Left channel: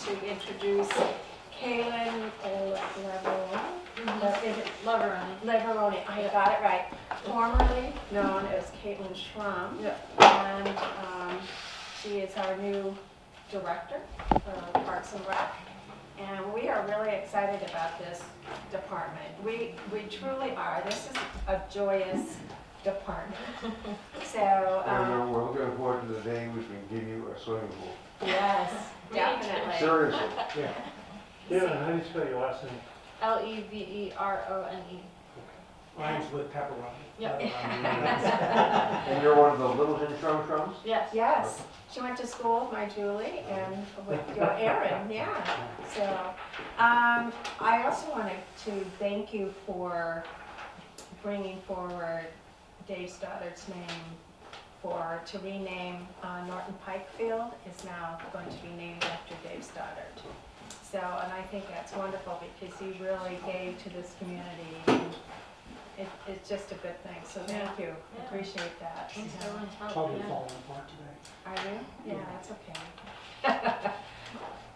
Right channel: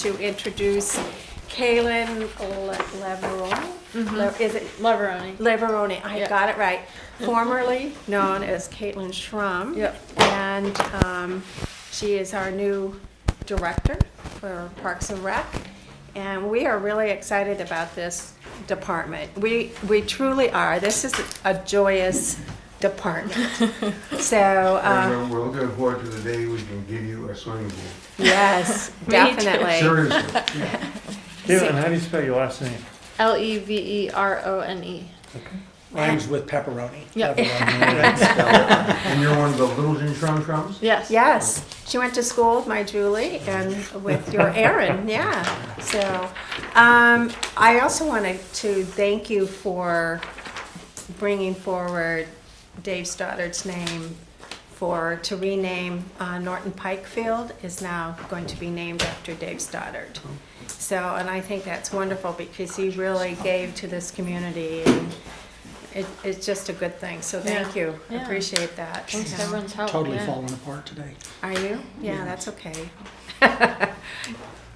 to introduce Kaylin Leveroni. Is it Leveroni. Leveroni? I Yep. got it right. Formerly known as Caitlin Schrum. Yep. And she is our new director for Parks and Rec. And we are really excited about this department. We truly are. This is a joyous department. So, And we're looking forward to the day we can give you a swimming pool. yes, Me too. definitely. Seriously. Caitlin, how do you spell your last name? Leverone. Rhymes with pepperoni. Yep. And you're one of the Littleton Shrum? Yes. Yes, she went to school with my Julie and with your Aaron, yeah. So, I also wanted to thank you for bringing forward Dave Stoddard's name to rename Norton Pike Field is now going to be named after Dave Stoddard. So, and I think that's wonderful because he really gave to this community and it's just a good thing. So thank you, Yeah. appreciate that. Thanks Yeah. to everyone's help. Totally yeah. falling apart today. Are you? Yeah, Yeah. that's okay.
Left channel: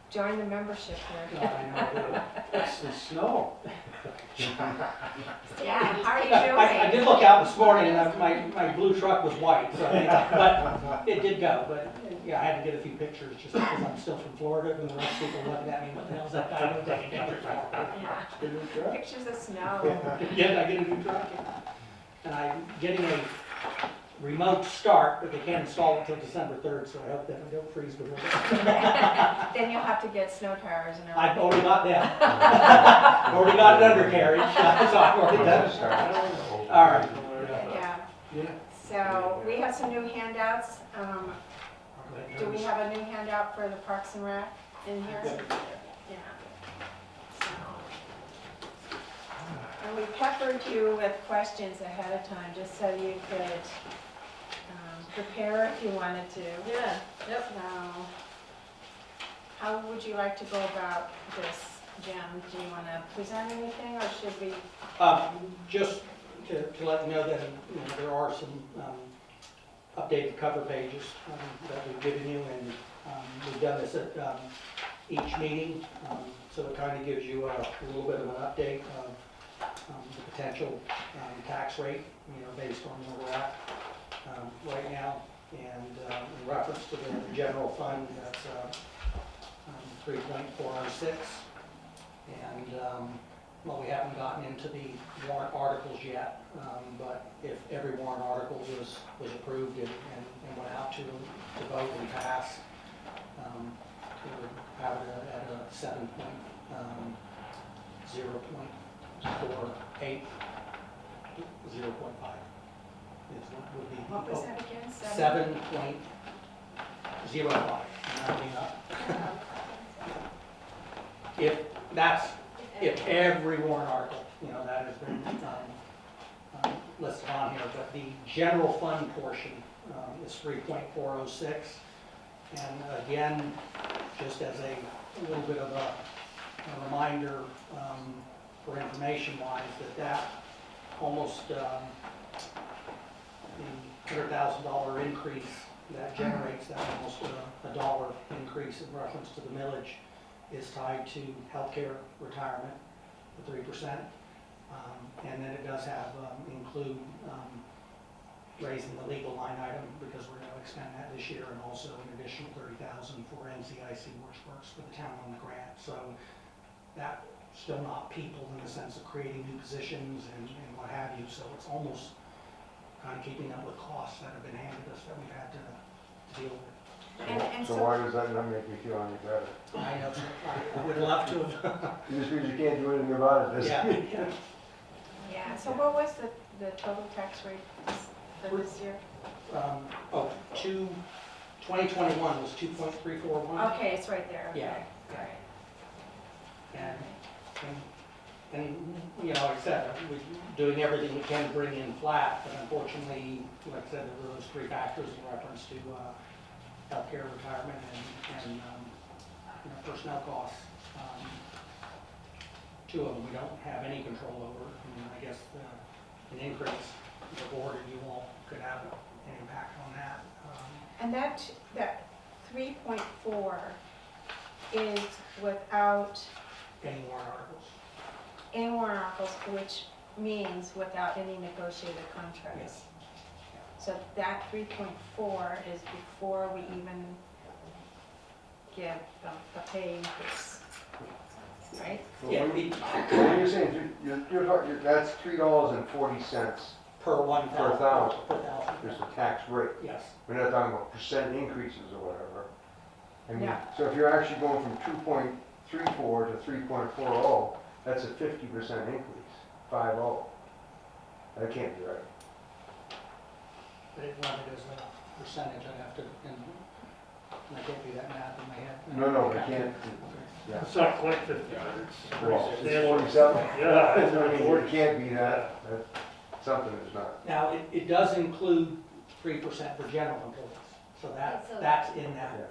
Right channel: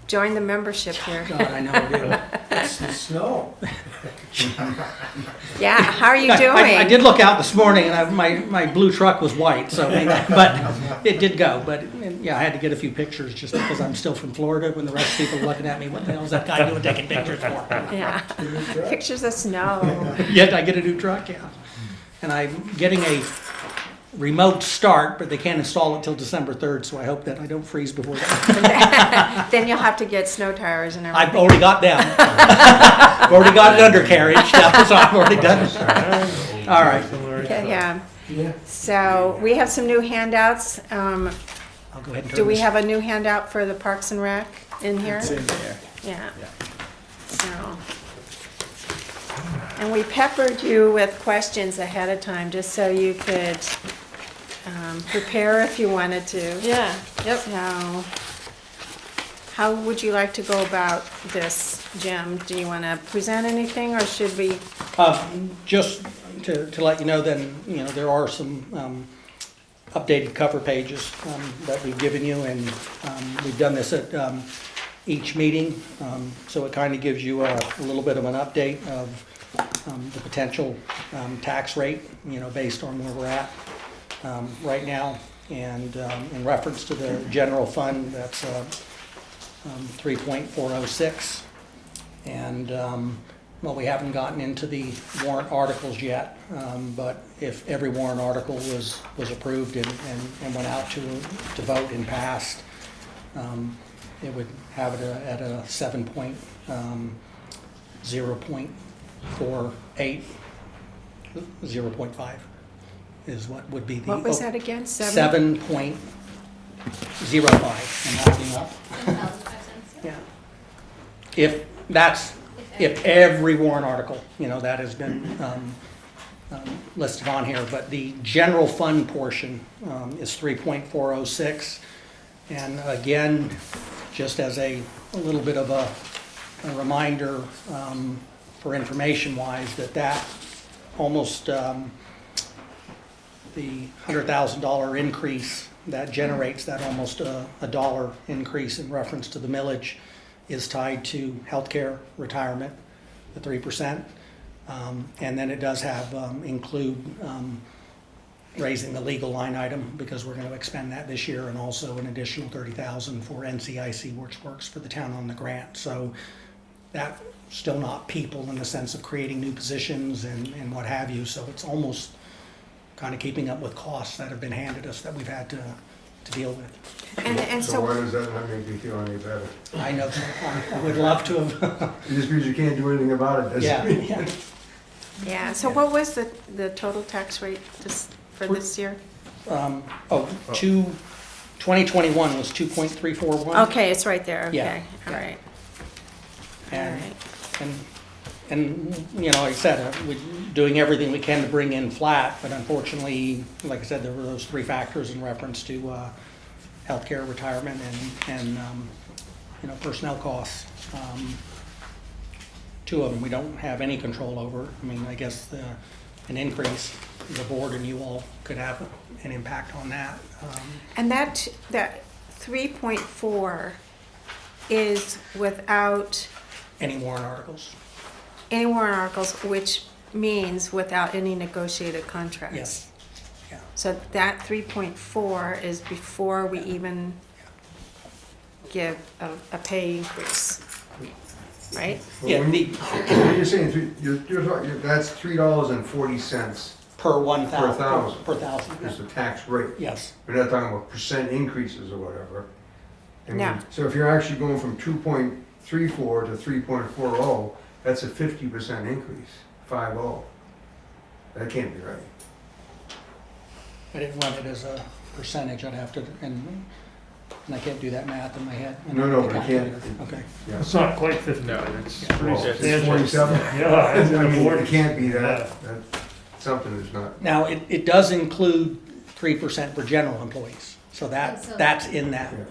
Join the membership here. God, I know. It's the snow. Yeah, how are you doing? I did look out this morning, and my blue truck was white, so but it did go. But yeah, I had to get a few pictures just because I'm still from Florida. When the rest of people are looking at me, what the hell is that guy doing taking pictures for? Yeah, pictures of snow. Yet I get a new truck, yeah. And I'm getting a remote start, but they can't install it till December 3rd, so I hope that I don't freeze before that. Then you'll have to get snow tires and everything. I've already got them. I've already got an undercarriage now, so I've already done it. All right. Okay, yeah. Yeah. So we have some new handouts. I'll go ahead and turn Do we this. have a new handout for the Parks and Rec in here? It's in there. Yeah. So, and we peppered you with questions ahead of time, just so you could prepare if you wanted to. Yeah. Yep. So, how would you like to go about this, Jim? Do you want to present anything, or should we? Just to let you know, then, there are some updated cover pages that we've given you, and we've done this at each meeting, so it kind of gives you a little bit of an update of the potential tax rate, based on where we're at right now, and in reference to the general fund, that's 3.406, and well, we haven't gotten into the warrant articles yet, but if every warrant article was approved and went out to vote and passed, it would have it at a 0.48, 0.5 is what would be the. What was that again? 7.05, I'm rounding up. Yeah. If every warrant article, that has been listed on here, but the general fund portion is 3.406. And again, just as a little bit of a reminder for information wise, that almost the $100,000 increase that generates that almost a dollar increase in reference to the millage is tied to healthcare retirement, the 3%, and then it does have include raising the legal line item because we're going to expend that this year, and also an additional $30,000 for NCIC, which works for the town on the grant. So that's still not people in the sense of creating new positions and what have you. So it's almost kind of keeping up with costs that have been handed us that we've had to deal with. And So why does that not make you feel any better? I know, I would love to have. Just because you can't do anything about it Yeah, doesn't mean. yeah. Yeah, so what was the total tax rate for this year? 2021 was 2.341. Okay, it's right there, Yeah. okay, all right. All And, right. and like I said, we're doing everything we can to bring in flat, but unfortunately, like I said, there were those three factors in reference to healthcare, retirement, and personnel costs. Two of them we don't have any control over. I mean, I guess an increase, the board and you all could have an impact on that. And that 3.4 is without Any warrant articles? any warrant articles, which means without any negotiated contracts. Yes. Yeah. So that 3.4 is before we even give a pay increase, right? But Yeah, when the, when you're saying, that's $3.40 per 1,000. Per thousand. Per thousand, is yeah. the tax rate. Yes, We're not talking about percent increases or whatever. I mean, No. so if you're actually going from 2.34 to 3.40, that's a 50% increase, 50. That can't be right. I didn't run it as a percentage, I'd have to, and I can't do that math in my head. No, no, we can't. Okay. Yeah. It's not quite 50, No. it's Yeah. pretty Well, it's substantial. 47. Yeah, I mean, 40. it can't be that, something is not. Now, it does include 3% for general employees, so that's in that. Yeah,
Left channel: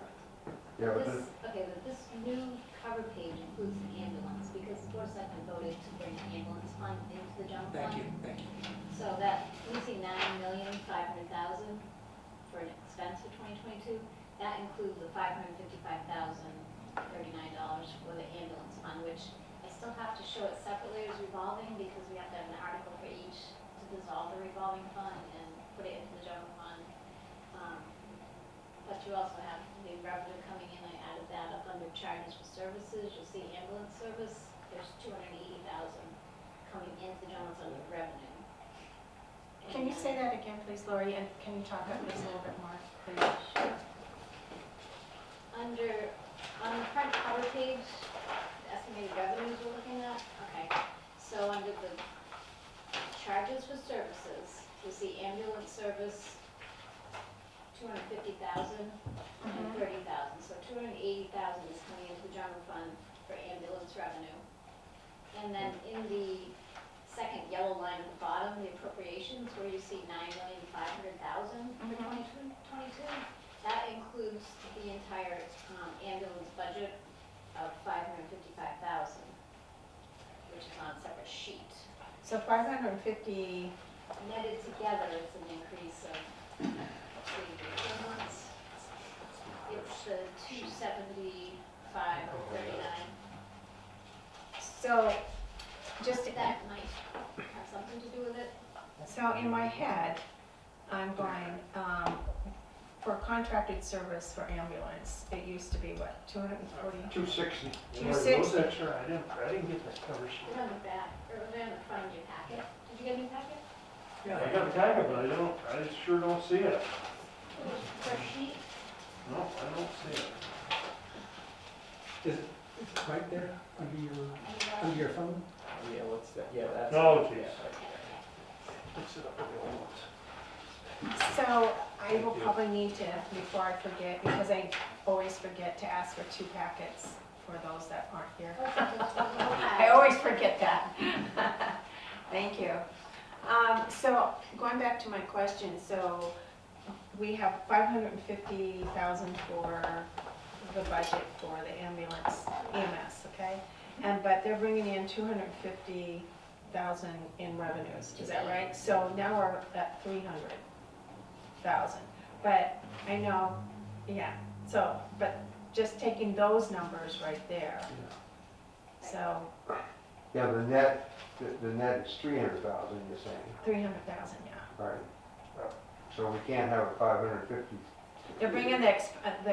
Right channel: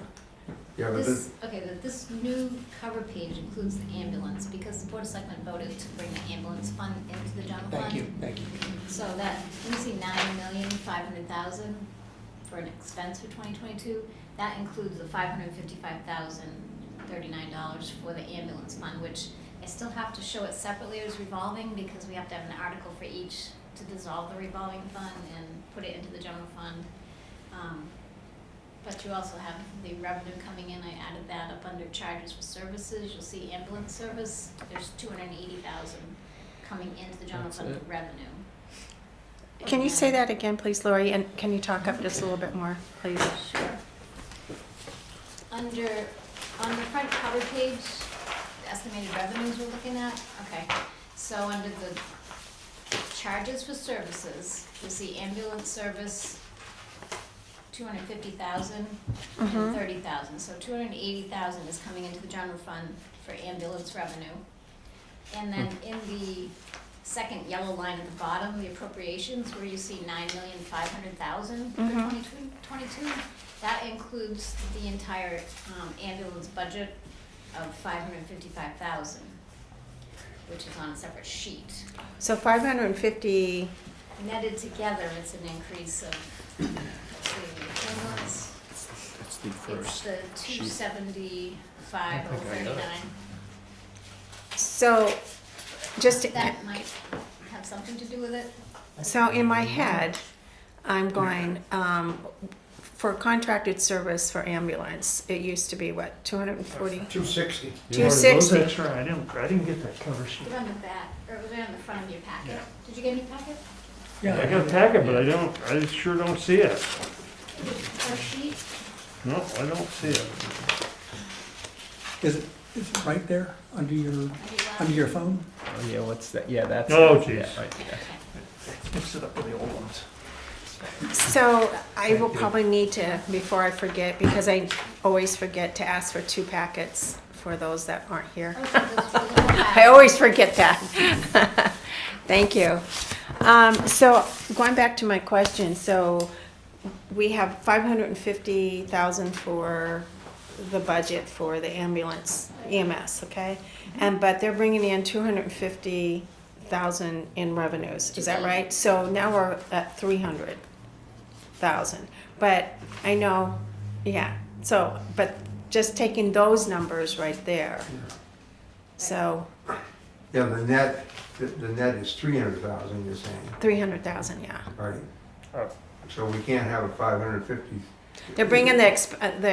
yeah, but This, okay, this new cover page includes the ambulance, because the Board of Selectmen voted to bring the ambulance fund into the general fund. Thank you. So that, you see 9,500,000 for an expense for 2022, that includes the $555,039 for the ambulance fund, which I still have to show it separately as revolving, because we have to have an article for each to dissolve the revolving fund and put it into the general fund. But you also have the revenue coming in, I added that up under charges for services, you'll see ambulance service, there's 280,000 coming into the general fund for revenue. Can you say that again, please, Lori, and can you talk up just a little bit more, please? Sure. On the front cover page, the estimated revenues we're looking at, okay, so under the charges for services, you see ambulance service, 250,000 and 30,000, so 280,000 is coming into the general fund for ambulance revenue. And then in the second yellow line at the bottom, the appropriations, where you see 9,500,000 for 2022, that includes the entire ambulance budget of 555,000, which is on a separate sheet. So 550, Netted together, it's an increase of, let's see, ambulance, That's the it's first. the 275,039. so just, That might have something to do with it. so in my head, I'm going, for contracted service for ambulance, it used to be what, 240? 260. Yeah, those 260. extra, I didn't get that cover sheet. Put it on the back, or was it on the front of your packet? Yeah. Did you get any packet? I got a packet, but I sure don't see it. Fresh sheet? No, I don't see it. Is it right there under your phone? Oh, yeah, what's that? Yeah, that's. Oh, yeah, jeez. right, yeah. Mix it up with the old ones. So I will probably need to, before I forget, because I always forget to ask for 2 packets for those that aren't here. I always forget that. Thank you. So going back to my question, so we have 550,000 for the budget for the ambulance EMS, okay? But they're bringing in 250,000 in revenues, is that right? So now we're at 300,000. But I know, yeah, so, but just taking those numbers right there. So Yeah, the net is 300,000, you're saying, 300,000, yeah. right? Oh. So we can't have a 550. They're bringing the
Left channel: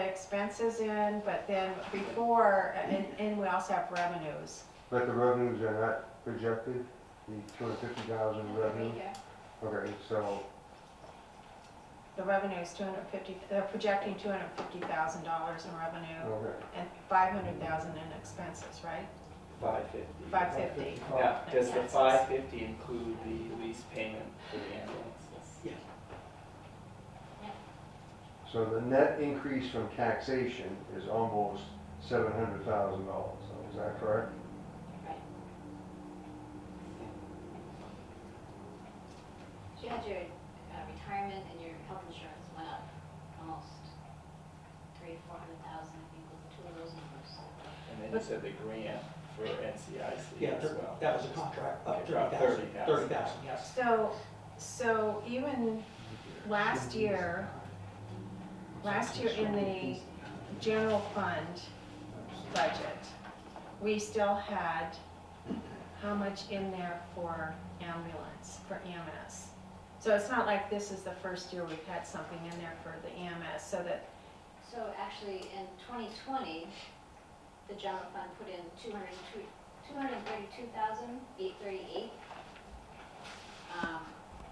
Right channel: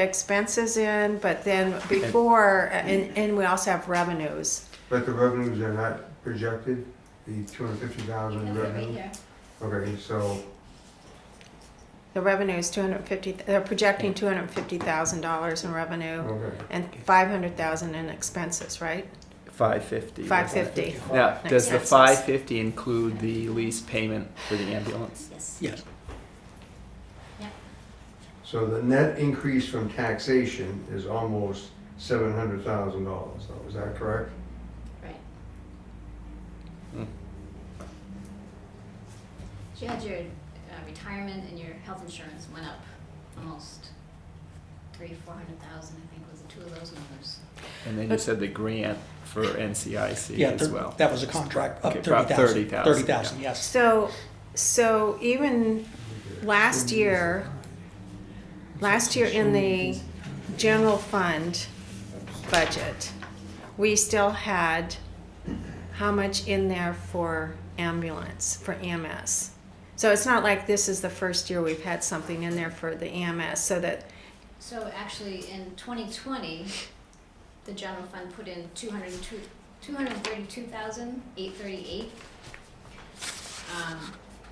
expenses in, but then before, and we also have revenues. But the revenues are not projected, the 250,000 revenue? Okay, so, The revenue is 250, they're projecting $250,000 in revenue okay. and 500,000 in expenses, right? 550. 550. Now, does the Expenses. 550 include the lease payment for the ambulance? Yes. Yes. So the net increase from taxation is almost $700,000, though, is that correct? Right. Hmm. So you had your retirement and your health insurance went up almost 300,000-400,000, I think was the 2 of those numbers. And then you said the grant for NCIC Yeah, as well. that was a contract, up Okay, 30,000. 30,000. 30,000, yes. So even last year in the general fund, budget, we still had how much in there for ambulance, for EMS? So it's not like this is the first year we've had something in there for the EMS, so that, So actually, in 2020, the general fund put in 232,838.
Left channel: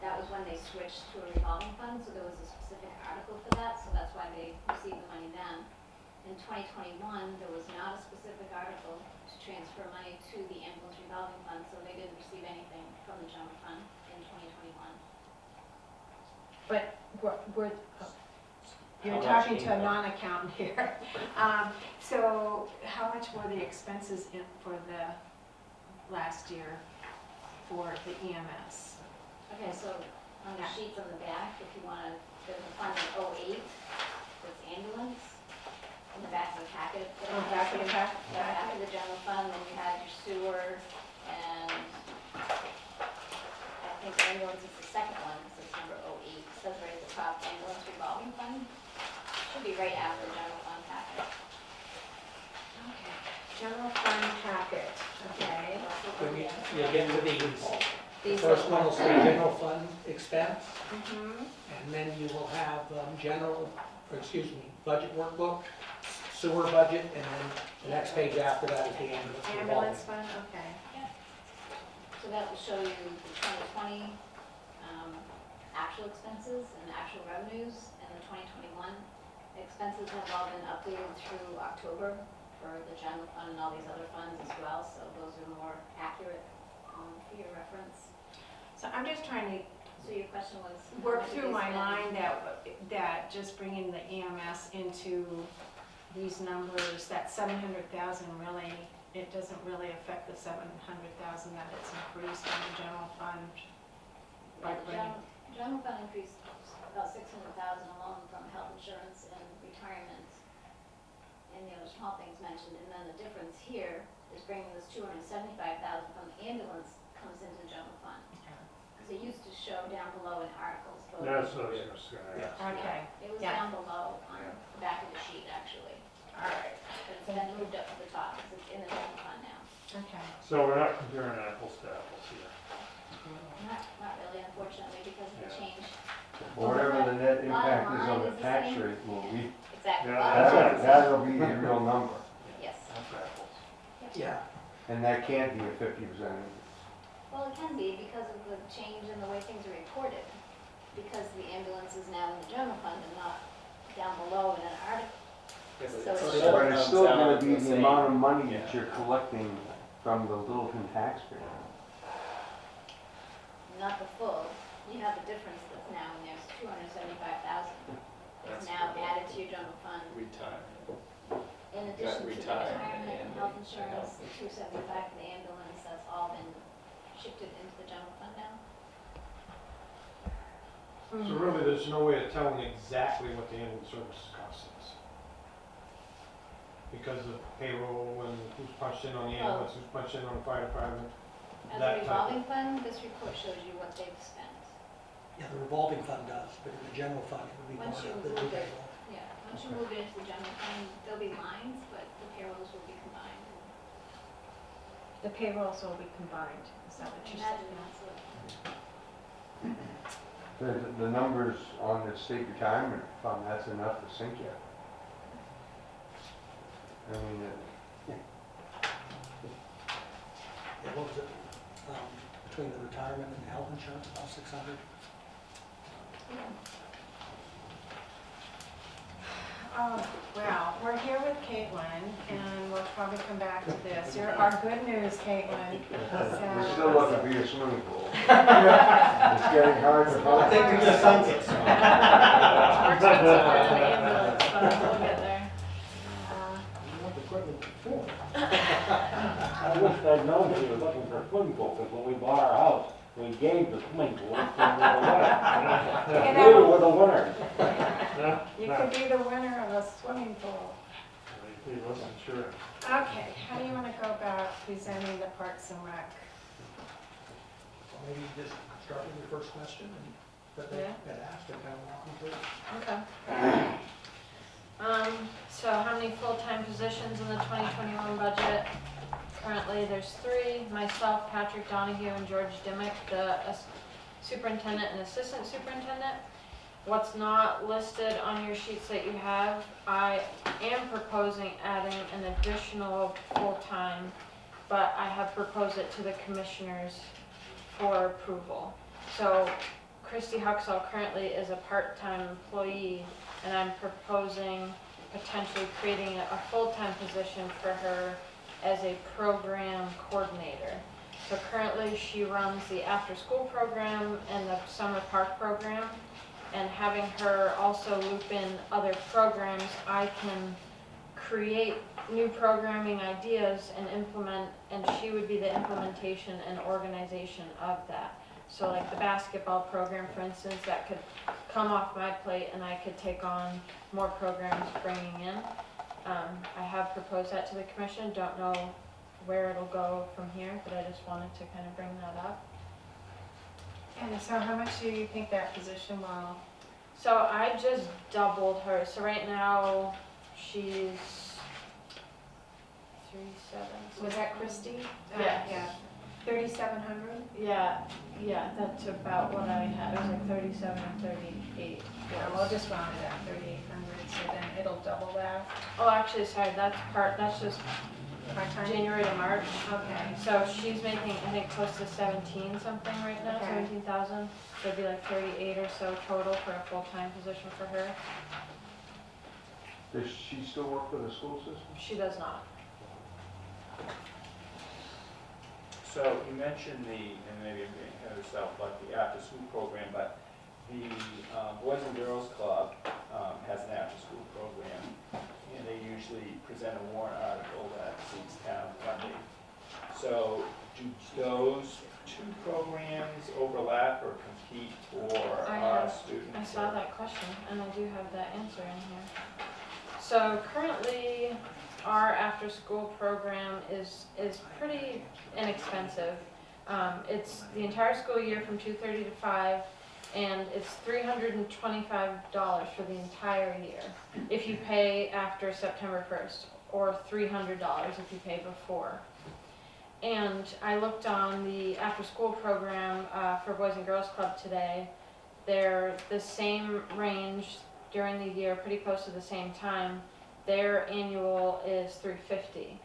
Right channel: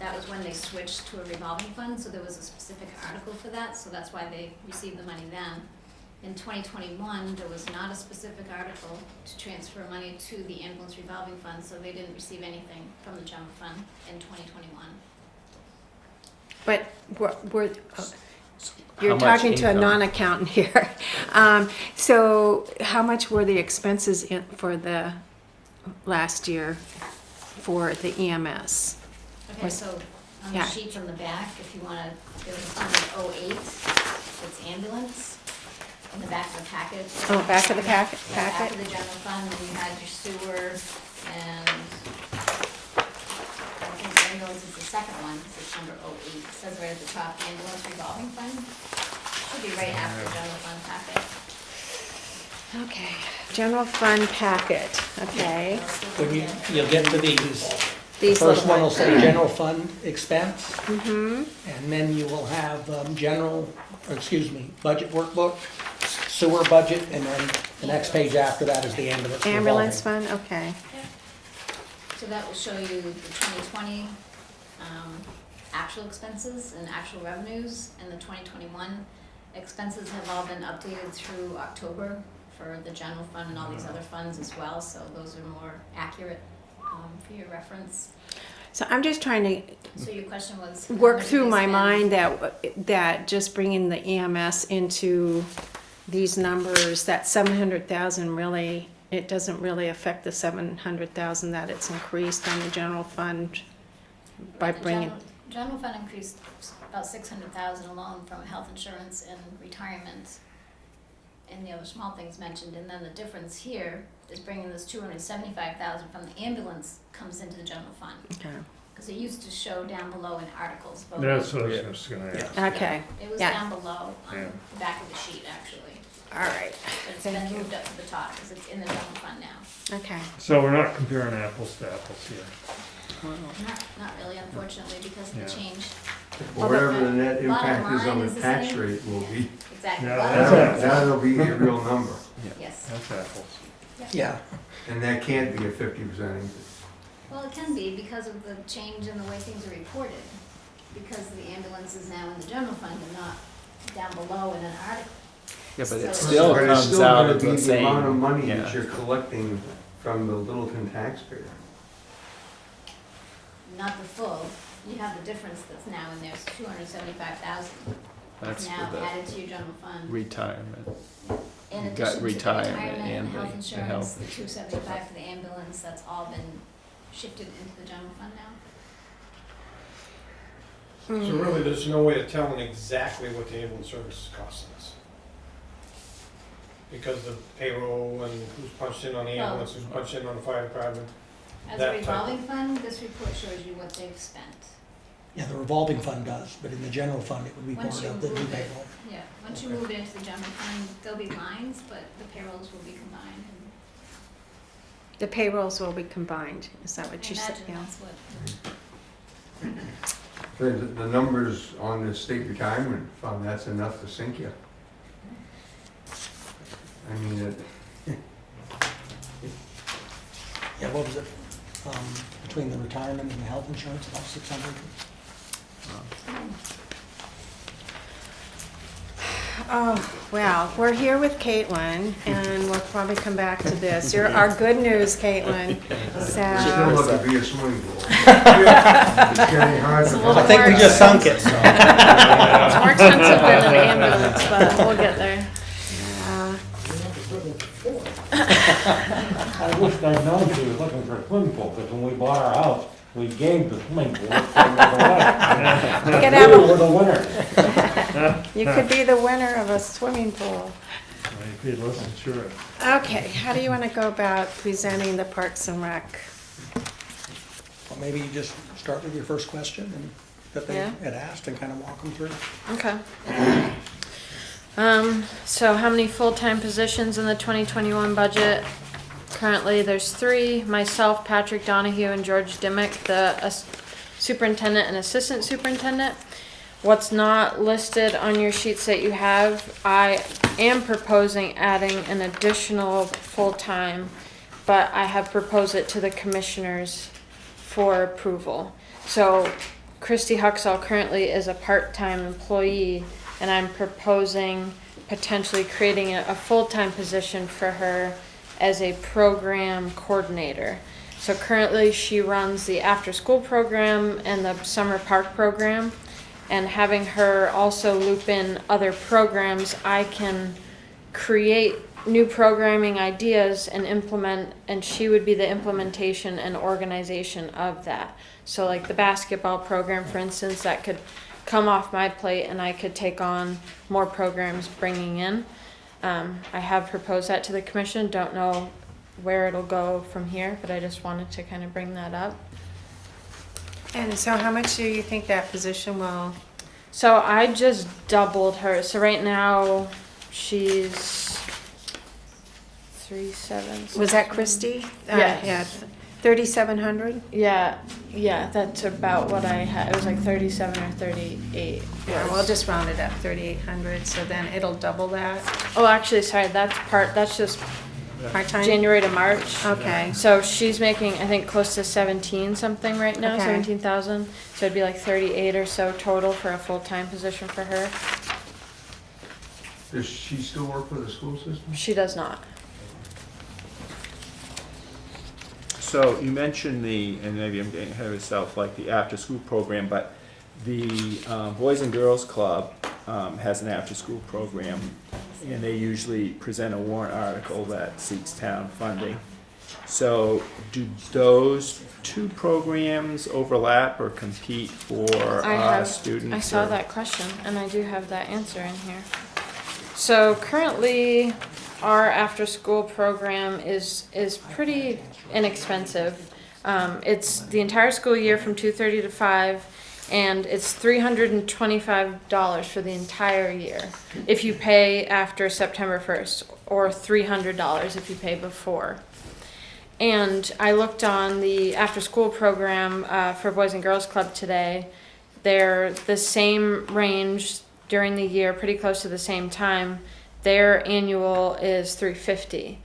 That was when they switched to a revolving fund, so there was a specific article for that, so that's why they received the money then. In 2021, there was not a specific article to transfer money to the ambulance revolving fund, so they didn't receive anything from the general fund in 2021. but we're, you're How much talking to a income? non-accountant here. So how much were the expenses in, for the last year for the EMS? Okay, Was- so on yeah. the sheets on the back, if you wanna, there's a fund of 08, it's ambulance, in the back of the packet. Oh, back of the Back packet? of the general fund, then you had your sewer, and I think ambulance is the second one, because it's number 08, it says right at the top, ambulance revolving fund. Should be right after the general fund packet. Okay, general fund packet, okay. When you'll get to these, the These first little one will ones. say general fund expense, Mm-hmm, and then you will have budget workbook, sewer budget, and then the next page after that is the ambulance revolving. ambulance fund, okay. So that will show you the 2020 actual expenses and actual revenues, and the 2021 expenses have all been updated through October for the general fund and all these other funds as well, so those are more accurate for your reference. So I'm just trying to So your question was? how work much did through they my spend? mind that just bringing the EMS into these numbers, that 700,000 really, it doesn't really affect the 700,000 that it's increased on the general fund by The bringing. General fund increased about 600,000 alone from health insurance and retirement and the other small things mentioned, and then the difference here is bringing this 275,000 from the ambulance comes into the general fund. Okay. Because it used to show down below in articles, but That's what I was just gonna ask. Okay, it was yeah. down below on Yeah. the back of the sheet actually, all right, but it's Thank been you. moved up to the top because it's in the general fund now. okay. So we're not comparing apples to apples here. Not really, unfortunately, because of the Yeah. change. Whatever the net Bottom impact is on line the is the tax same. rate will be, Exactly. Yeah, Well, that's that'll be a real number. yes. That's apples. Yeah, And that can't be a 50% increase. Well, it can be because of the change in the way things are reported, because the ambulance is now in the general fund and not down below in an article. Yeah, but it So- still But it's comes still out gonna of be the the amount of same, money yeah. that you're collecting from the Littleton taxpayer. Not the full, you have the difference that's now in there, it's 275,000. That's Now for the added to your general fund. retirement. In you got addition to the retirement retirement and and health the insurance, health. the 275 for the ambulance, that's all been shifted into the general fund now. So really, there's no way of telling exactly what the ambulance service is costing us. Because of payroll and who's punched in on the ambulance, who's punched in on the fire department. As That a type of- revolving fund, this report shows you what they've spent. yeah, the revolving fund does, but in the general fund, it would be part Once you of the new move it, payroll. yeah, once you move it into the general fund, there'll be lines, but the payrolls will be combined. The payrolls will be combined, is that what I you said? imagine Yeah. that's what, The numbers on the state retirement fund, that's enough to sink you. I mean, Yeah, what was it, between the retirement and the health insurance, about 600? Oh, well, we're here with Caitlin, and we'll probably come back to this. You're our good news, Caitlin. you're still So, looking for your swimming pool. It's getting hard to. I think we just sunk it, so. it's more expensive than an ambulance, but we'll get there. I wish I'd known she was looking for a swimming pool, because when we bought our house, we gave the swimming pool to the Get winner. out. We were the winner. You could be the winner of a swimming pool. I paid less insurance. Okay, how do you want to go about presenting the Parks and Rec? Well, maybe you just start with your first question and that they Yeah. had asked and kind of walk them through. Okay. So how many full-time positions in the 2021 budget? Currently, there's 3, myself, Patrick Donahue, and George Dimick, the superintendent and assistant superintendent. What's not listed on your sheets that you have, I am proposing adding an additional full-time, but I have proposed it to the commissioners for approval. So Christy Huxall currently is a part-time employee, and I'm proposing potentially creating a full-time position for her as a program coordinator. So currently she runs the after-school program and the summer park program, and having her also loop in other programs, I can create new programming ideas and implement, and she would be the implementation and organization of that. So like the basketball program, for instance, that could come off my plate and I could take on more programs bringing in. I have proposed that to the commission, don't know where it'll go from here, but I just wanted to kind of bring that up. And so how much do you think that position will? So I just doubled her. So right now she's 3,700. Was that Christie? Yes. Yeah, 3,700? Yeah, that's about what I had. It was like 37 or 38. Yeah, we'll just round it up, 3,800, so then it'll double that, Oh, actually, sorry, that's just part-time? January to March. Okay, So she's making, I think, close to 17 something right now, Okay. 17,000. So it'd be like 38 or so total for a full-time position for her. Does she still work for the school system? She does not. So you mentioned and maybe I'm getting ahead of myself, like the after-school program, but the Boys and Girls Club has an after-school program, and they usually present a warrant article that seeks town funding. So do those 2 programs overlap or compete for students? I saw or- that question, and I do have that answer in here. So currently, our after-school program is pretty inexpensive. It's the entire school year from 2:30 to 5, and it's $325 for the entire year if you pay after September 1st, or $300 if you pay before. And I looked on the after-school program for Boys and Girls Club today. They're the same range during the year, pretty close to the same time. Their annual is $350.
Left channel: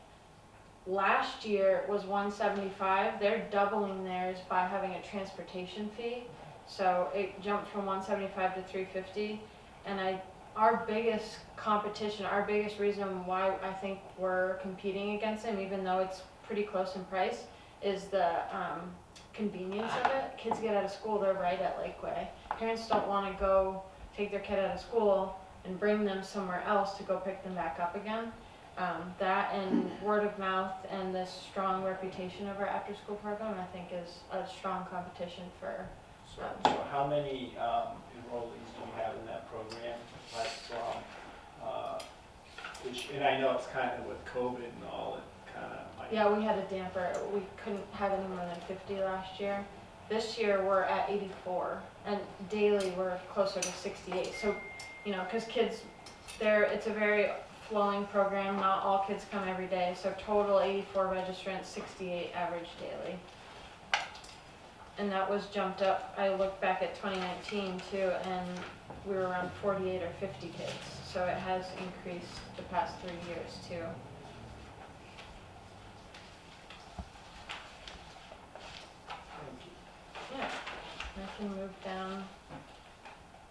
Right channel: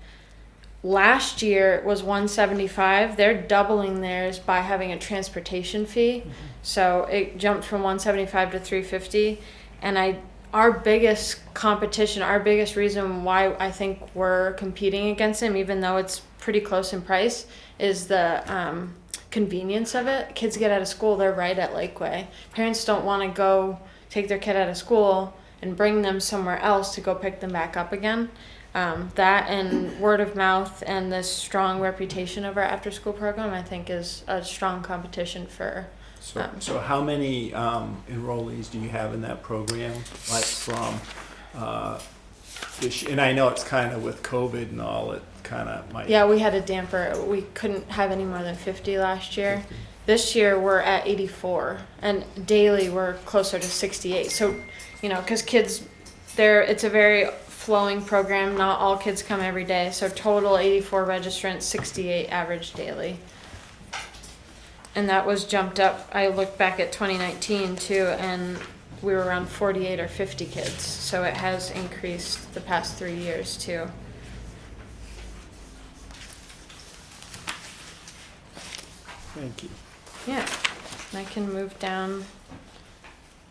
Last year it was $175. They're doubling theirs by having a transportation fee. So it jumped from $175 to $350. And our biggest competition, our biggest reason why I think we're competing against them, even though it's pretty close in price, is the convenience of it. Kids get out of school, they're right at Lakeway. Parents don't want to go take their kid out of school and bring them somewhere else to go pick them back up again. That and word of mouth and the strong reputation of our after school program, I think, is a strong competition for. So how many enrollees do you have in that program? Like from and I know it's kind of with COVID and all, it kind of might. Yeah, we had a damper. We couldn't have any more than 50 last year. This year we're at 84, and daily we're closer to 68. So, because kids, it's a very flowing program. Not all kids come every day. So total 84 registrants, 68 average daily. And that was jumped up. I looked back at 2019 too, and we were around 48 or 50 kids. So it has increased the past 3 years too. Thank you. Yeah, and I can move down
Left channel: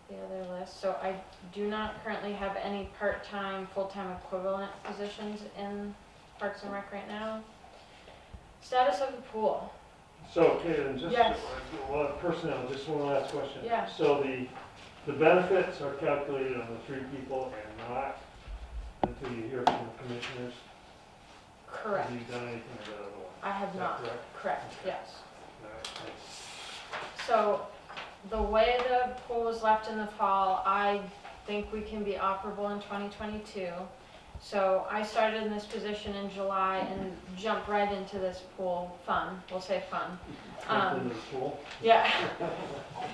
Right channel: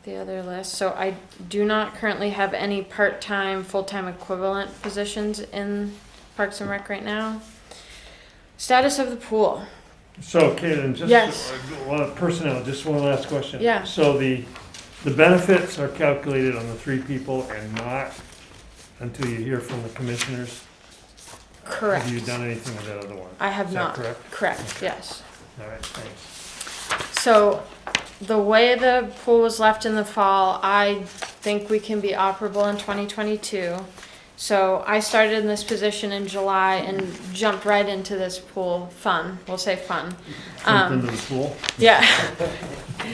the other list. So I do not currently have any part-time, full-time equivalent positions in Parks and Rec right now. Status of the pool. So, Caitlin, Yes. a lot of personnel, just one last question. Yeah. So the benefits are calculated on the 3 people and not until you hear from the commissioners? Correct. Have you done anything with that other one? I have Is that not. correct? Correct, yes. All right, thanks. So the way the pool was left in the fall, I think we can be operable in 2022. So I started in this position in July and jumped right into this pool. Fun, we'll say fun. Jump into the pool. Yeah,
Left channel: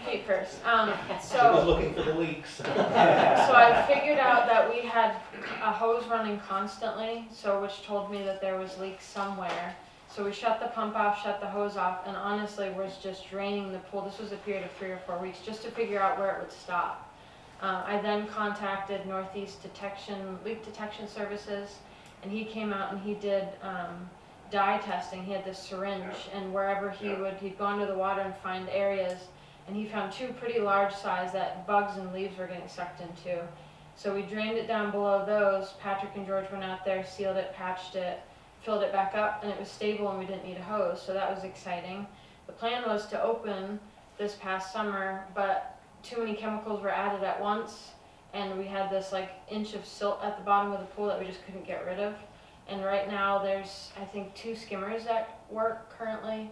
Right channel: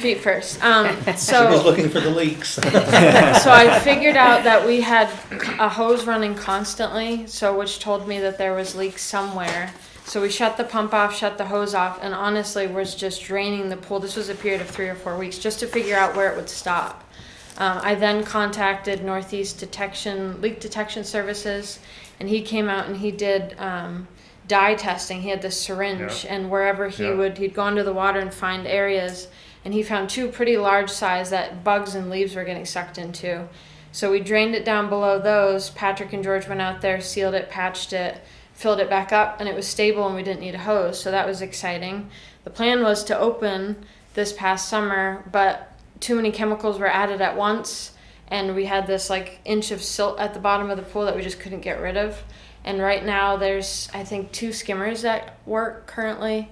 feet first. She was So looking for the leaks. so I figured out that we had a hose running constantly, so which told me that there was leaks somewhere. So we shut the pump off, shut the hose off, and honestly was just draining the pool. This was a period of 3 or 4 weeks just to figure out where it would stop. I then contacted Northeast Leak Detection Services, and he came out and he did dye testing. He had this syringe, and wherever he'd gone to the water and find areas, and he found 2 pretty large size that bugs and leaves were getting sucked into. So we drained it down below those. Patrick and George went out there, sealed it, patched it, filled it back up, and it was stable and we didn't need a hose, so that was exciting. The plan was to open this past summer, but too many chemicals were added at once, and we had this like inch of silt at the bottom of the pool that we just couldn't get rid of. And right now there's, I think, 2 skimmers that work currently.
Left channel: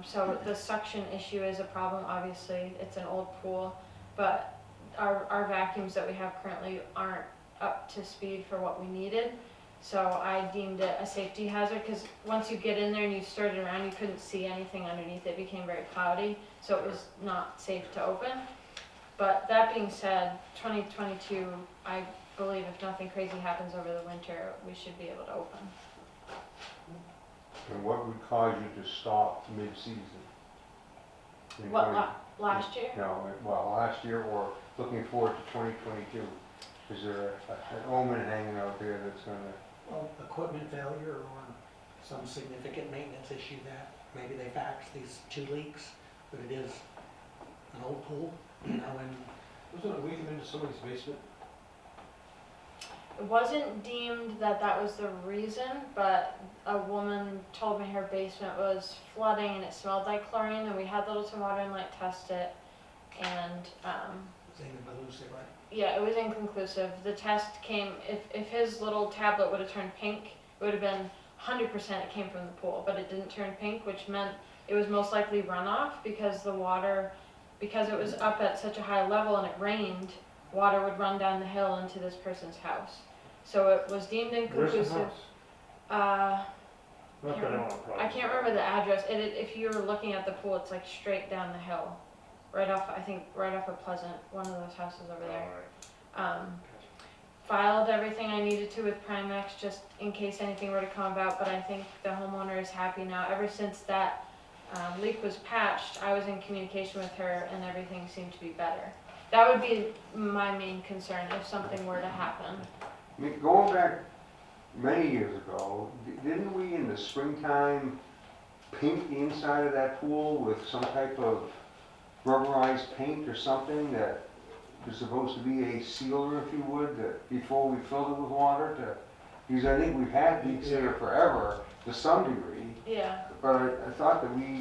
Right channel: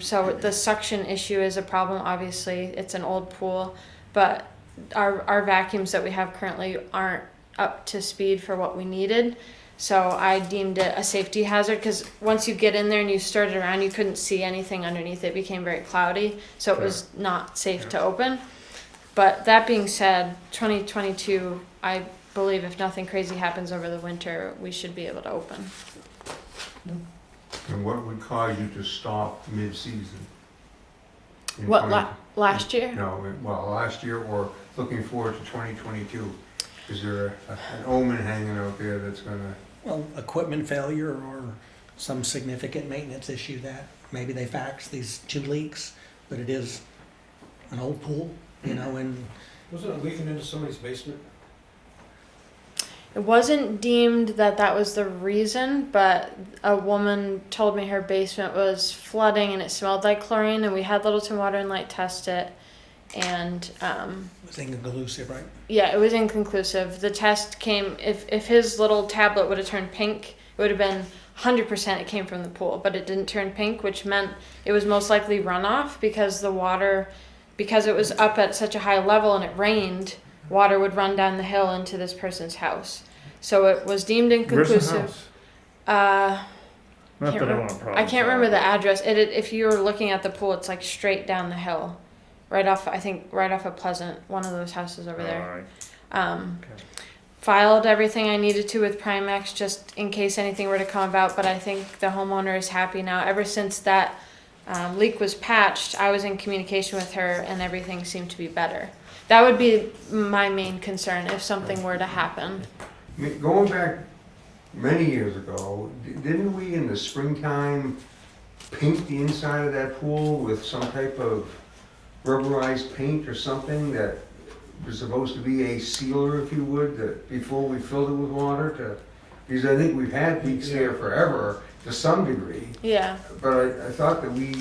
So the suction issue is a problem. Obviously it's an old pool, but our vacuums that we have currently aren't up to speed for what we needed. So I deemed it a safety hazard, because once you get in there and you stirred it around, you couldn't see anything underneath. It became very cloudy, so it was not safe to open. But that being said, 2022, I believe if nothing crazy happens over the winter, we should be able to open. And what would cause you to stop mid-season? In What, 20 last year? No, well, last year or looking forward to 2022? Is there an omen hanging out there that's gonna? Well, equipment failure or some significant maintenance issue that maybe they faxed these 2 leaks, but it is an old pool, you know, and Wasn't it leaking into somebody's basement? It wasn't deemed that was the reason, but a woman told me her basement was flooding and it smelled like chlorine, and we had Littleton Water and Light test it, and it was inconclusive, right? yeah, it was inconclusive. The test came, if his little tablet would have turned pink, it would have been 100% it came from the pool, but it didn't turn pink, which meant it was most likely runoff, because the water, because it was up at such a high level and it rained, water would run down the hill into this person's house. So it was deemed Where's the inconclusive. house? Not Can't that I re- want a problem. I can't remember the address. If you were looking at the pool, it's like straight down the hill, right off of Pleasant, one of those houses over there. Alright. Okay. Filed everything I needed to with Primex just in case anything were to come about, but I think the homeowner is happy now. Ever since that leak was patched, I was in communication with her and everything seemed to be better. That would be my main concern if something were to happen. I mean, going back many years ago, didn't we in the springtime paint the inside of that pool with some type of rubberized paint or something that was supposed to be a sealer, if you would, that before we filled it with water to, because I think we've had leaks there forever to some degree, Yeah. but I thought that we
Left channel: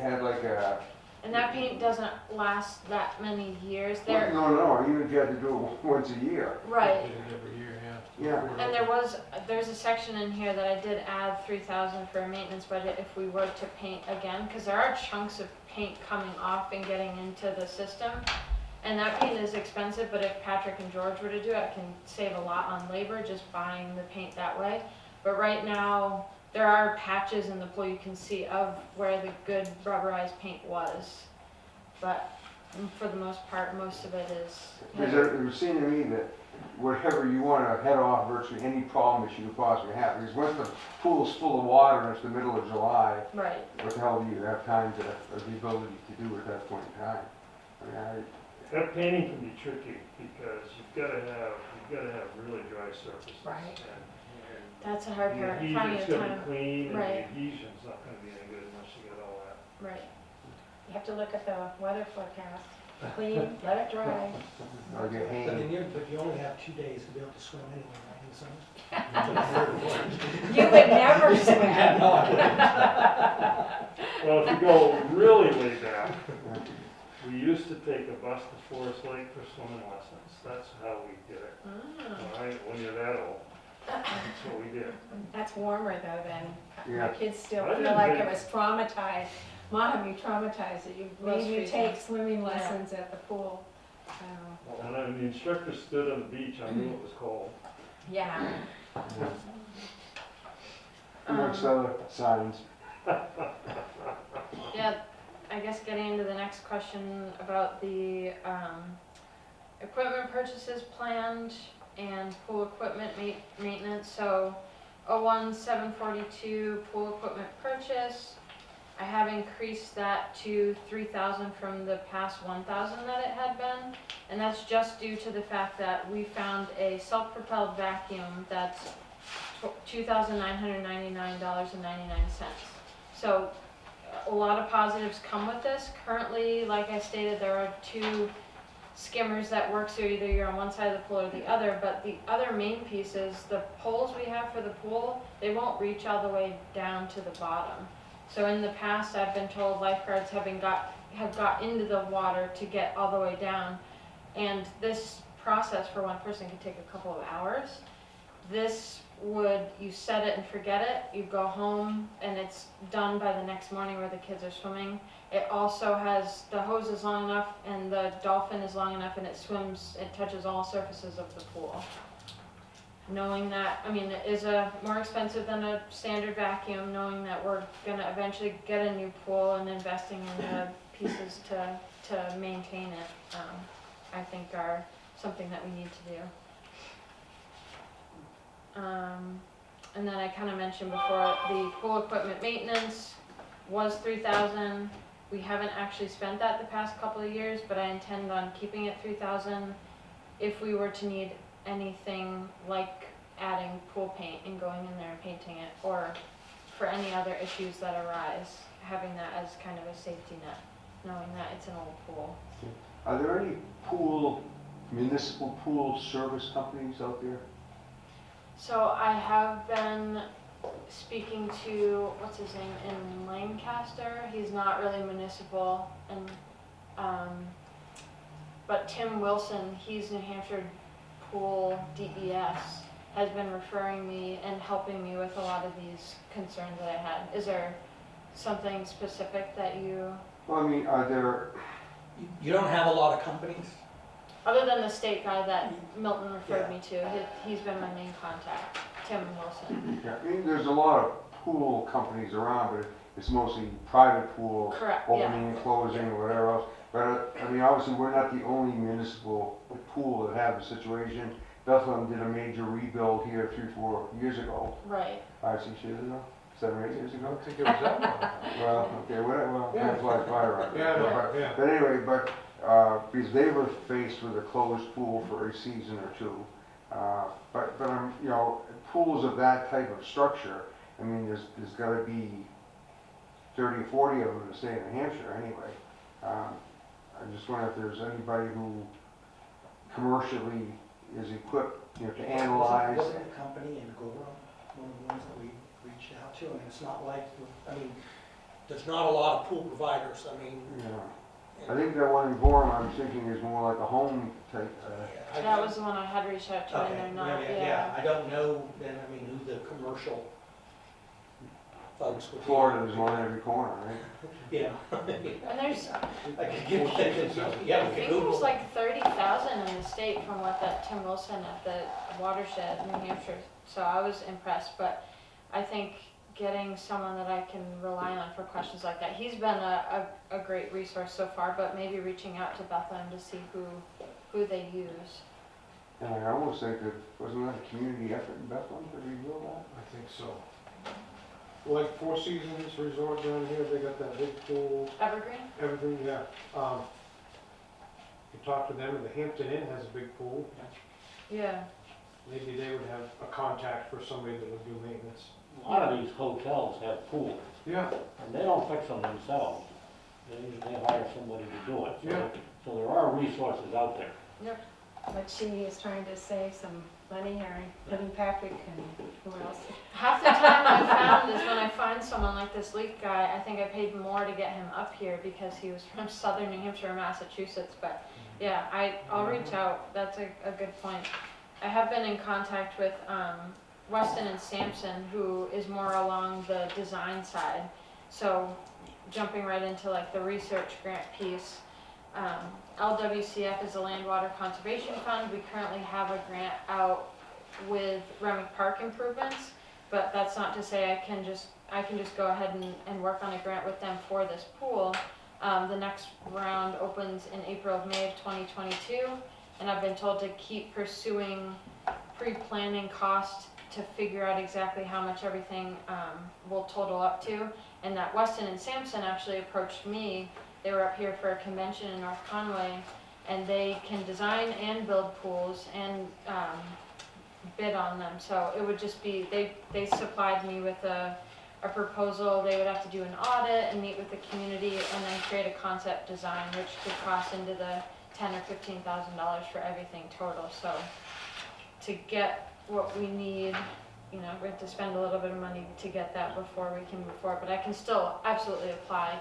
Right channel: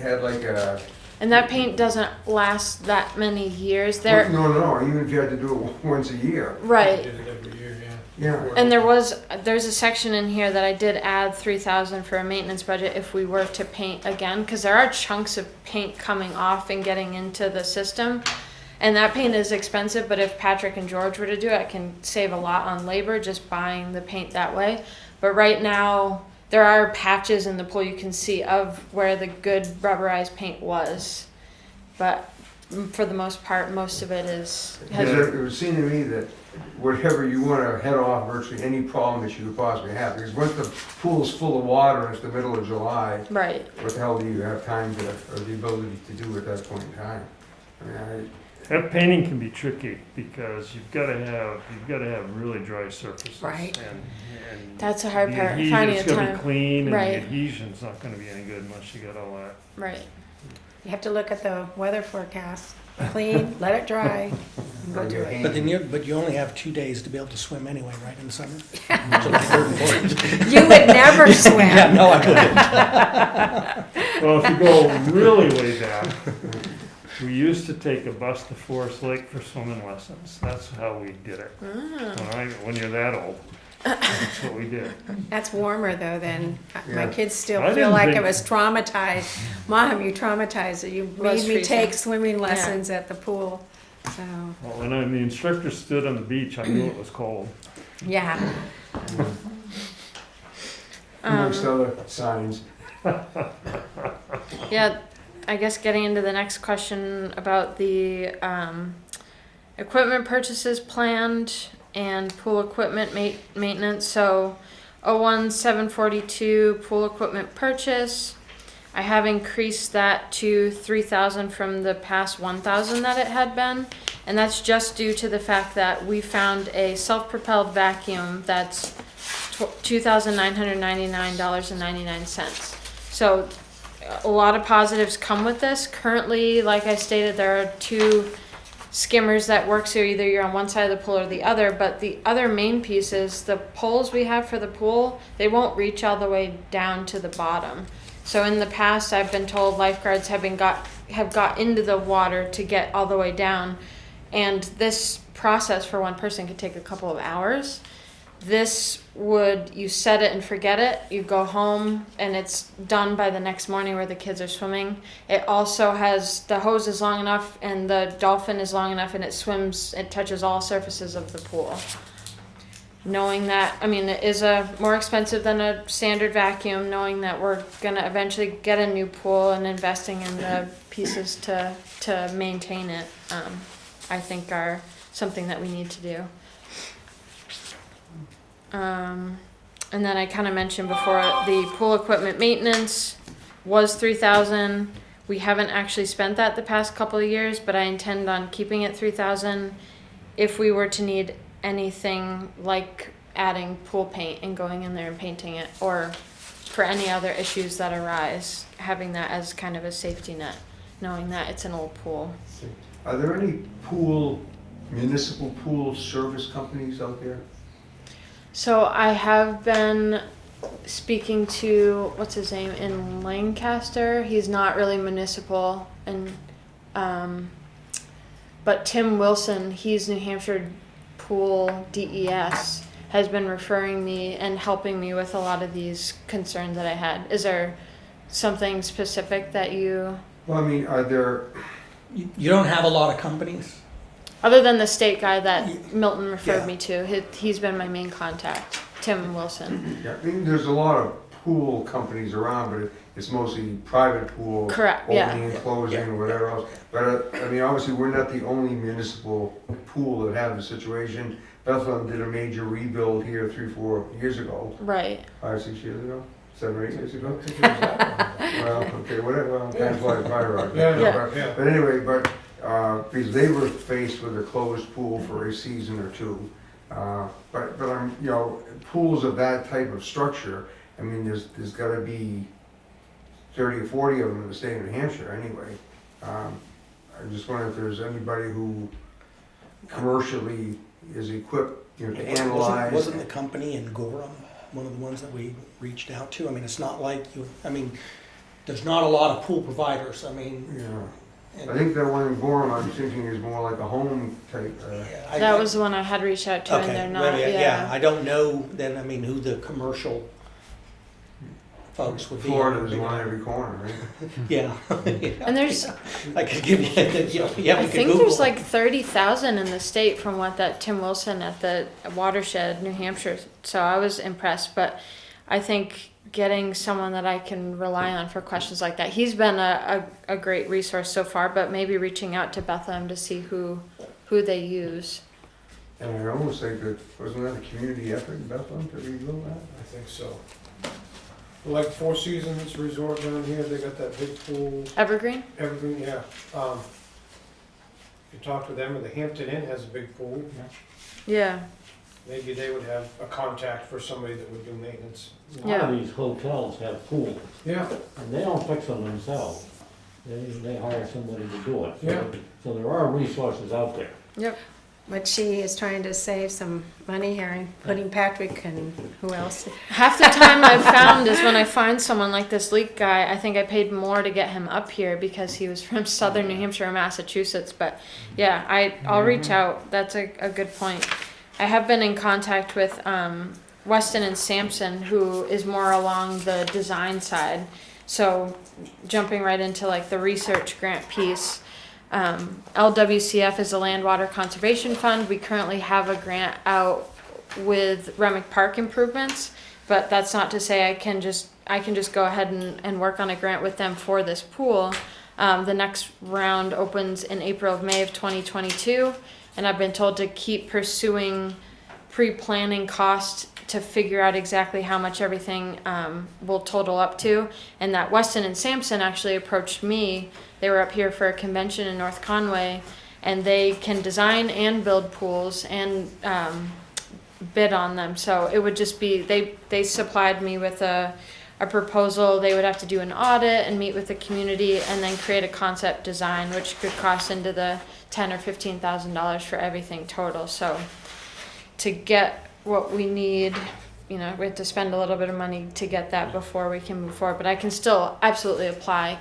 had like a. And that paint doesn't last that many years. There, No, even if you had to do it once a year. right. Did it every year, yeah. Yeah. And there's a section in here that I did add 3,000 for a maintenance budget if we were to paint again, because there are chunks of paint coming off and getting into the system. And that paint is expensive, but if Patrick and George were to do it, I can save a lot on labor just buying the paint that way. But right now, there are patches in the pool you can see of where the good rubberized paint was. But for the most part, most of it is. Because it would seem to me that whatever you want to head off virtually any problem that you could possibly have, because once the pool's full of water and it's the middle of July, Right. what the hell do you have time to, or the ability to do at that point in time? I mean, That painting can be tricky because you've got to have really dry surfaces. Right. And That's a hard the part, adhesion, finding it's a got to be time. clean, and Right. the adhesion's not going to be any good unless you got all that. Right. You have to look at the weather forecast. Clean, let it dry, go do it. But you only have 2 days to be able to swim anyway, right, in the summer? July 3rd and 4th. You would never swim. Yeah, no, I wouldn't. Well, if you go really way back, we used to take a bus to Forest Lake for swimming lessons. That's how we did it. All right, when you're that old, that's what we did. That's warmer though than, my Yeah. kids still I feel didn't like think- I was traumatized. Mom, you traumatized her. You Was made me freezing. take swimming lessons at the pool. So, Well, when the instructor stood on the beach, I knew it was cold. yeah. Amongst other signs. Yeah, I guess getting into the next question about the equipment purchases planned and pool equipment maintenance. So 01742 pool equipment purchase. I have increased that to 3,000 from the past 1,000 that it had been, and that's just due to the fact that we found a self-propelled vacuum that's $2,999.99. So a lot of positives come with this. Currently, like I stated, there are 2 skimmers that work, so either you're on one side of the pool or the other, but the other main piece is the poles we have for the pool, they won't reach all the way down to the bottom. So in the past, I've been told lifeguards have got into the water to get all the way down, and this process for one person could take a couple of hours. This would, you set it and forget it, you go home and it's done by the next morning where the kids are swimming. It also has, the hose is long enough and the dolphin is long enough and it swims, it touches all surfaces of the pool. Knowing that, I mean, it is more expensive than a standard vacuum, knowing that we're gonna eventually get a new pool and investing in the pieces to maintain it, I think are something that we need to do. And then I kind of mentioned before, the pool equipment maintenance was 3,000. We haven't actually spent that the past couple of years, but I intend on keeping it 3,000 if we were to need anything like adding pool paint and going in there and painting it, or for any other issues that arise, having that as kind of a safety net, knowing that it's an old pool. Are there any municipal pool service companies out there? So I have been speaking to, what's his name, in Lancaster. He's not really municipal, and but Tim Wilson, he's New Hampshire Pool DES, has been referring me and helping me with a lot of these concerns that I had. Is there something specific that you, Well, I mean, are there, You don't have a lot of companies? other than the state guy that Milton referred Yeah. me to, he's been my main contact, Tim Wilson. I mean, there's a lot of pool companies around, but it's mostly private pool. Correct, yeah. Opening and closing or whatever else. But, I mean, obviously, we're not the only municipal pool that have the situation. Bethlehem did a major rebuild here 3-4 years ago, Right. 5-6 years ago, 7 or 8 years ago. I think it was that one. Well, okay, whatever, well, that's like fire. Yeah, no, Yeah. yeah. But anyway, because they were faced with a closed pool for a season or 2. But you know, pools of that type of structure, I mean, there's gotta be 30 or 40 of them in the state of New Hampshire anyway. I just wonder if there's anybody who commercially is equipped, you know, to analyze. Wasn't the company in Gorham one of the ones that we reached out to? I mean, it's not like there's not a lot of pool providers, I mean. Yeah, I think that one in Gorham, I'm thinking is more like a home type. That was the one I had reached out to, and they're not, Yeah, I don't know then, I mean, who the commercial folks would be. Florida's one every corner, right? Yeah. And there's, I could give you, I think there's like 30,000 in the state from what that Tim Wilson at the Watershed, New Hampshire. So I was impressed, but I think getting someone that I can rely on for questions like that, he's been a great resource so far, but maybe reaching out to Bethlehem to see who they use. And I almost think that, wasn't that a community effort in Bethlehem to rebuild that? I think so. Like Four Seasons Resort down here, they got that big pool, Evergreen? everything, yeah. You talk to them, or the Hampton Inn has a big pool. Yeah. Maybe they would have a contact for somebody that would do maintenance. A lot of these hotels have pools, Yeah, and they don't fix them themselves. They hire somebody to do it. Yeah. So there are resources out there. Yep. But she is trying to save some money here and putting Patrick and who else? Half the time I've found is when I find someone like this leak guy, I think I paid more to get him up here because he was from southern New Hampshire or Massachusetts. But yeah, I'll reach out. That's a good point. I have been in contact with Weston and Sampson, who is more along the design side. So jumping right into like the research grant piece, LWCF is a Land Water Conservation Fund. We currently have a grant out with Remick Park improvements, but that's not to say I can just go ahead and work on a grant with them for this pool. The next round opens in May of 2022, and I've been told to keep pursuing pre-planning costs to figure out exactly how much everything will total up to. And that Weston and Sampson actually approached me. They were up here for a convention in North Conway, and they can design and build pools and bid on them. So it would just be, they supplied me with a proposal. They would have to do an audit and meet with the community and then create a concept design, which could cost into the $10,000 or $15,000 for everything total. So to get what we need, we have to spend a little bit of money to get that before we can move forward. But I can still absolutely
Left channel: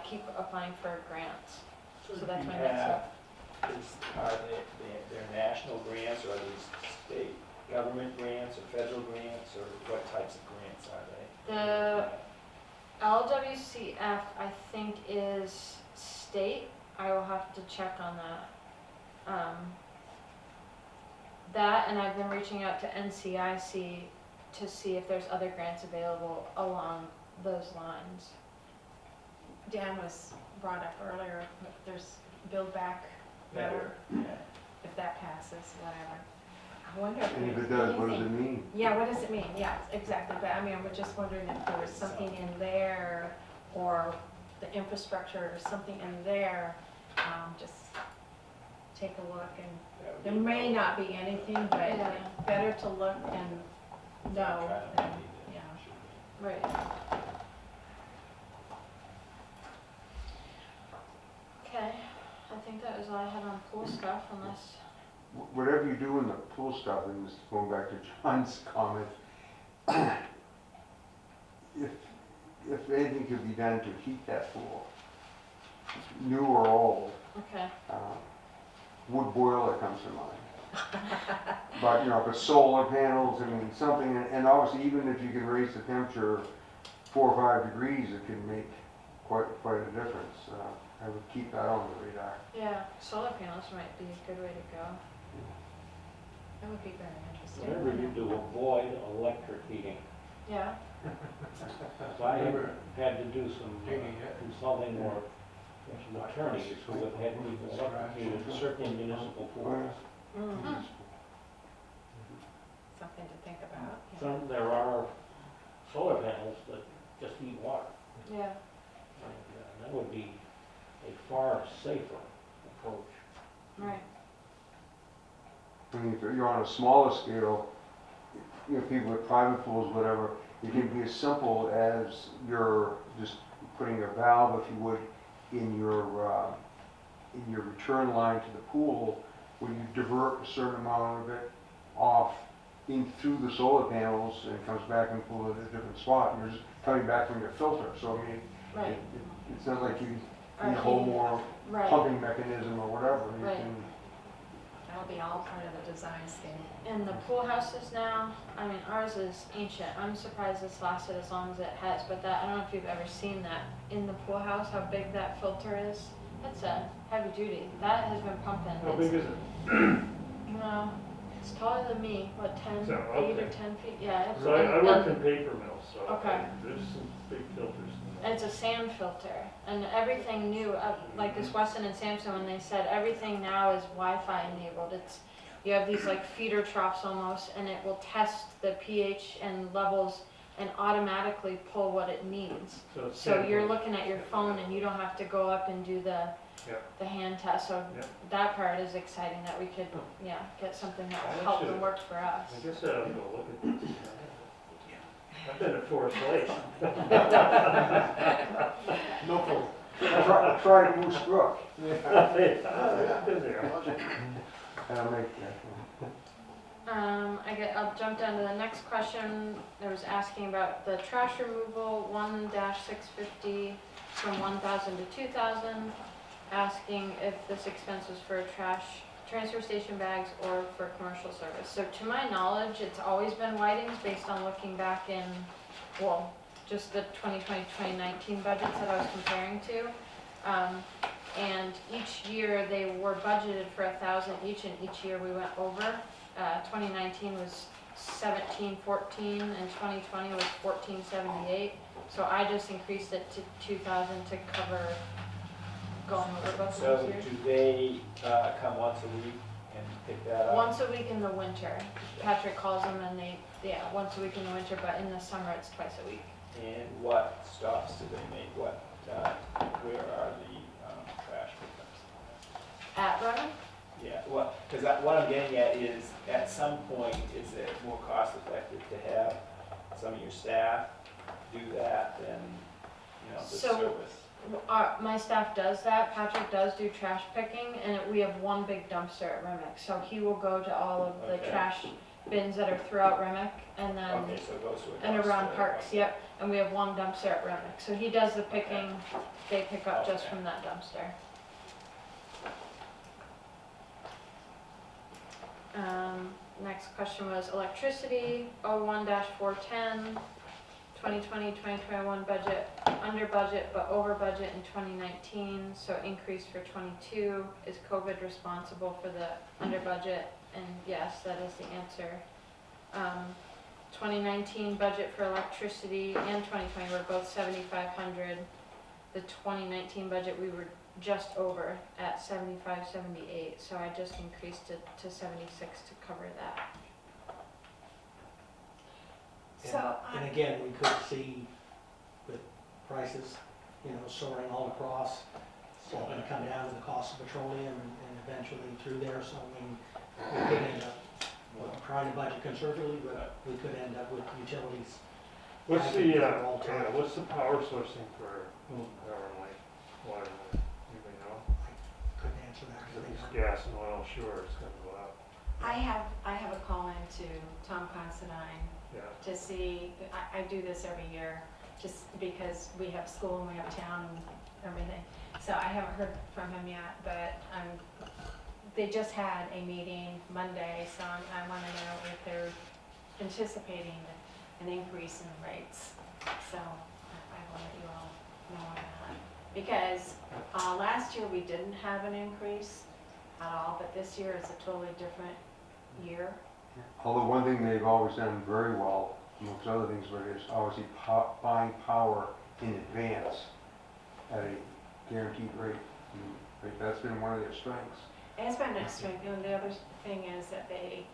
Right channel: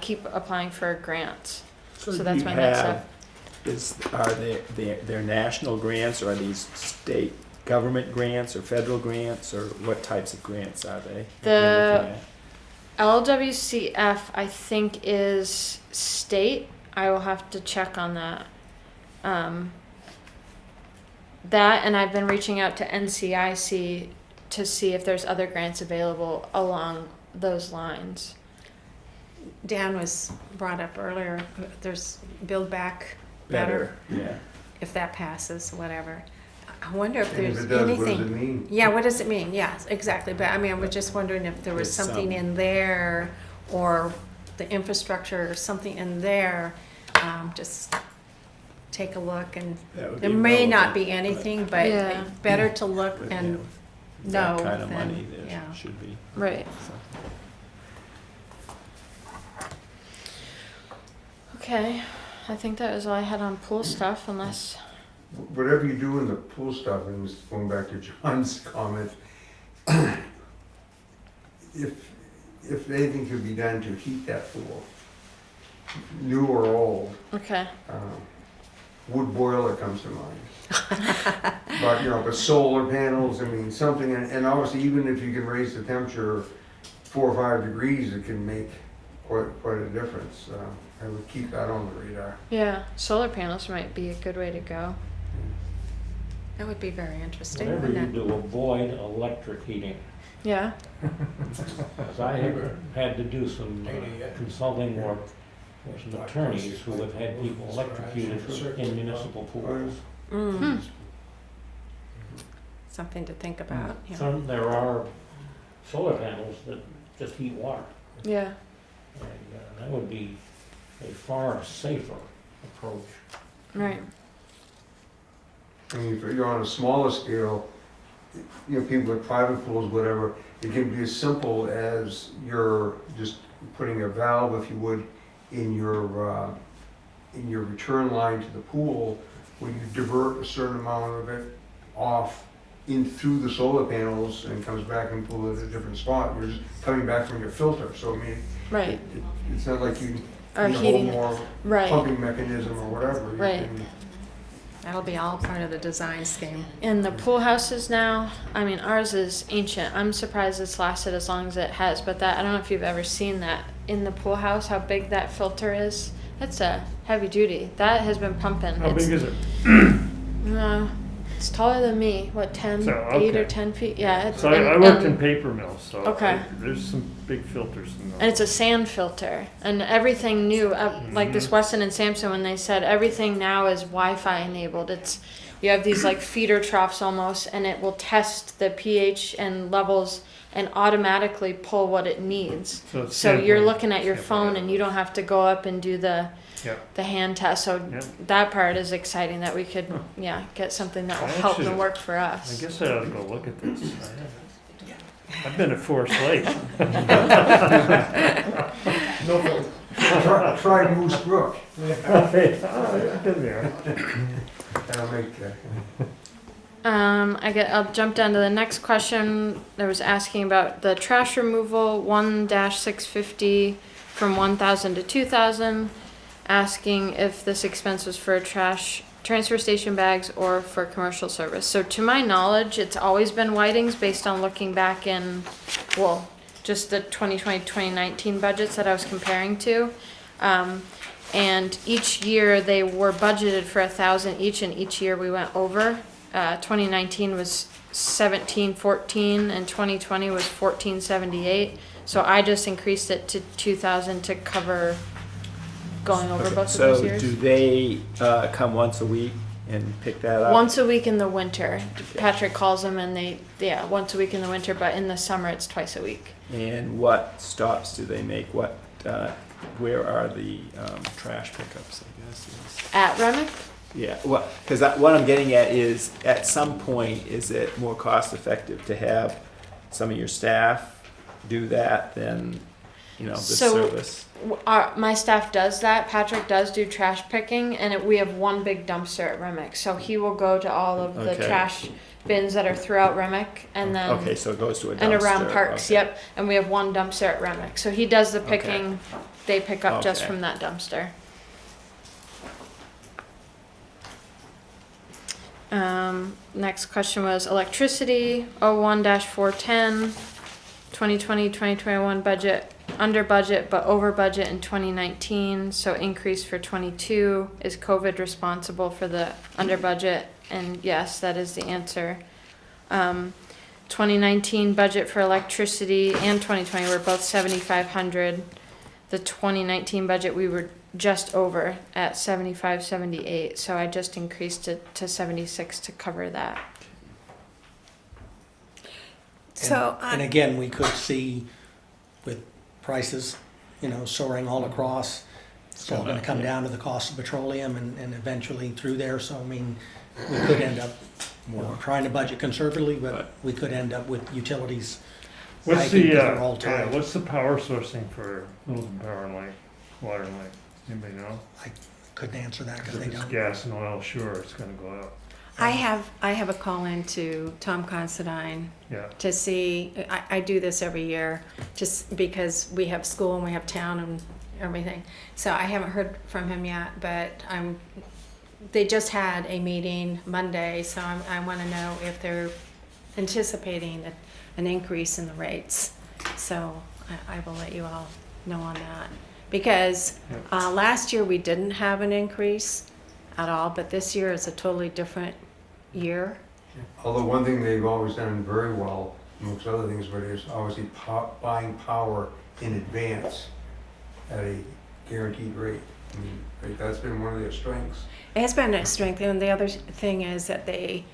keep applying for grants. So that's my next step. Are they national grants, or are these state government grants or federal grants, or what types of grants are they? The LWCF, I think, is state. I will have to check on that. That, and I've been reaching out to NCIC to see if there's other grants available along those lines. Dan was brought up earlier, there's Build Back Better, Yeah. if that passes, whatever. I wonder if And there's if it does, what does it anything. mean? Yeah, what does it mean? Yes, exactly. But I mean, I was just wondering if there was There's something some. in there, or the infrastructure or something in there. Just take a look, and That would there be may not relevant, be anything, but Yeah. better to look and That know kind of than, money there yeah. should be. Right. Okay. I think that was all I had on pool stuff, unless. Whatever you do in the pool stuff, and this is going back to John's comment, if anything could be done to heat that pool, new or old, Okay. wood boiler comes to mind. But, the solar panels, I mean, something, and obviously even if you can raise the temperature 4 or 5 degrees, it can make quite a difference. I would keep that on the radar. Yeah. Solar panels might be a good way to go. That would be very interesting. Whatever you wouldn't it? do, avoid electric heating. Yeah. 'Cause I have had to do some consulting work with some attorneys who have had people electrocuted in municipal pools. Mm. Something to think about. Yeah. There are solar panels that just heat water, Yeah. and that would be a far safer approach. Right. I mean, if you're on a smaller scale, people with private pools, whatever, it can be as simple as you're just putting a valve, if you would, in your return line to the pool, where you divert a certain amount of it off in through the solar panels and comes back and pool at a different spot. You're just coming back from your filter, so I mean, Right. it's not like you Or need a whole heating. more Right. pumping mechanism or whatever. You Right. can- That'll be all part of the design scheme. In the pool houses now, I mean, ours is ancient. I'm surprised it's lasted as long as it has, but I don't know if you've ever seen that in the pool house, how big that filter is. It's a heavy duty. That has been pumping. How big is it? No, it's taller than me. What, 10, So, 8 or okay. 10 feet? Yeah. It's, So I worked in and paper mills, so Okay. there's some big filters in those. it's a sand filter, and everything new, like this Weston and Sampson, when they said everything now is Wi-Fi enabled. You have these like feeder troughs almost, and it will test the pH and levels and automatically pull what it needs. it's So you're sampling. looking at your phone, and you don't have to go up and do the hand test. So Yeah. that part is exciting, that we could get something that will I help should- and work for I us. guess I ought to go look at this. I've been at Forest Lake. No, try Moose Brook. I've been there. That'll make that. I'll jump down to the next question. There was asking about the trash removal 1-650 from 1,000 to 2,000, asking if this expense was for transfer station bags or for commercial service. So to my knowledge, it's always been Whiting's based on looking back in, just the 2020-2019 budgets that I was comparing to. And each year they were budgeted for 1,000 each, and each year we went over. 2019 was 1714 and 2020 was 1478. So I just increased it to 2,000 to cover going over both of those years. So do they come once a week and pick that up? Once a week in the winter. Patrick calls them and once a week in the winter, but in the summer it's twice a week. And what stops do they make? What, where are the trash pickups, I guess? At Remick? Yeah, well, because what I'm getting at is, at some point, is it more cost effective to have some of your staff do that than, this So- service? My staff does that. Patrick does do trash picking, and we have one big dumpster at Remick. So he will go to all of the Okay. trash bins that are throughout Remick, and then Okay, so it goes to a dumpster. and around parks. okay. Yep, and we have one dumpster at Remick. So he does the picking. They pick up just Okay. from that dumpster. Next question was electricity, 01-410, 2020-2021 budget, under budget but over budget in 2019, so increase for 22. Is COVID responsible for the under budget? And yes, that is the answer. 2019 budget for electricity and 2020 were both 7,500. The 2019 budget we were just over at 75-78, so I just increased it to 76 to cover that. So, And again, we could see with prices, soaring all across, it's all gonna come down to the cost of petroleum and eventually through there, so I mean, we could end up, we're trying to budget conservatively, but we could end up with utilities. What's hiking the, 'cause they're all tied. what's the power sourcing for Littleton Power and Light, Water and Light? Anybody know? Couldn't answer that because they If it's don't. gas and oil, sure, it's gonna go up. I have a call in to Tom Considine Yeah, to see, I do this every year, just because we have school and we have town and everything. So I haven't heard from him yet, but they just had a meeting Monday, so I wanna know if they're anticipating an increase in the rates. So I will let you all know on that. Because last year we didn't have an increase at all, but this year is a totally different year. Although one thing they've always done very well, amongst other things, but is obviously buying power in advance at a guaranteed rate. I mean, that's been one of their strengths. It has been a strength, and the other thing is that they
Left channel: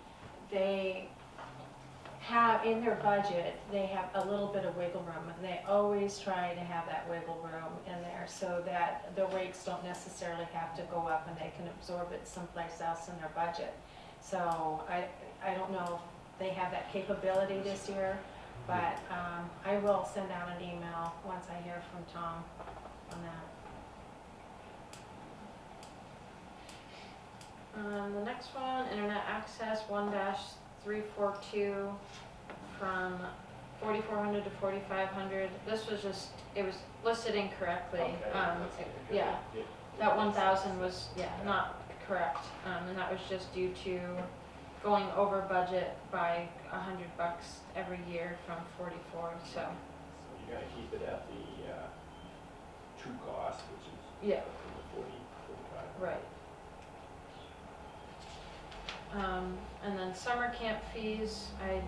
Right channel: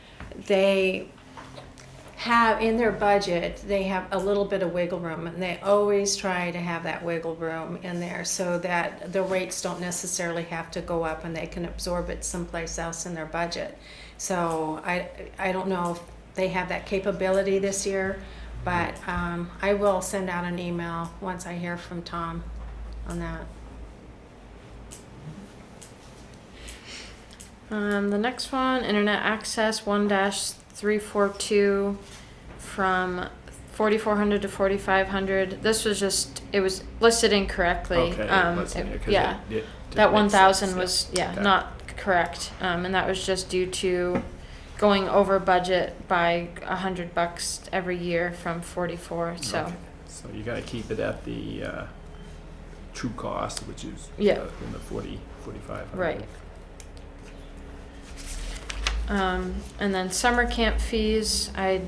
have in their budget, they have a little bit of wiggle room, and they always try to have that wiggle room in there so that the rates don't necessarily have to go up and they can absorb it someplace else in their budget. So I don't know if they have that capability this year, but I will send out an email once I hear from Tom on that. The next one, internet access 1-342 from 4,400 to 4,500. This was just, it was listed incorrectly. Okay, let's see, 'cause yeah, it that makes 1,000 sense, was Okay. not correct, and that was just due to going over budget by $100 every year from 44. So Okay. So you gotta keep it at the true cost, which is Yeah. in the 45. right. And then summer camp fees. I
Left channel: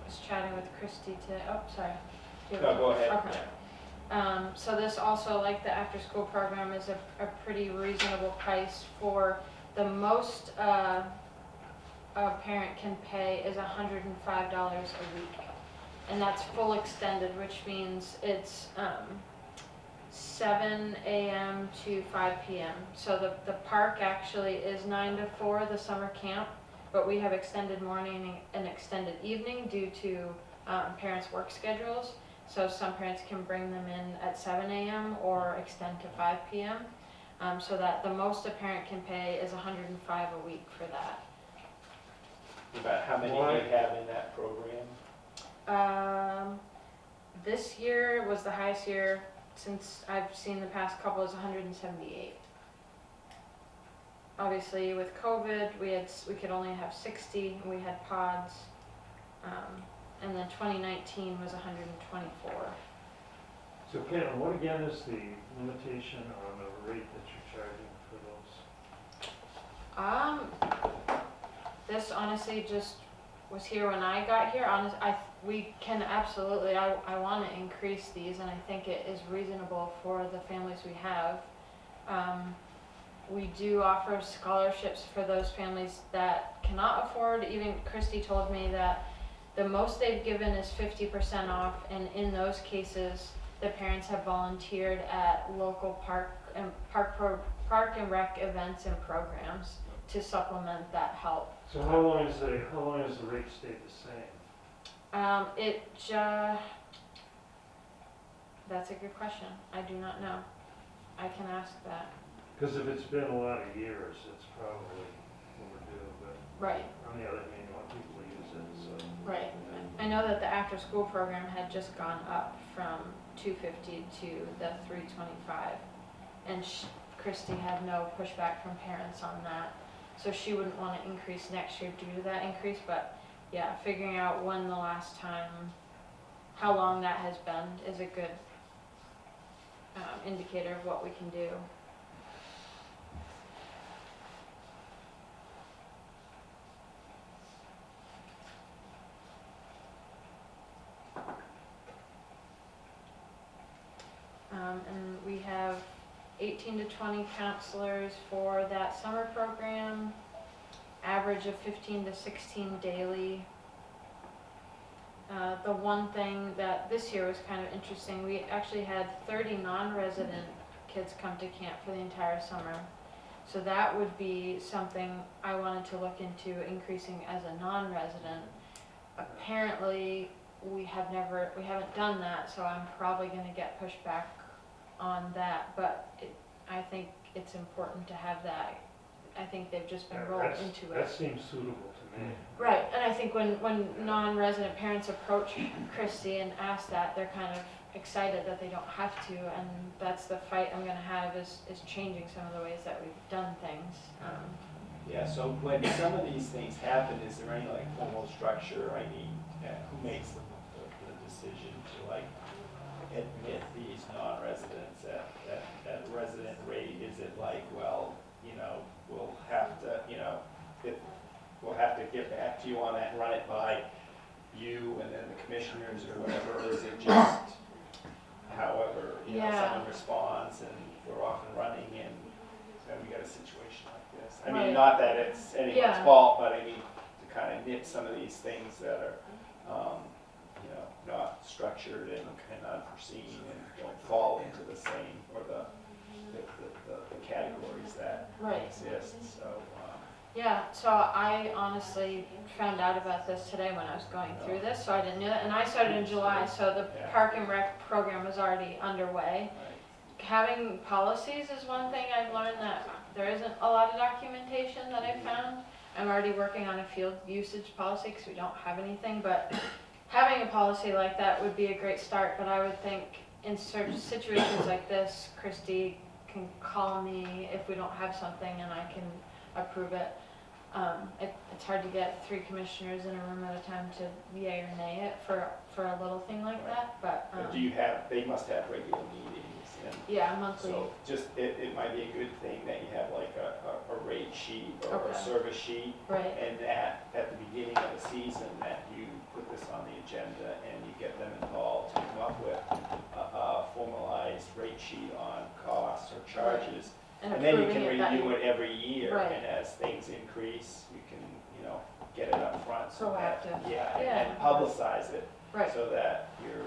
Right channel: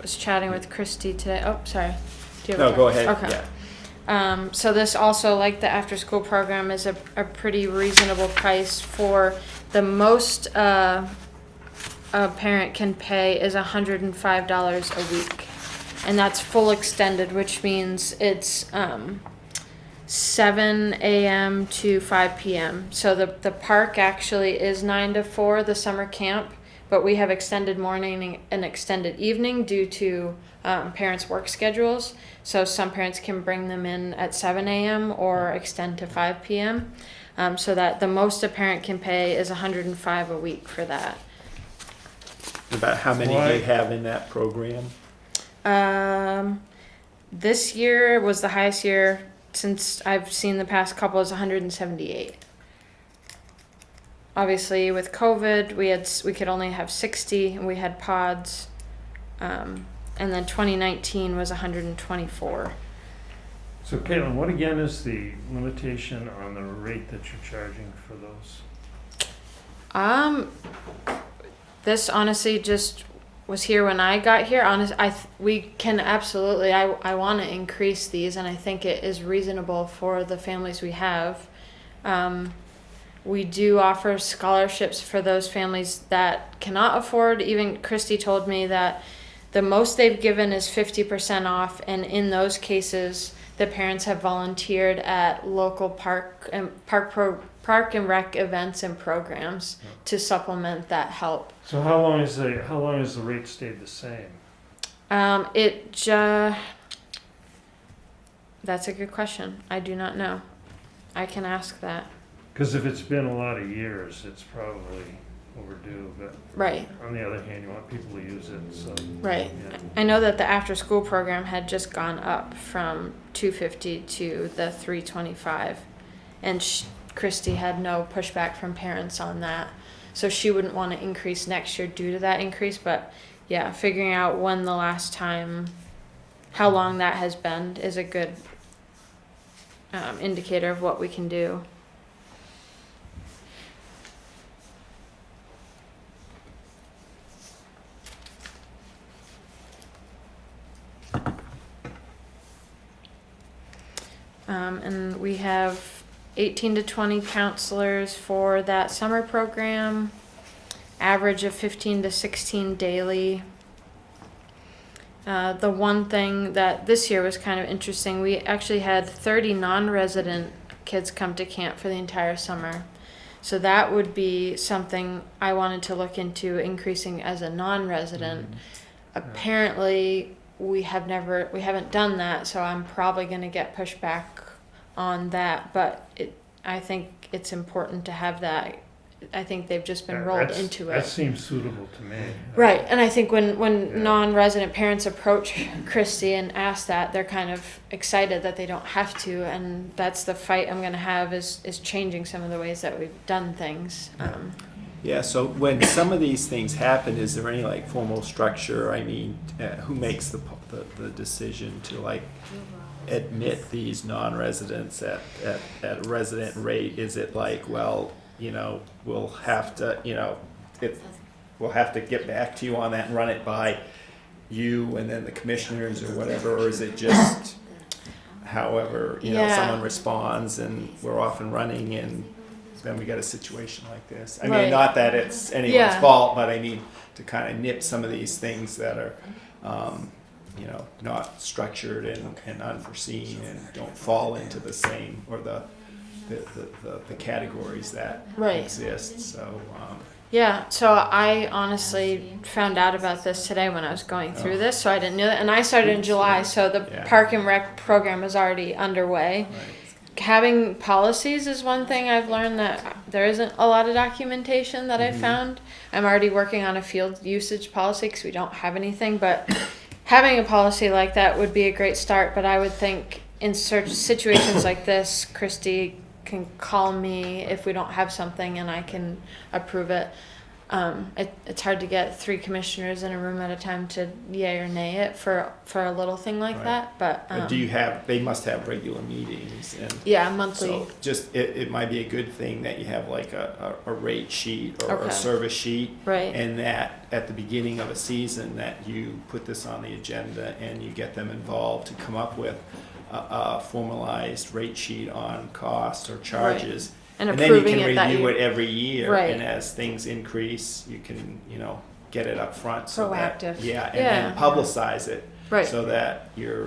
was chatting with Christy today. Oh, sorry. Do you have No, a- go ahead, Okay. yeah. So this also, like the after-school program, is a pretty reasonable price for the most a parent can pay is $105 a week, and that's full extended, which means it's 7 a.m. to 5 p.m. So the park actually is 9 to 4, the summer camp, but we have extended morning and extended evening due to parents' work schedules. So some parents can bring them in at 7 a.m. or extend to 5 p.m. So that the most a parent can pay is $105 a week for that. About how many Why- they have in that program? This year was the highest year since I've seen the past couple is 178. Obviously, with COVID, we could only have 60, and we had pods. And then 2019 was 124. So Caitlin, what again is the limitation on the rate that you're charging for those? This honestly just was here when I got here. We can absolutely, I want to increase these, and I think it is reasonable for the families we have. We do offer scholarships for those families that cannot afford. Even Christy told me that the most they've given is 50% off, and in those cases, the parents have volunteered at local park and rec events and programs to supplement that help. So how long has the rate stayed the same? That's a good question. I do not know. I can ask that. Because if it's been a lot of years, it's probably overdue, but Right. on the other hand, you want people to use it, so. Right. Yeah. I know that the after school program had just gone up from $250 to the $325, and Christy had no pushback from parents on that, so she wouldn't want to increase next year due to that increase. But yeah, figuring out when the last time, how long that has been, is a good indicator of what we can do. And we have 18 to 20 counselors for that summer program, average of 15 to 16 daily. The one thing that this year was kind of interesting, we actually had 30 non-resident kids come to camp for the entire summer. So that would be something I wanted to look into increasing as a non-resident. Apparently, we haven't done that, so I'm probably going to get pushback on that. But I think it's important to have that. I think they've just been rolled into it. That seems suitable to me. Right, and I think when Yeah. non-resident parents approach Christy and ask that, they're kind of excited that they don't have to, and that's the fight I'm going to have is changing some of the ways that we've done things. Yeah, so when some of these things happen, is there any like formal structure? I mean, who makes the decision to like admit these non-residents at a resident rate? Is it like, well, we'll have to, we'll have to get back to you on that and run it by you and then the commissioners or whatever, or is it just however, someone responds and we're off and running and then we got a situation like this? I mean, not that it's anyone's fault, but I mean to kind of nip some of these things that are, not structured and unforeseen and don't fall into the same or the categories that exist. So yeah, so I honestly found out about this today when I was going through this, so I didn't know that. And I started in July, so the Park and Rec program is already underway. Having policies is one thing I've learned that there isn't a lot of documentation that I found. I'm already working on a field usage policy because we don't have anything, but having a policy like that would be a great start. But I would think in situations like this, Christy can call me if we don't have something and I can approve it. It's hard to get 3 commissioners in a room at a time to yay or nay it for a little thing like that. But they must have regular meetings and monthly. so just it might be a good thing that you have like a rate sheet or a service sheet, Right. and that at the beginning of a season that you put this on the agenda and you get them involved to come up with a formalized rate sheet on costs or charges. And then you approving can it that review year. it every year, Right. and as things increase, you can, get it up front. So Proactive. and then publicize it. Right. So that your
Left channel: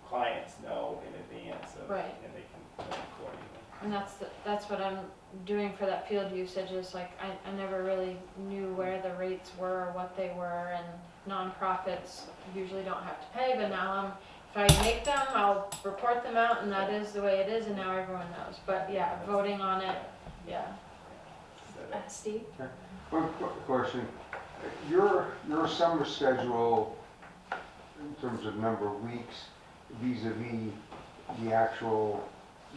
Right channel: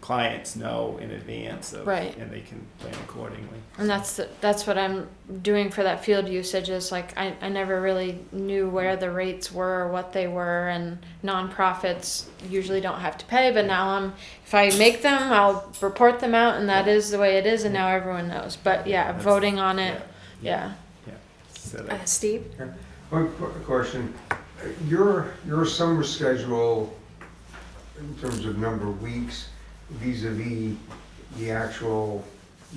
clients know in advance of, Right. and they can plan accordingly. And that's what I'm doing for that field usage is like I never really knew where the rates were or what they were, and nonprofits usually don't have to pay, but now if I make them, I'll report them out, and that is the way it is, and now everyone knows. But voting on it, So Steve? One question, your summer schedule in terms of number of weeks vis-a-vis the actual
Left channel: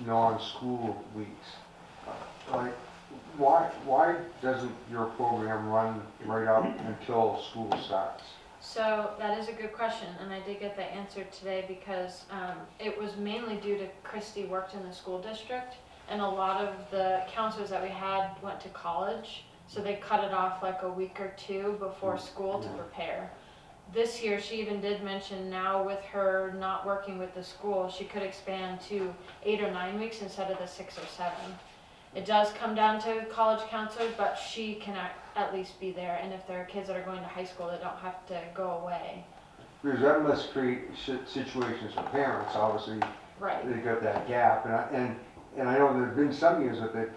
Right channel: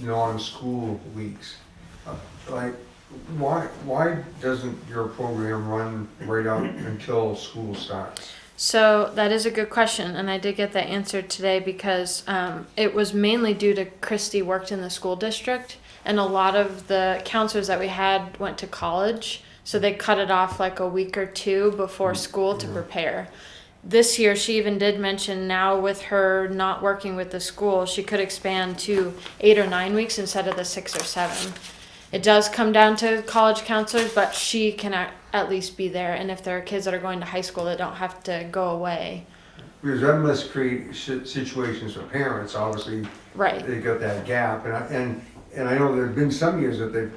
non-school weeks, like why doesn't your program run right up until school starts? So that is a good question, and I did get that answer today because it was mainly due to Christy worked in the school district, and a lot of the counselors that we had went to college, so they cut it off like a week or two before school to prepare. This year, she even did mention now with her not working with the school, she could expand to 8 or 9 weeks instead of the 6 or 7. It does come down to college counselors, but she can at least be there. And if there are kids that are going to high school that don't have to go away. Because that must create situations for parents, obviously. Right. They got that gap, and I know there've been some years that they've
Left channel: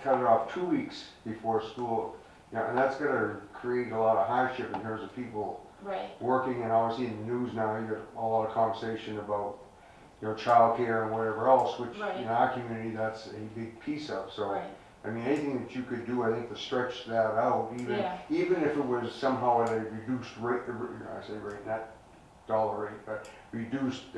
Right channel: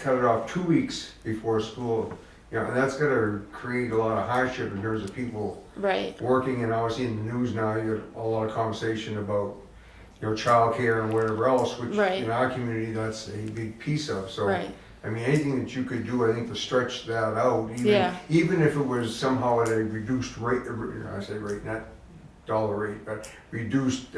cut it off 2 weeks before school. Yeah, and that's gonna create a lot of hardship in terms of people Right. working, and obviously in the news now, you got a lot of conversation about, childcare and whatever else, which Right. in our community, that's a big piece of, so. Right. I mean, anything that you could do, I think, to stretch that out, Yeah. even if it was somehow at a reduced rate, I say rate, not dollar rate, but reduced,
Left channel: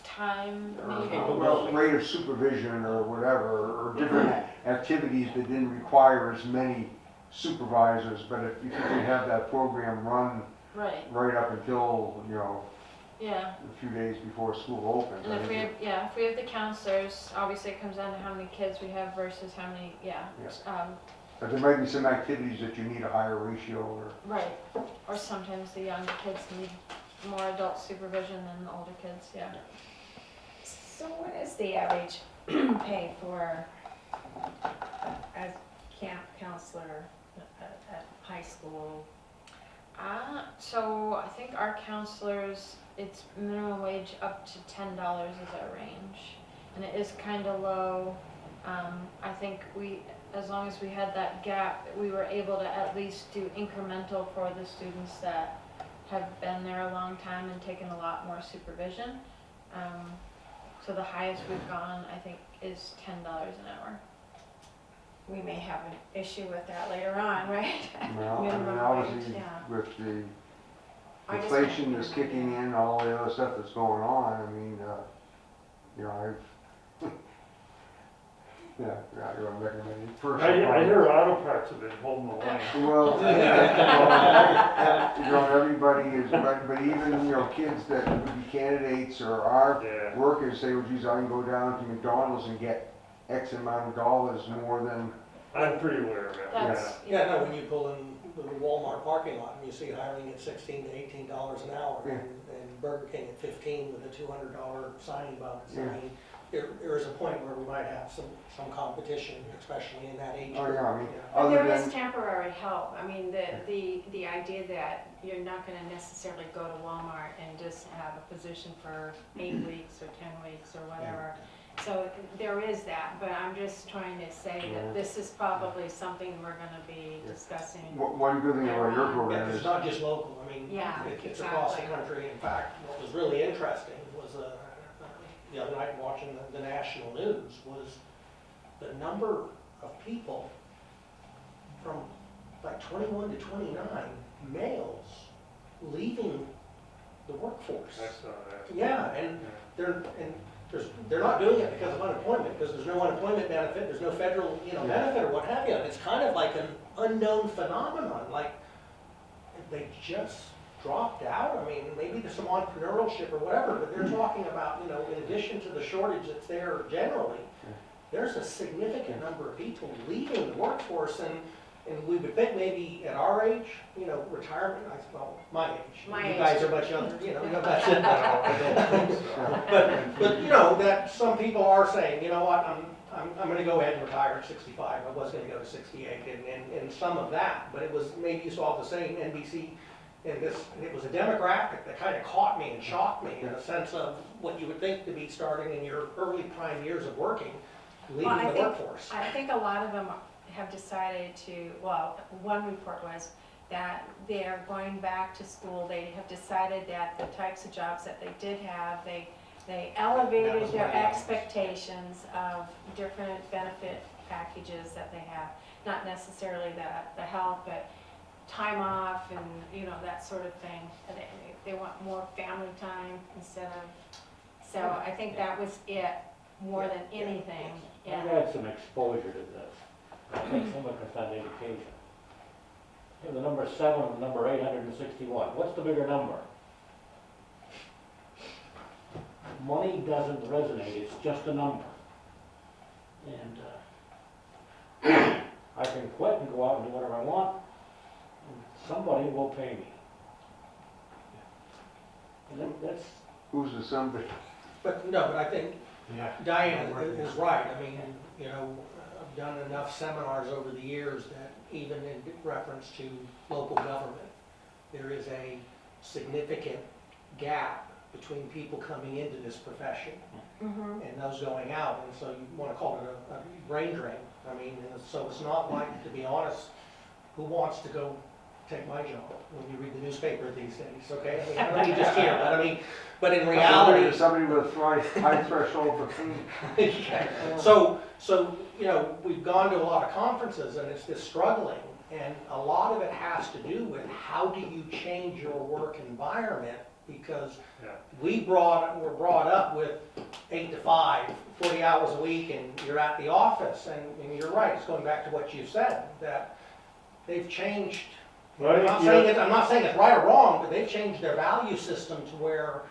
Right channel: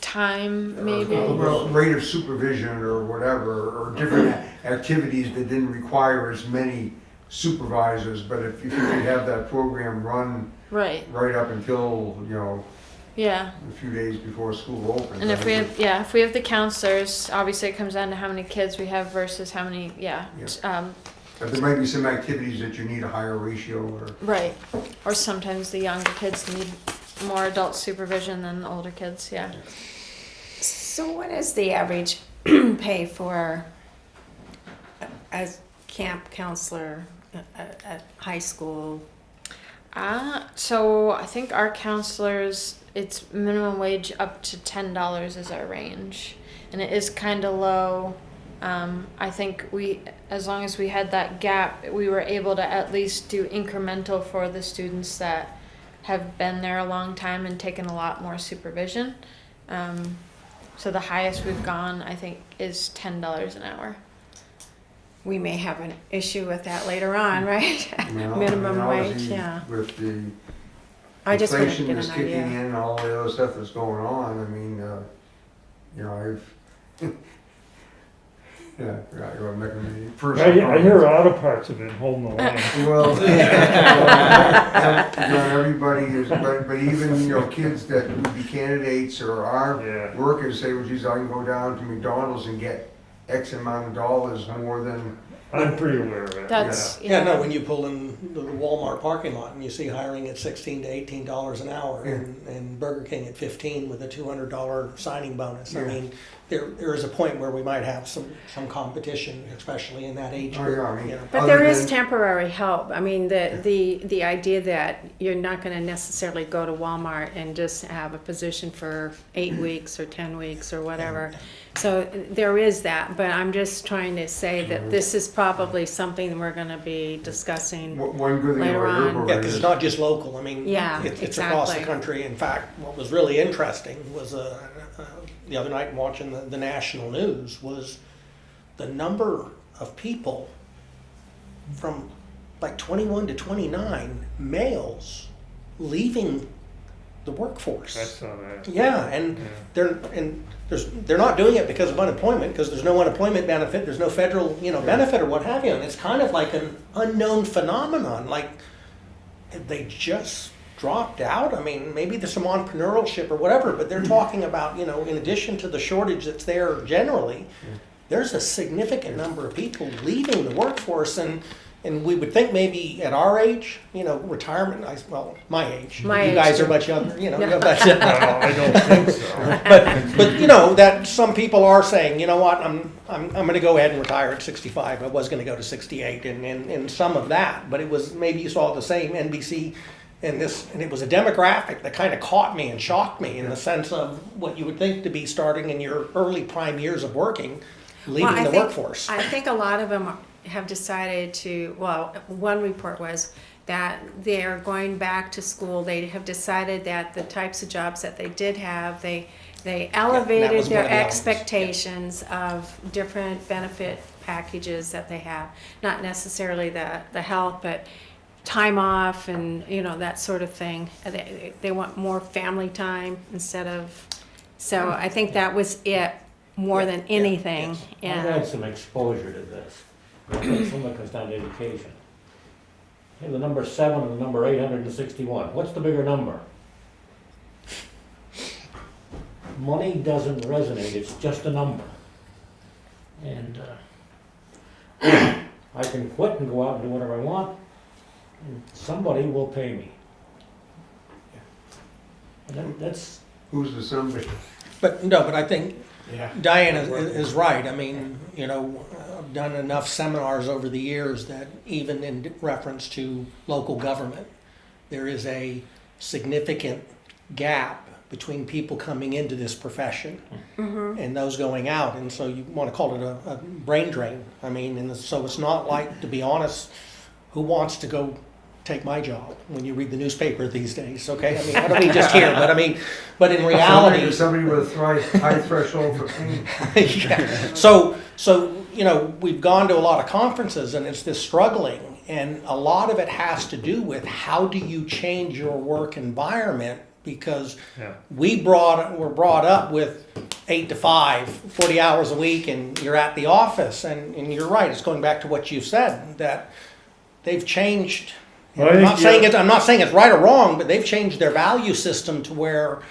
Time, maybe. well, rate of supervision or whatever, or different activities that didn't require as many supervisors, but if you could have that program run Right. right up until, Yeah. a few days before school opens. And I if we think have, if we have the counselors, obviously it comes down to how many kids we have versus how many, But there might be some activities that you need a higher ratio or. right. Or sometimes the younger kids need more adult supervision than the older kids, yeah. So what is the average pay for a camp counselor at high school? So I think our counselors, it's minimum wage up to $10 is our range, and it is kind of low. I think as long as we had that gap, we were able to at least do incremental for the students that have been there a long time and taken a lot more supervision. So the highest we've gone, I think, is $10 an hour. We may have an issue with that later on, right? Well, Minimum I mean, wage, obviously, yeah. With the I just wanted to inflation get that's an kicking idea. in, all the other stuff that's going on, I mean, I've, yeah, you're making me first. I hear auto parts have been holding the line. Well, everybody is, but even, kids that would be candidates or are Yeah. workers say, well, geez, I can go down to McDonald's and get X amount of dollars more than, I'm pretty aware of it. That's, Yeah, no, when you pull in the Walmart parking lot and you see hiring at $16 to $18 an hour and Burger King at 15 with a $200 signing bonus. I Yeah. mean, there is a point where we might have some competition, especially in that age Oh, group. yeah, I mean, you know. But Other there is than- temporary help. I mean, the idea that you're not gonna necessarily go to Walmart and just have a position for 8 weeks or 10 weeks or whatever. So there is that, but I'm just trying to say that this is probably something we're gonna be discussing. one good thing Later about your on. Yeah, program because is. it's not just local. I mean, Yeah, it's across the exactly. country. In fact, what was really interesting was the other night watching the national news was the number of people from like 21 to 29 males leaving the workforce. I saw that. Yeah, and Yeah. they're not doing it because of unemployment, because there's no unemployment benefit, there's no federal benefit or what have you, and it's kind of like an unknown phenomenon. Like they just dropped out. I mean, maybe there's some entrepreneurship or whatever, but they're talking about in addition to the shortage that's there generally, there's a significant number of people leaving the workforce, and we would think maybe at our age, retirement, my age. My you age, guys too. are much younger, No. but No, I don't think so. but that some people are saying, you know what, I'm going to go ahead and retire at 65. I was going to go to 68, and some of that, but it was maybe you saw the same NBC, and it was a demographic that kind of caught me and shocked me in the sense of what you would think to be starting in your early prime years of working, leaving Well, the workforce. I think a lot of them have decided one report was that they're going back to school. They have decided that the types of jobs that they did have, they elevated was their one of the elements, expectations of different benefit packages that they have. Not necessarily the health, but time off and, that sort of thing. They want more family time instead of, so I think that was it more than anything. I've Yeah. had some exposure to this. Some of it comes down to education. You have the number 7 and the number 861. What's the bigger number? Money doesn't resonate, it's just a number. And I can quit and go out and do whatever I want, and somebody will pay me. And that's, Who's the somebody? But, no, but I think Yeah. Diane is right. I mean, you know, I've done enough seminars over the years that even in reference to local government, there is a significant gap between people coming into this profession and those going out. And so you want to call it a brain drain. I mean, and so it's not like, to be honest, who wants to go take my job when you read the newspaper these days, okay? I mean, I don't mean just here, but I mean, but in reality. Somebody with a high threshold for pain. Yeah. So, you know, we've gone to a lot of conferences and it's this struggling, and a lot of it has to do with how do you change your work environment, because Yeah. we're brought up with 8 to 5, 40 hours a week, and you're at the office, and you're right, it's going back to what you've said, that they've changed. Well, I I'm think, not saying it's right or wrong, but they've changed their value system to where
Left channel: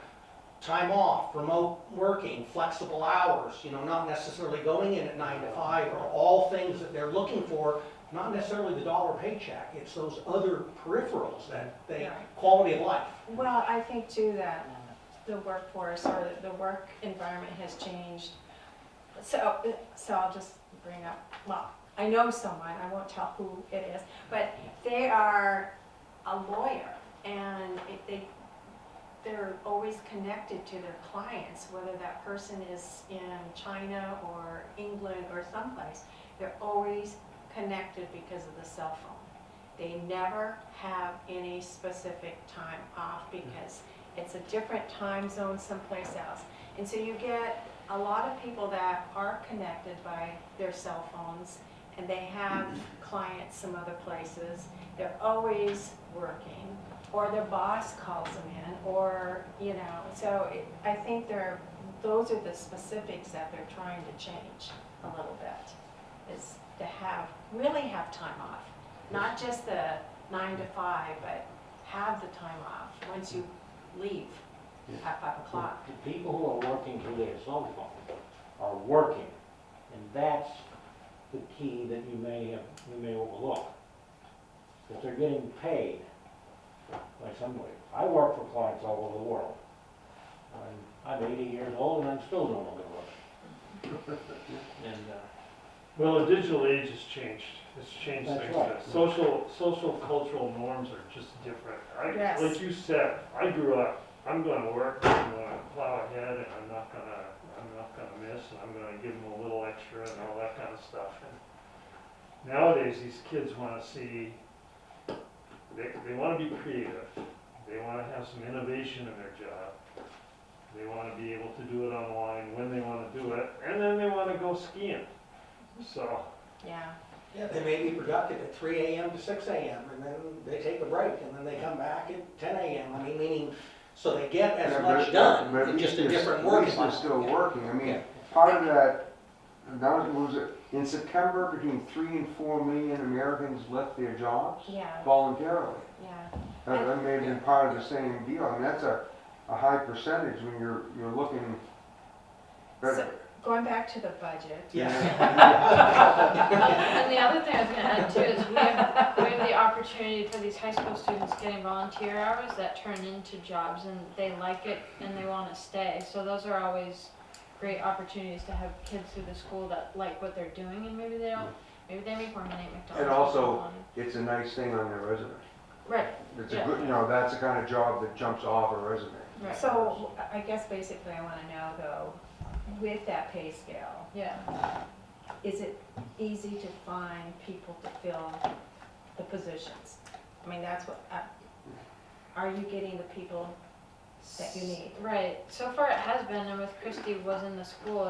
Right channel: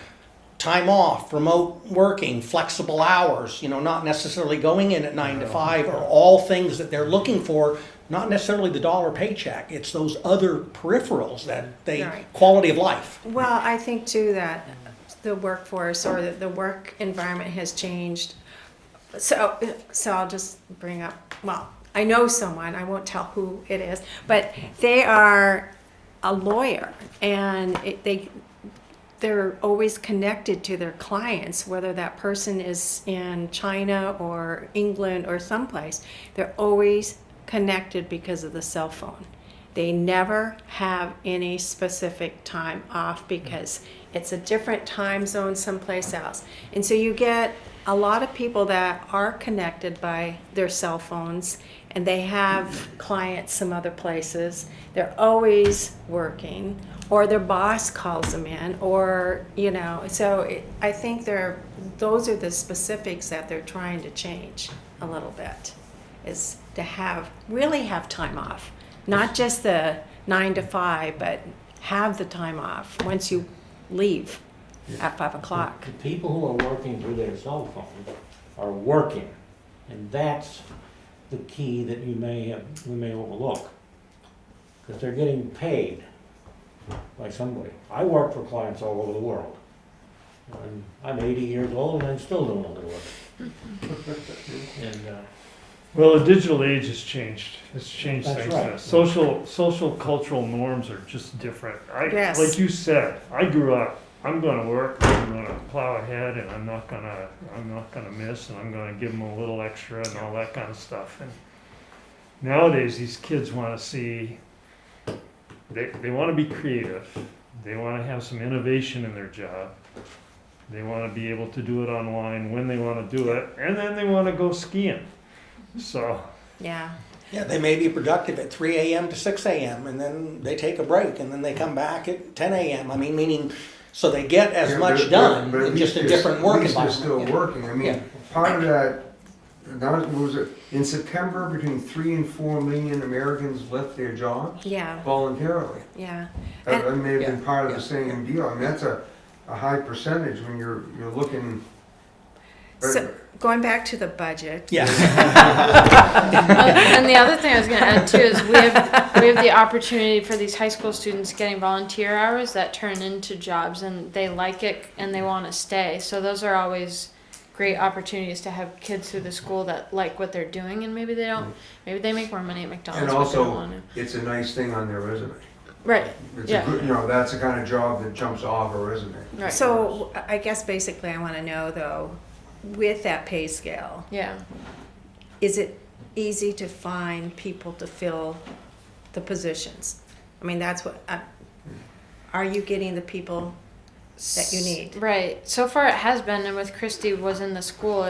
time off, remote working, flexible hours, you know, not necessarily going in at 9 to 5 are all things that they're looking for, not necessarily the dollar paycheck. It's those other peripherals that Right. quality of life. Well, I think too that the workforce or the work environment has changed. So I'll just bring up, well, I know someone, I won't tell who it is, but they are a lawyer, and they're always connected to their clients, whether that person is in China or England or someplace. They're always connected because of the cell phone. They never have any specific time off because it's a different time zone someplace else. And so you get a lot of people that are connected by their cell phones, and they have clients some other places. They're always working, or their boss calls them in, or, you know, I think those are the specifics that they're trying to change a little bit, is to really have time off. Not just the 9 to 5, but have the time off once you leave at 5 o'clock. the people who are working through their cell phone are working, and that's the key that we may overlook, because they're getting paid by somebody. I work for clients all over the world, and I'm 80 years old and I'm still doing all the work. And Well, the digital age has changed. It's changed That's things. right. Social cultural norms are just different. Yes. Like you said, I grew up, I'm gonna work, I'm gonna plow ahead, and I'm not gonna miss, and I'm gonna give them a little extra and all that kind of stuff. And nowadays, these kids wanna see, they wanna be creative. They wanna have some innovation in their job. They wanna be able to do it online when they wanna do it, and then they wanna go skiing. So, Yeah. Yeah, they may be productive at 3 a.m. to 6 a.m. and then they take a break and then they come back at 10 a.m. I mean, meaning, so they get as Yeah, much but done, at in just a least different at work least they're environment. still working. I mean, Yeah. part of that, was it, in September, between 3 and 4 million Americans left their jobs Yeah. voluntarily. Yeah. That may have been part of Yeah. the same deal. I mean, that's a high percentage when you're looking. So going back to the budget. Yeah. And the other thing I was going to add too is we have the opportunity for these high school students getting volunteer hours that turn into jobs, and they like it and they want to stay. So those are always great opportunities to have kids through the school that like what they're doing, and maybe they make more money at McDonald's. And but they also, don't want to. it's a nice thing on their resume. Right. It's Yeah. a good, that's the kind of job that jumps off a resume. Right. So I guess basically I want to know though, with that pay scale, Yeah. is it easy to find people to fill the positions? I mean, that's what, are you getting the people that you need? Right. So far it has been, and with Christy was in the school,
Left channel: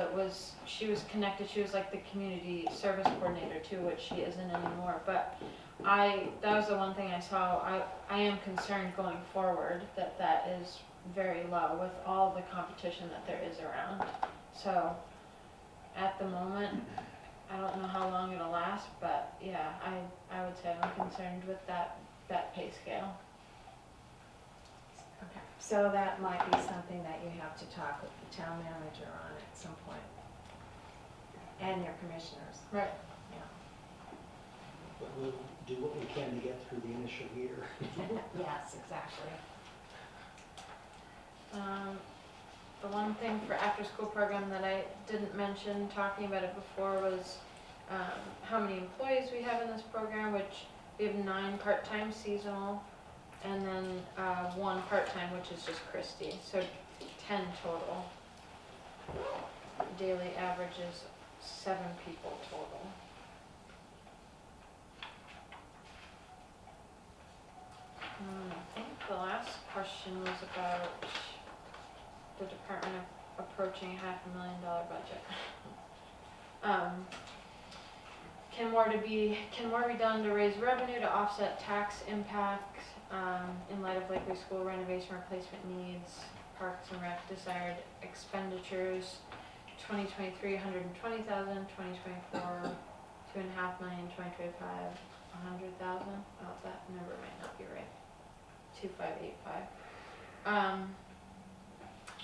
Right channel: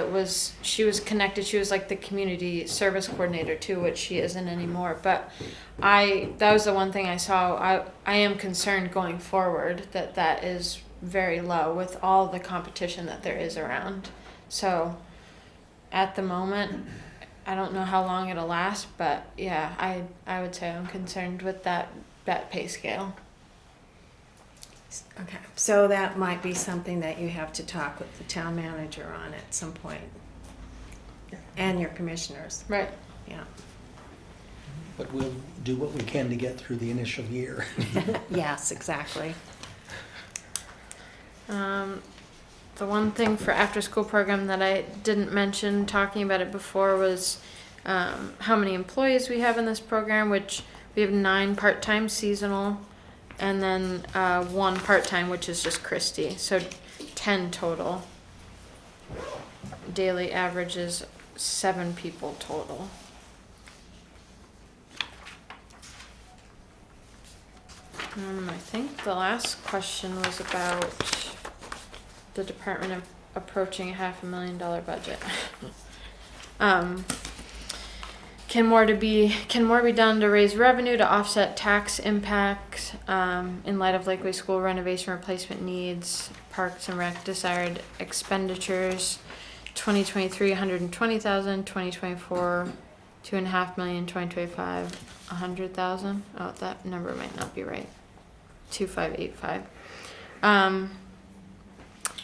she was connected. She was like the community service coordinator too, which she isn't anymore. But that was the one thing I saw. I am concerned going forward that is very low with all the competition that there is around. So at the moment, I don't know how long it'll last, but yeah, I would say I'm concerned with that pay scale. Okay, so that might be something that you have to talk with the town manager on at some point. And your commissioners, Right. yeah. But we'll do what we can to get through the initial year. Yes, exactly. The one thing for after school program that I didn't mention talking about it before was how many employees we have in this program, which we have 9 part-time seasonal and then 1 part-time, which is just Christy. So 10 total. Daily average is 7 people total. I think the last question was about the department of approaching $500,000 budget. Can more be done to raise revenue to offset tax impacts in light of Lakeway School renovation replacement needs, Parks and Rec desired expenditures, 2023 $120,000, 2024 $2.5 million, 2025 $100,000. Oh, that number might not be right. 2585.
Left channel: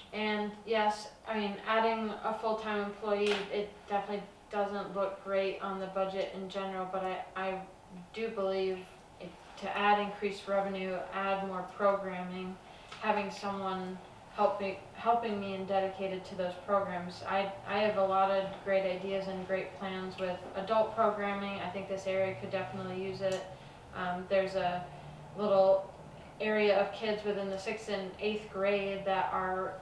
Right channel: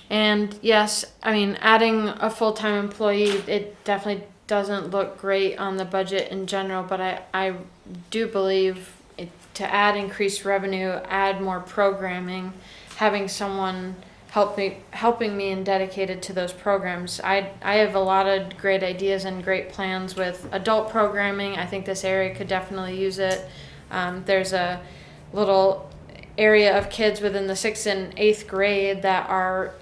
And yes, I mean, adding a full-time employee, it definitely doesn't look great on the budget in general, but I do believe to add increased revenue, add more programming, having someone helping me and dedicated to those programs. I have a lot of great ideas and great plans with adult programming. I think this area could definitely use it. There's a little area of kids within the 6th and 8th grade that are,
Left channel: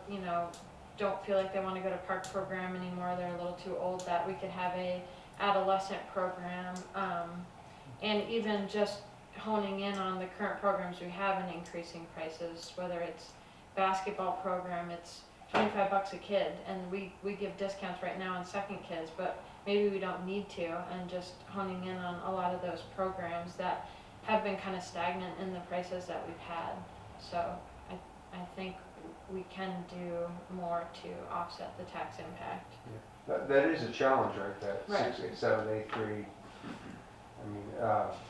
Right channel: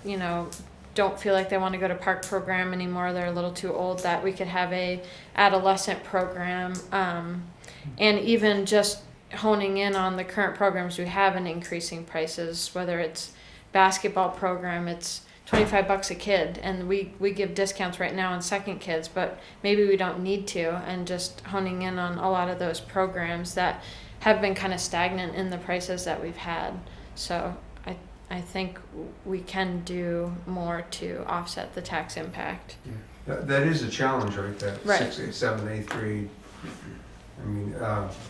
don't feel like they want to go to park program anymore. They're a little too old, that we could have a adolescent program, and even just honing in on the current programs we have and increasing prices, whether it's basketball program, it's $25 a kid, and we give discounts right now on second kids, but maybe we don't need to, and just honing in on a lot of those programs that have been kind of stagnant in the prices that we've had. So I think we can do more to offset the tax impact. Yeah. That is a challenge, right, that Right. 6th, 7th, 8th grade. I mean,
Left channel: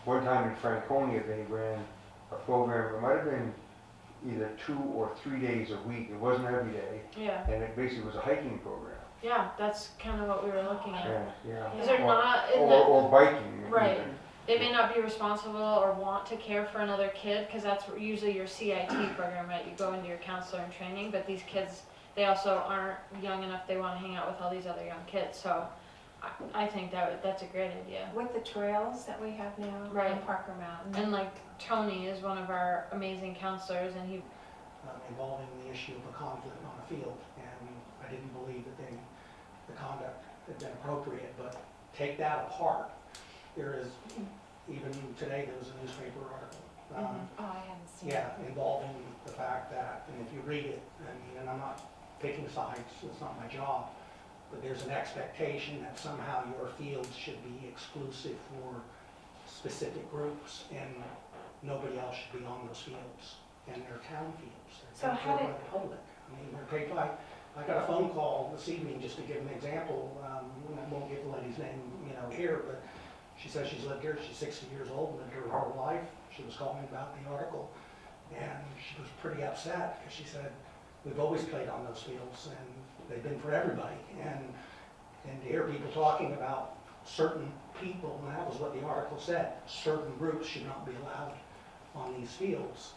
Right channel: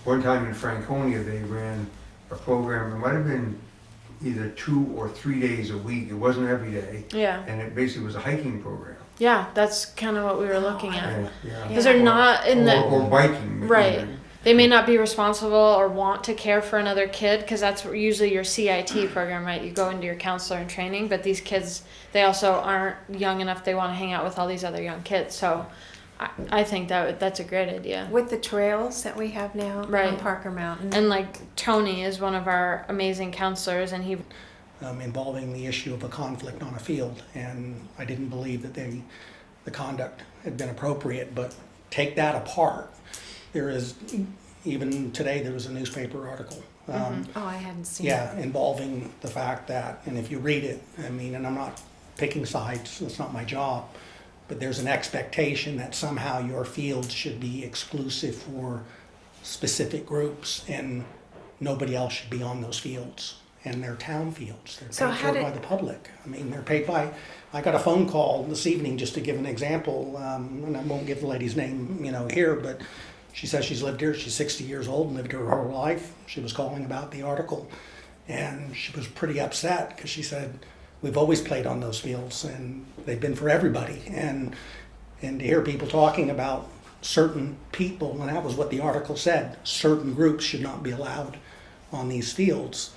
one time in Franconia, they ran a program, it might have been either 2 or 3 days a week, it wasn't every day, Yeah, and it basically was a hiking program. yeah, that's kind of what we were looking at. And, yeah. Because they're not in the Or biking. right. even. They may not be responsible or want to care for another kid, because that's usually your CIT program, right? You go into your counselor in training, but these kids, they also aren't young enough. They want to hang out with all these other young kids. So I think that's a great idea. With the trails that we have now on Right. Parker Mountain. And like Tony is one of our amazing counselors, and he Involving the issue of a conflict on a field, and I didn't believe that the conduct had been appropriate, but take that apart. There is, even today, there was a newspaper article. Oh, I hadn't seen Yeah, involving the fact that, and if you read it, I mean, and I'm not picking sides, it's not my job, but there's an expectation that somehow your fields should be exclusive for specific groups, and nobody else should be on those fields. And they're town fields, So they're how paid for by did- the public. I mean, they're paid by, I got a phone call this evening, just to give an example, and I won't give the lady's name, here, but she says she's lived here, she's 60 years old and lived here her whole life. She was calling about the article, and she was pretty upset because she said, we've always played on those fields and they've been for everybody. And to hear people talking about certain people, and that was what the article said, certain groups should not be allowed on these fields,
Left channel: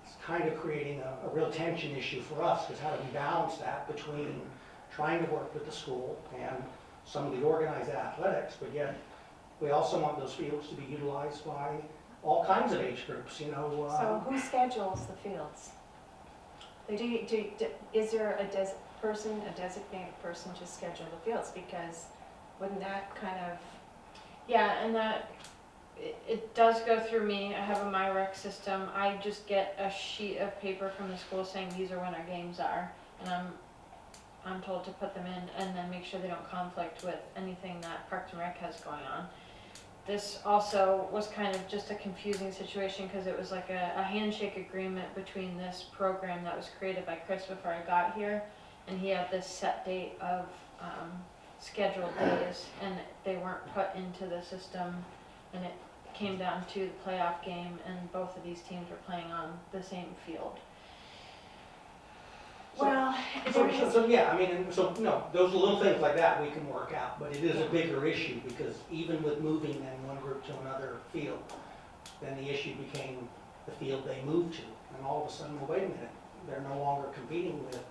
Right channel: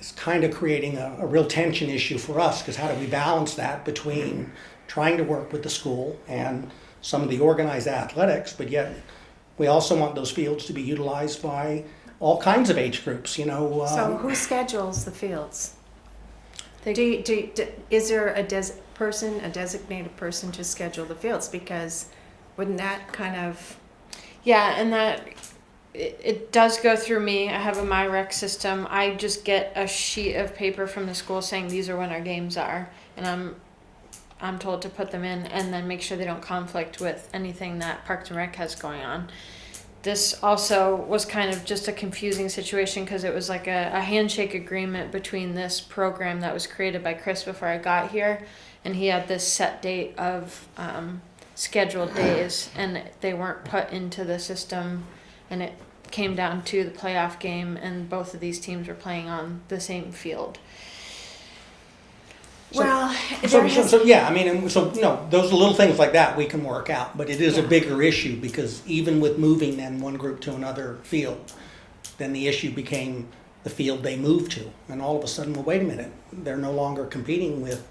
is kind of creating a real tension issue for us, because how do we balance that between trying to work with the school and some of the organized athletics, but yet we also want those fields to be utilized by all kinds of age groups, So who schedules the fields? They- Is there a designated person to schedule the fields? Because wouldn't that kind of, yeah, and that it does go through me. I have a MyRec system. I just get a sheet of paper from the school saying these are when our games are, and I'm told to put them in and then make sure they don't conflict with anything that Parks and Rec has going on. This also was kind of just a confusing situation because it was like a handshake agreement between this program that was created by Chris before I got here, and he had this set date of scheduled days, and they weren't put into the system, and it came down to the playoff game, and both of these teams were playing on the same field. So- Well, So, there has, yeah, I mean, and so, those little things like that we can work out, but it is a bigger issue because even with moving then one group to another field, then the issue became the field they moved to. And all of a sudden, well, wait a minute, they're no longer competing with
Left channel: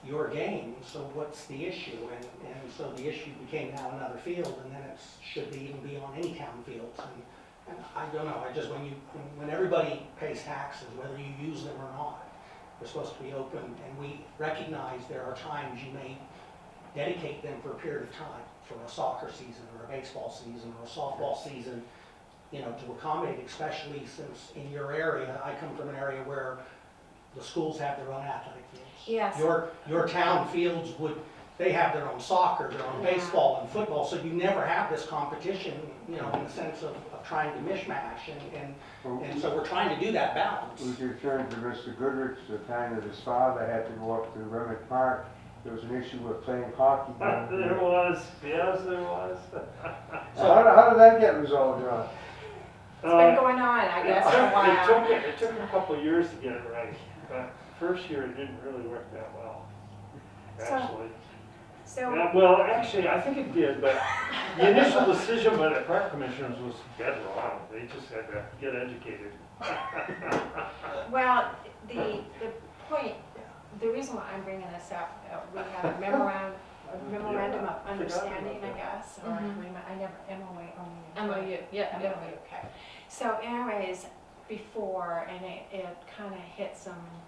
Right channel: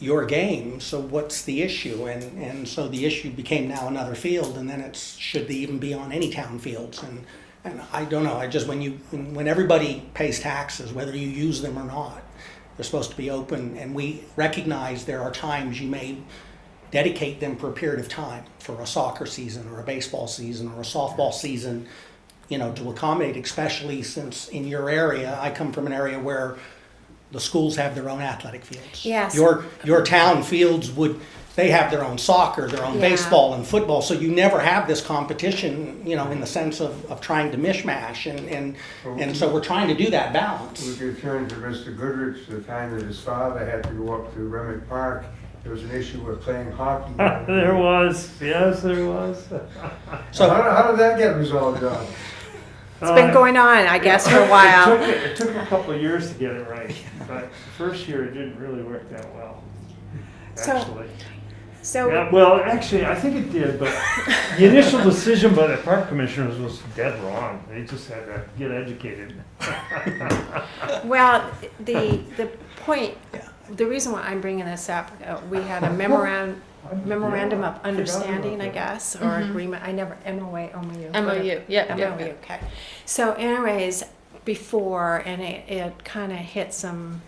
your game, so what's the issue? And so the issue became now another field, and then it's, should they even be on any town fields? And I don't know, I just, when everybody pays taxes, whether you use them or not, they're supposed to be open, and we recognize there are times you may dedicate them for a period of time, for a soccer season or a baseball season or a softball season, to accommodate, especially since in your area, I come from an area where the schools have their own athletic fields. Yes. Your town fields they have their own soccer, their own Yeah. baseball and football, so you never have this competition, in the sense of trying to mishmash, and so we're trying to do that balance. We could turn to Mr. Goodrich, the time that his father had to go up to Granite Park. There was an issue with playing hockey. There was, yes, there was. So how did that get resolved, John? it's been going on, I guess, for a while. It took a couple of years to get it right, but the first year it didn't really work that well, So- actually. So, Yeah, well, actually, I think it did, but the initial decision by the park commissioners was dead wrong. They just had to get educated. well, the point, the reason why I'm bringing this up, we had a memorandum of understanding, I guess, or Mhm. agreement. I never MOA, MOU. MOU, yeah. MOU, okay. So, anyways, before, and it kind of hit some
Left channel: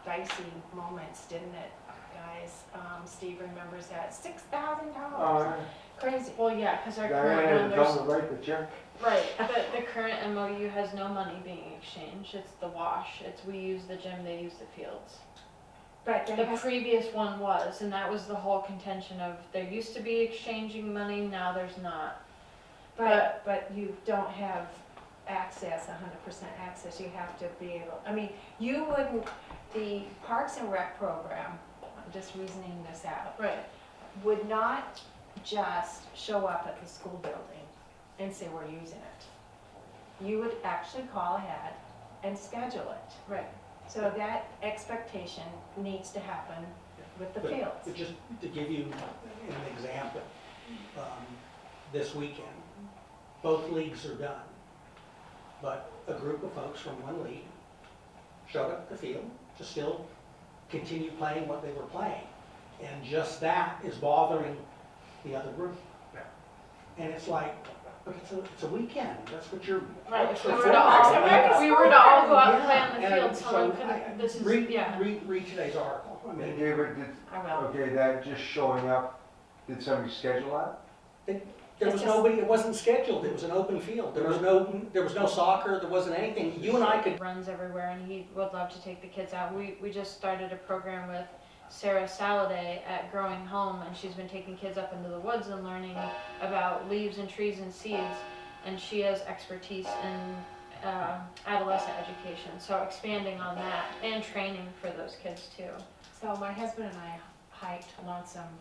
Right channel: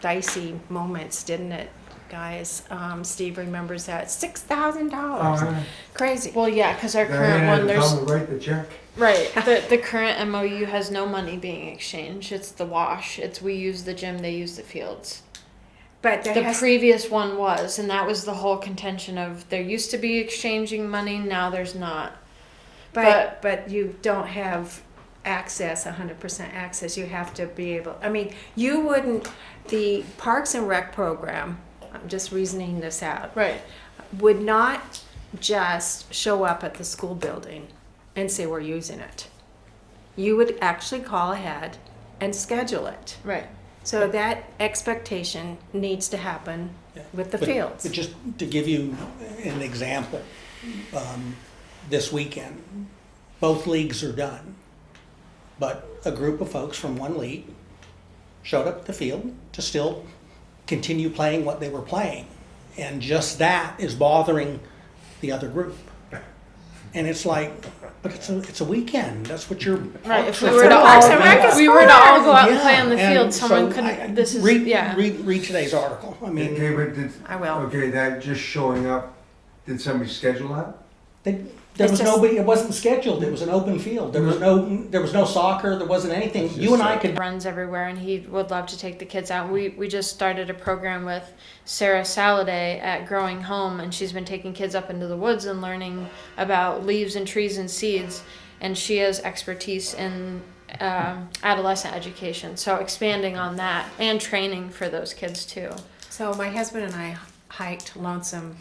dicey moments, didn't it, guys? Steve remembers that $6,000, crazy. Well, yeah, because our current one, there's write the check. right. The current MOU has no money being exchanged. It's the wash. It's we use the gym, they use the fields. But there The has, previous one was, and that was the whole contention of there used to be exchanging money, now there's not. but you don't have access, 100% access. You have to be able. I mean, you wouldn't. The Parks and Rec program. I'm just reasoning this out. Right. Would not just show up at the school building and say we're using it. You would actually call ahead and schedule it. Right. So that expectation needs to happen with the fields. But just to give you an example, this weekend, both leagues are done, but a group of folks from one league showed up at the field to still continue playing what they were playing. And just that is bothering the other group. And it's like, but it's a weekend. That's what you're. Right. If we for were to Parks all, and Rec is we were to all go out and Yeah, play on the and field, someone so couldn't. This is read today's article. I mean, Okay, but I will. okay, that just showing up, did somebody schedule that? there It's was just- nobody. It wasn't scheduled. It was an open field. There was no soccer. There wasn't anything. That's You just and I like- could. runs everywhere, and he would love to take the kids out. We just started a program with Sarah Saladay at Growing Home, and she's been taking kids up into the woods and learning about leaves and trees and seeds, and she has expertise in adolescent education, so expanding on that and training for those kids too. So my husband and I hiked Lonesome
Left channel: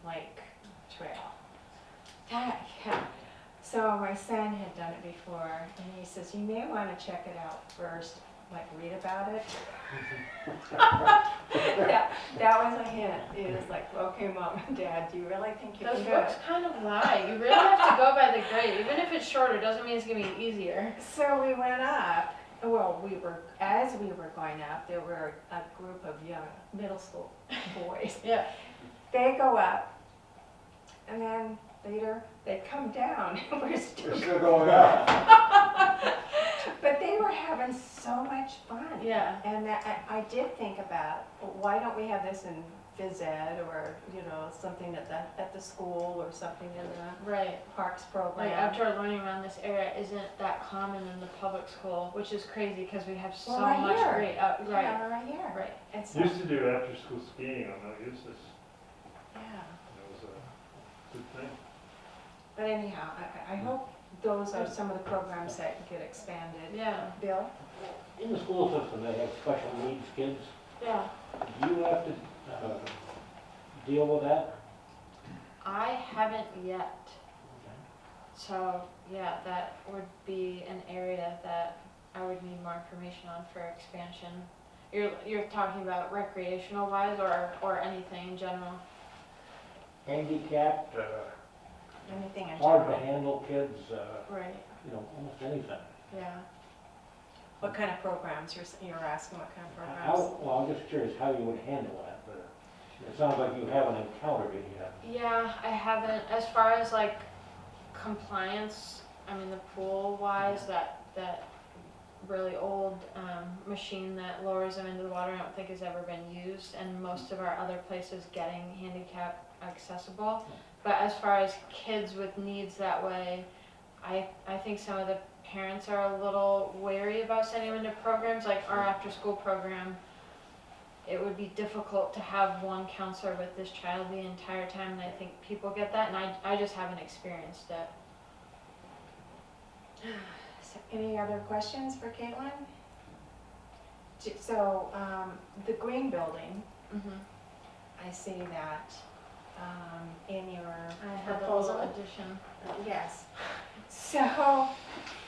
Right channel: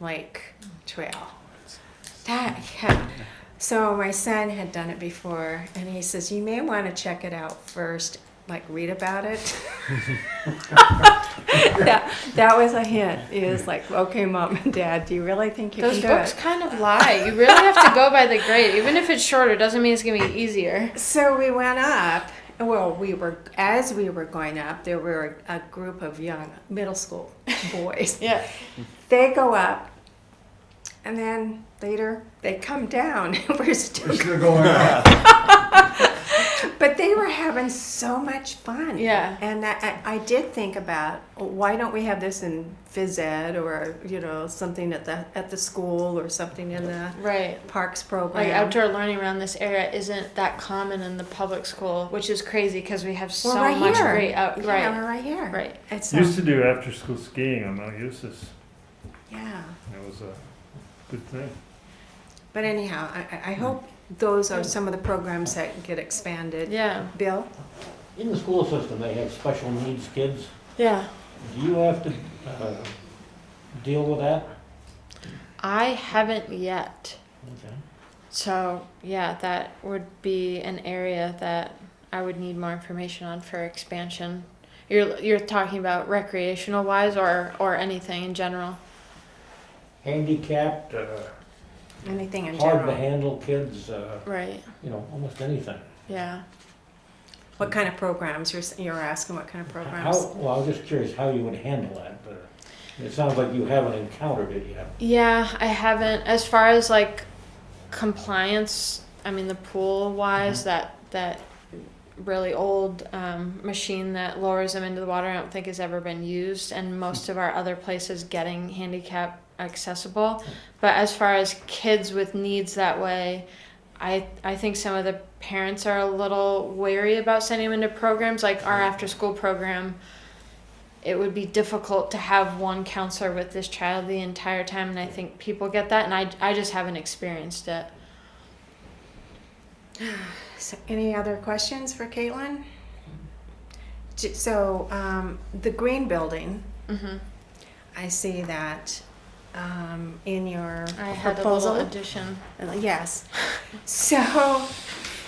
Lake Trail. So my son had done it before, and he says, you may want to check it out first, like read about it. that was a hint. He was like, okay, Mom and Dad, do you really think you Those can do books it? kind of lie. You really have to go by the grade. Even if it's shorter, doesn't mean it's gonna be easier. So we went up. Well, as we were going up, there were a group of young middle school boys. Yeah. They go up, and then later they come down. We're still, Still going up. but they were having so much fun. Yeah. And I did think about why don't we have this in phys ed or something at the school or something in the Right. parks program. Like outdoor learning around this area isn't that common in the public school, which is crazy because we have so Well, right much here. great out. Yeah, Right. we're right here. Right. It's Used to do after school skiing on Mount Eustis. yeah. It was a good thing. But anyhow, I hope those are some of the programs that get expanded. Yeah. Bill? In the school system, they have special needs kids. Yeah. Do you have to deal with that? I haven't yet. Okay. So yeah, that would be an area that I would need more information on for expansion. You're talking about recreational wise or anything in general? Handicapped, Anything in hard to general? handle kids, Right. almost anything. Yeah. What kind of programs? You're asking what kind of programs? Well, I was just curious how you would handle that, but it sounds like you haven't encountered it yet. Yeah, I haven't. As far as like compliance, I mean the pool wise, that really old machine that lowers them into the water, I don't think has ever been used, and most of our other places getting handicap accessible. But as far as kids with needs that way, I think some of the parents are a little wary about sending them into programs like our after school program. It would be difficult to have one counselor with this child the entire time, and I think people get that, and I just haven't experienced it. So any other questions for Caitlin? So the green building, Mm-hmm. I see that in your I had a proposal. little addition. Yes. So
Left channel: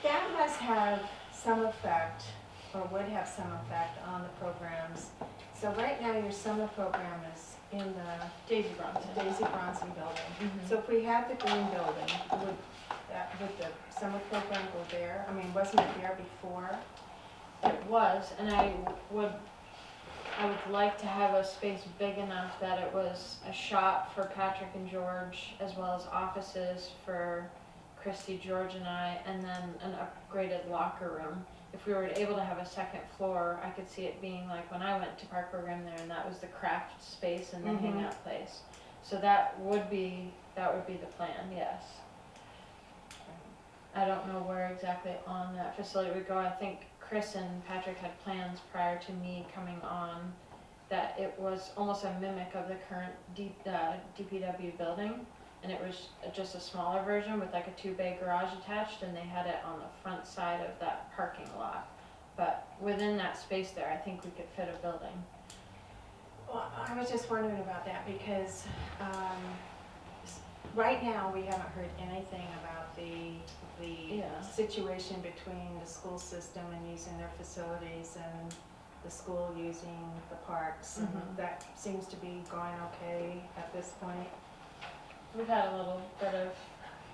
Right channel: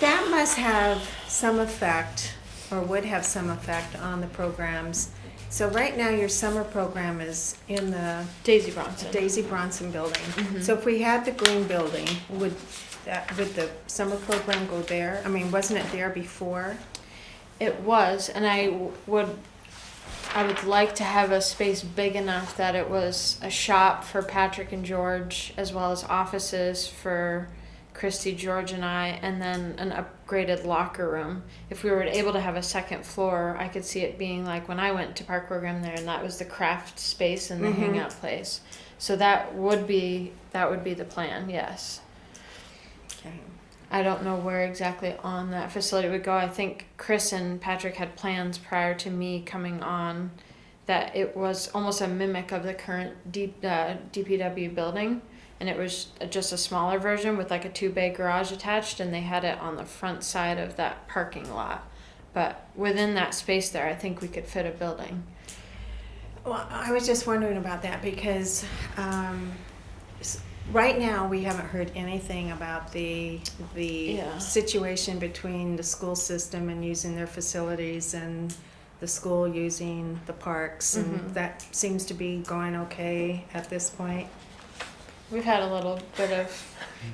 that must have some effect, or would have some effect on the programs. So right now your summer program is in the Daisy Bronson. Daisy Bronson building. Mhm. So if we had the green building, would the summer program go there? I mean, wasn't it there before? It was, and I would like to have a space big enough that it was a shop for Patrick and George, as well as offices for Christy, George, and I, and then an upgraded locker room. If we were able to have a second floor, I could see it being like when I went to park program there, and that was the craft space and the Mhm. hangout place. So that would be the plan. Yes. Okay. I don't know where exactly on that facility would go. I think Chris and Patrick had plans prior to me coming on that it was almost a mimic of the current DPW building, and it was just a smaller version with like a 2-bay garage attached, and they had it on the front side of that parking lot. But within that space there, I think we could fit a building. Well, I was just wondering about that because right now we haven't heard anything about the Yeah. situation between the school system and using their facilities and the school using the parks, and Mhm. that seems to be going okay at this point. We've had a little bit of,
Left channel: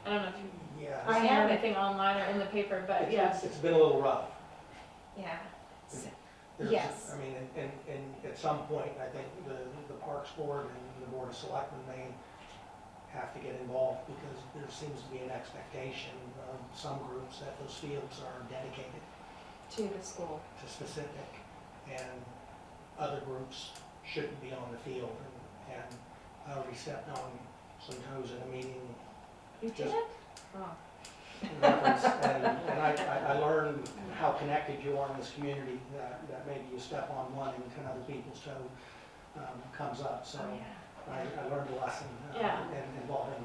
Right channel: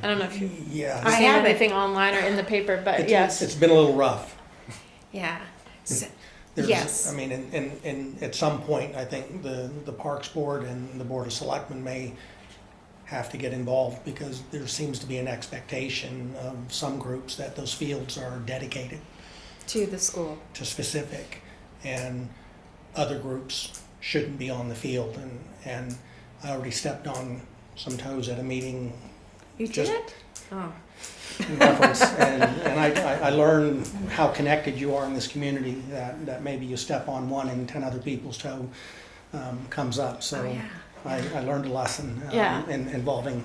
I don't know if you've Yeah. I seen haven't. anything online or in the paper, but It's- yes. It's been a little rough. Yeah. So, There's- yes. I mean, in at some point, I think the Parks Board and the Board of Selectmen may have to get involved, because there seems to be an expectation of some groups that those fields are dedicated To the school. to specific, and other groups shouldn't be on the field. And I already stepped on some toes at a meeting You Just- did? Oh. in reference, and I learned how connected you are in this community, that maybe you step on one and 10 other people's toe comes up. So Oh, yeah. I learned a lesson Yeah. involving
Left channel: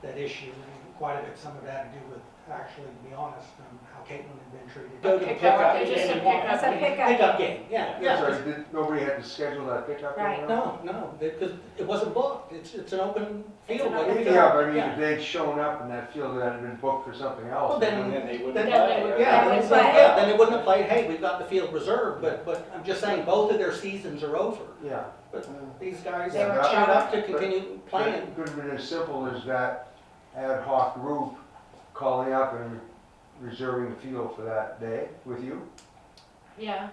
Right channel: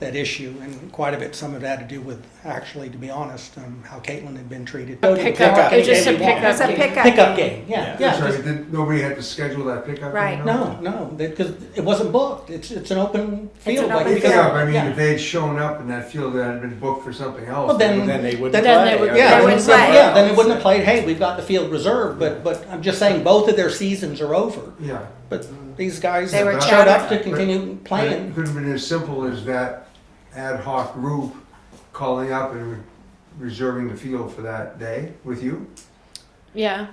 that issue, and quite a bit, some of it had to do with, actually, to be honest, how Caitlin had been treated. Pickup. It's just a It's a pickup. pickup. game, yeah. Sorry, nobody had to schedule that pickup? Right. anymore? No, because it wasn't booked. It's an open field. an like open we field. got- Yeah, but I mean, yeah. if they had shown up and that field had been booked for something else. Well, then Then they wouldn't Then play. they would- Yeah, They then would play. yeah, then it wouldn't have played, hey, we've got the field reserved, but I'm just saying, both of their seasons are over. Yeah. But these guys They were showed up chatting. to continue But playing. it could have been as simple as that ad hoc group calling up and reserving the field for that day with you. Yeah.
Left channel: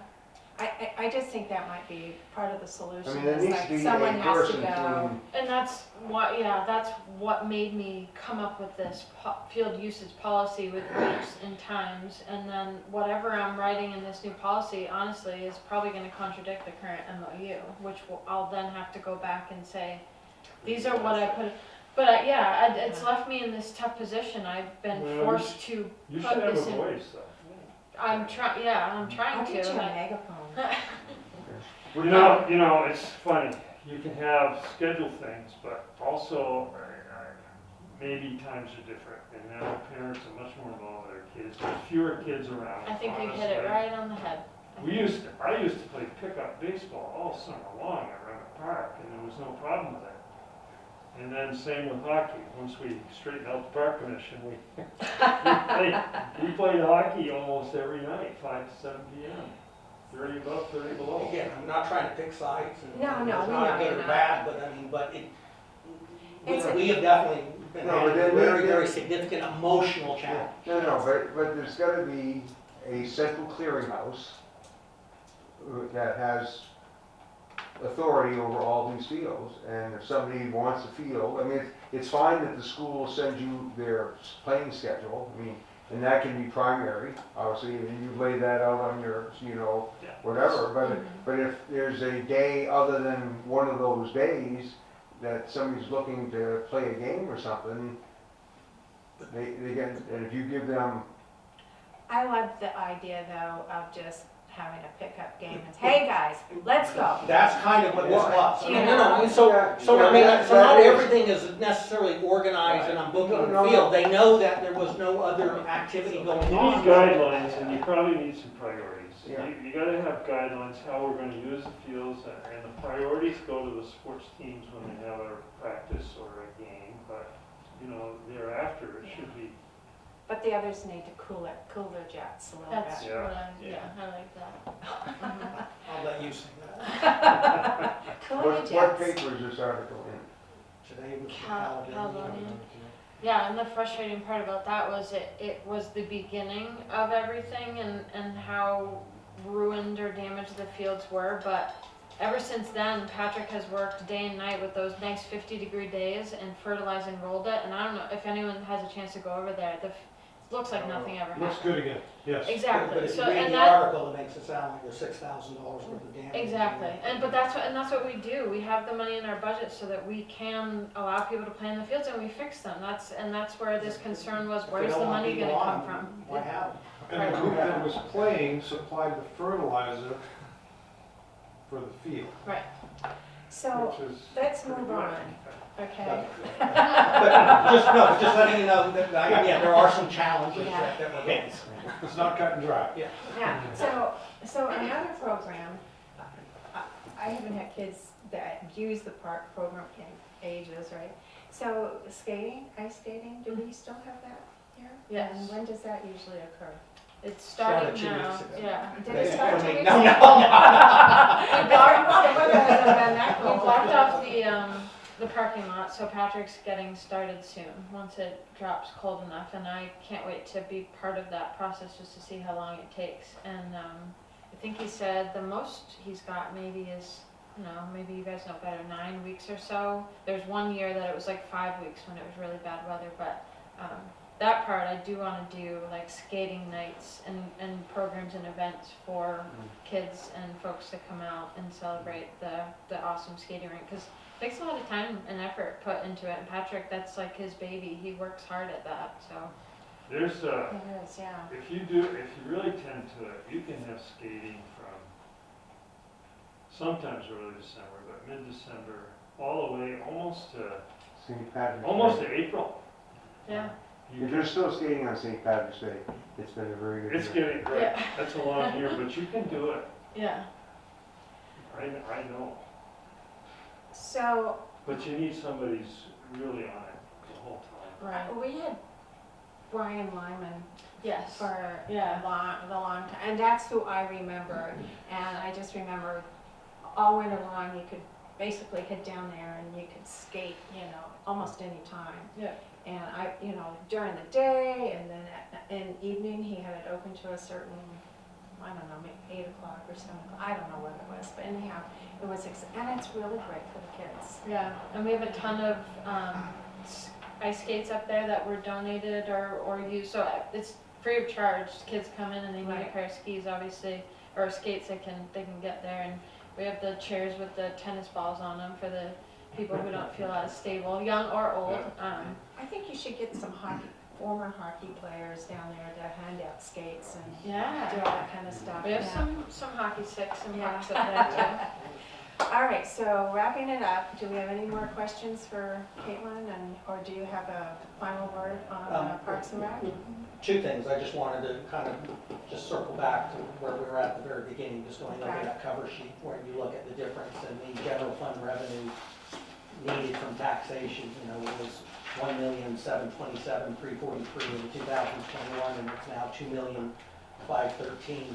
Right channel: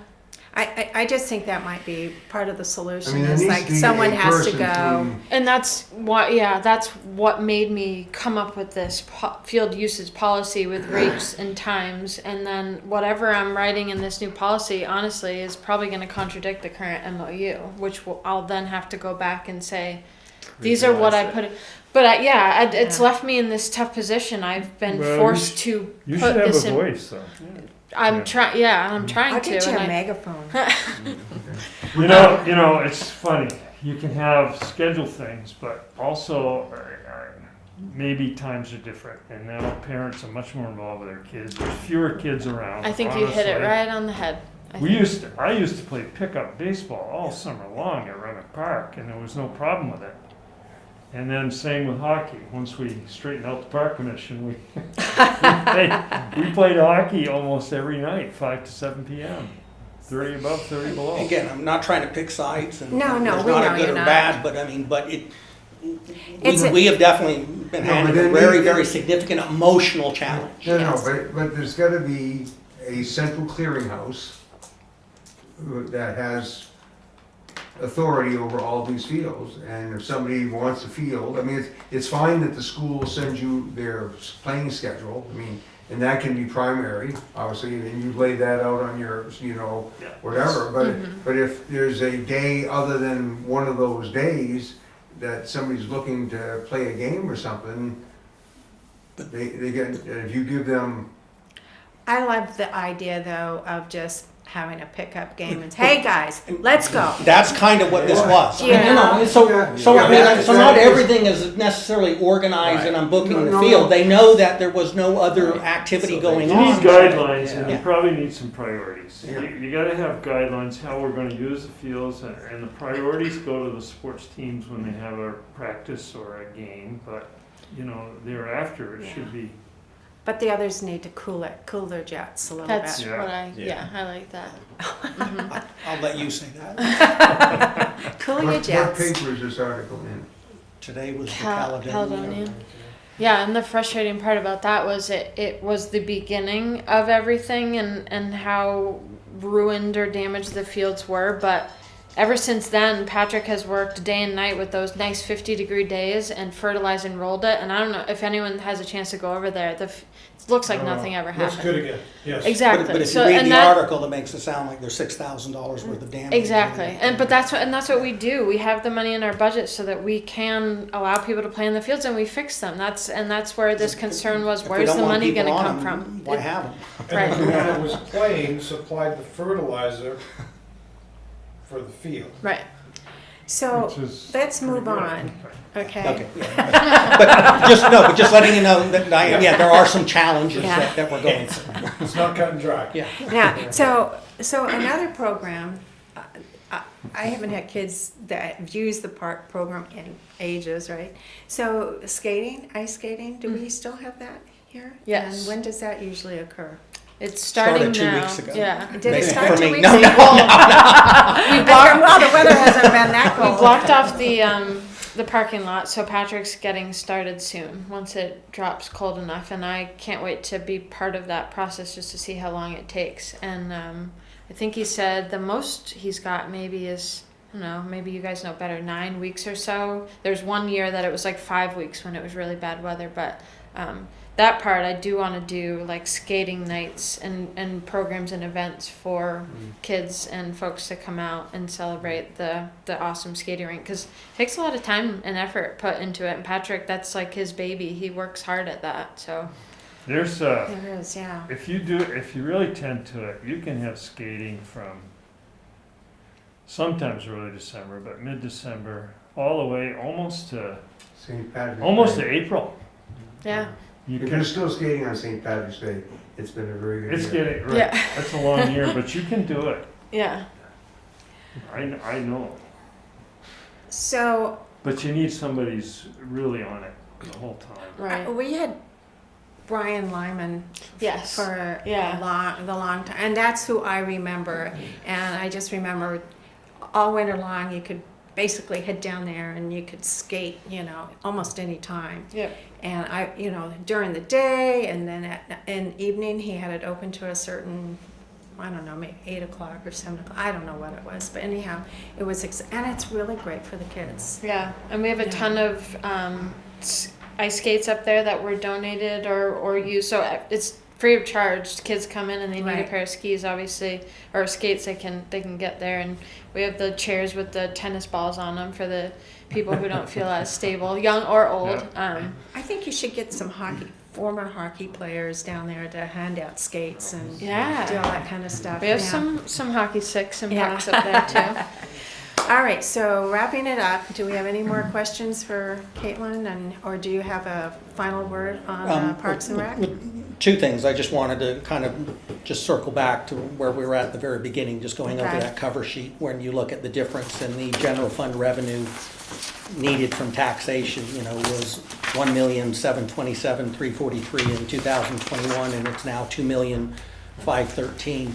I just think that might be part of the I solution. mean, there Is needs like to be someone a has to person go. And that's what made me come up with this field usage policy with rates and times. And then whatever I'm writing in this new policy, honestly, is probably going to contradict the current MOU, which I'll then have to go back and say, these are what I Revise put. it. But it's left me in this tough position. I've been Well, forced to You put should have this a in. voice, though. I'm trying. Yeah, I'm trying I'll to. get you a and megaphone. You know, it's funny. You can have scheduled things, but also maybe times are different, and now parents are much more involved with their kids. There's fewer kids around. I think you hit it honestly. right on the head. I used to play pickup baseball all summer long at Granite Park, and there was no problem with it. And then same with hockey. Once we straightened out the park commission, we played hockey almost every night, 5 to 7 p.m. 30 above, 30 below. Again, I'm not trying to pick sides, and No, there's we not know a good you're or not. bad, but I mean, but It's a- we have definitely been No, handed but a then very, we- very significant emotional challenge. No, but there's gotta be a central clearinghouse that has authority over all these fields, and if somebody wants a field, I mean, it's fine that the school sends you their playing schedule, I mean, and that can be primary, obviously, and you lay that out on your, Yeah. whatever, but if there's a day other than one of those days that somebody's looking to play a game or something, they get, and if you give them, I love the idea though of just having a pickup game and, hey guys, let's go. That's kind of what this was. Yeah. So Yeah. I mean, Yeah. so not everything is necessarily organized and I'm booking the No, field. no. They know that there was no other activity going You need on. guidelines, and you Yeah. probably need some priorities. Yeah. You gotta have guidelines, how we're gonna use the fields, and the priorities go to the sports teams when they have a practice or a game, but, thereafter, it should be. But the others need to cool their jets a little That's bit. Yeah. what I, Yeah. I like that. Mhm. I'll let you say that. Cool your what jets. paper is this article in? Today was the Caledonia. Caledonia. Yeah, and the frustrating part about that was it was the beginning of everything and how ruined or damaged the fields were, but ever since then, Patrick has worked day and night with those nice 50-degree days and fertilized and rolled it. And I don't know if anyone has a chance to go over there. It looks like nothing ever happened. Looks good again, yes. Exactly. But if So you read and the that article, it makes it sound like there's $6,000 worth of damage. exactly. But that's what we do. We have the money in our budget so that we can allow people to play in the fields and we fix them. That's where this concern was. If we Where's don't the want money people going to on come them, from? Why have them? And the Right. group that was playing supplied the fertilizer for the field. Right. So Which is let's move pretty good. on, okay? Okay. but just letting you know that, there are some challenges Yeah. that we're going through. It's not cut and dry. Yeah. Now, so another program, I haven't had kids that use the park program in ages, right? So skating, ice skating, do we still have that here? Yes. And when does that usually occur? It's Started starting 2 now. weeks ago. Yeah. Did it Maybe start for 2 me. weeks No, ago? no. Well, the weather hasn't been that We cold. blocked off the parking lot, so Patrick's getting started soon once it drops cold enough, and I can't wait to be part of that process just to see how long it takes. And I think he said the most he's got maybe is, I don't know, maybe you guys know better, 9 weeks or so. There's 1 year that it was like 5 weeks when it was really bad weather, but that part I do want to do, like skating nights and programs and events for kids and folks to come out and celebrate the awesome skating rink, because it takes a lot of time and effort put into it, and Patrick, that's like his baby. He works hard at that. So There's There is, yeah. if you really tend to it, you can have skating from sometimes early December, but mid-December, all the way almost to St. Patrick's Day. April. yeah. You If can, you're still skating on St. Patrick's Day, it's been a very good it's year. getting, right, Yeah. that's a long year, but you can do it. Yeah. I know. So But you need somebody who's really on it the whole time. Right. we had Brian Lyman Yes. for Yeah. the long time, and that's who I remember. And I just remember all winter long, you could basically head down there and you could skate, almost any time. Yeah. And I, during the day, and then in evening, he had it open to a certain, I don't know, maybe 8 o'clock or 7 o'clock. I don't know what it was, but anyhow, it was, and it's really great for the kids. Yeah, and we have a ton of ice skates up there that were donated or used. So it's free of charge. Kids come in and they need Right. a pair of skis, obviously, or skates. They can get there, and we have the chairs with the tennis balls on them for the people who don't feel as stable, young or old. I think you should get some former hockey players down there to hand out skates and Yeah. do all that kind of stuff. We have Yeah. some hockey sticks and Yeah. pucks up there too. All right, so wrapping it up, do we have any more questions for Caitlin, or do you have a final word on Parks and Rec? 2 things. I just wanted to kind of just circle back to where we were at the very beginning, just going over Okay. that cover sheet, when you look at the difference in the general fund revenue needed from taxation, was 1,727,343 in 2021, and it's now 2,513,000.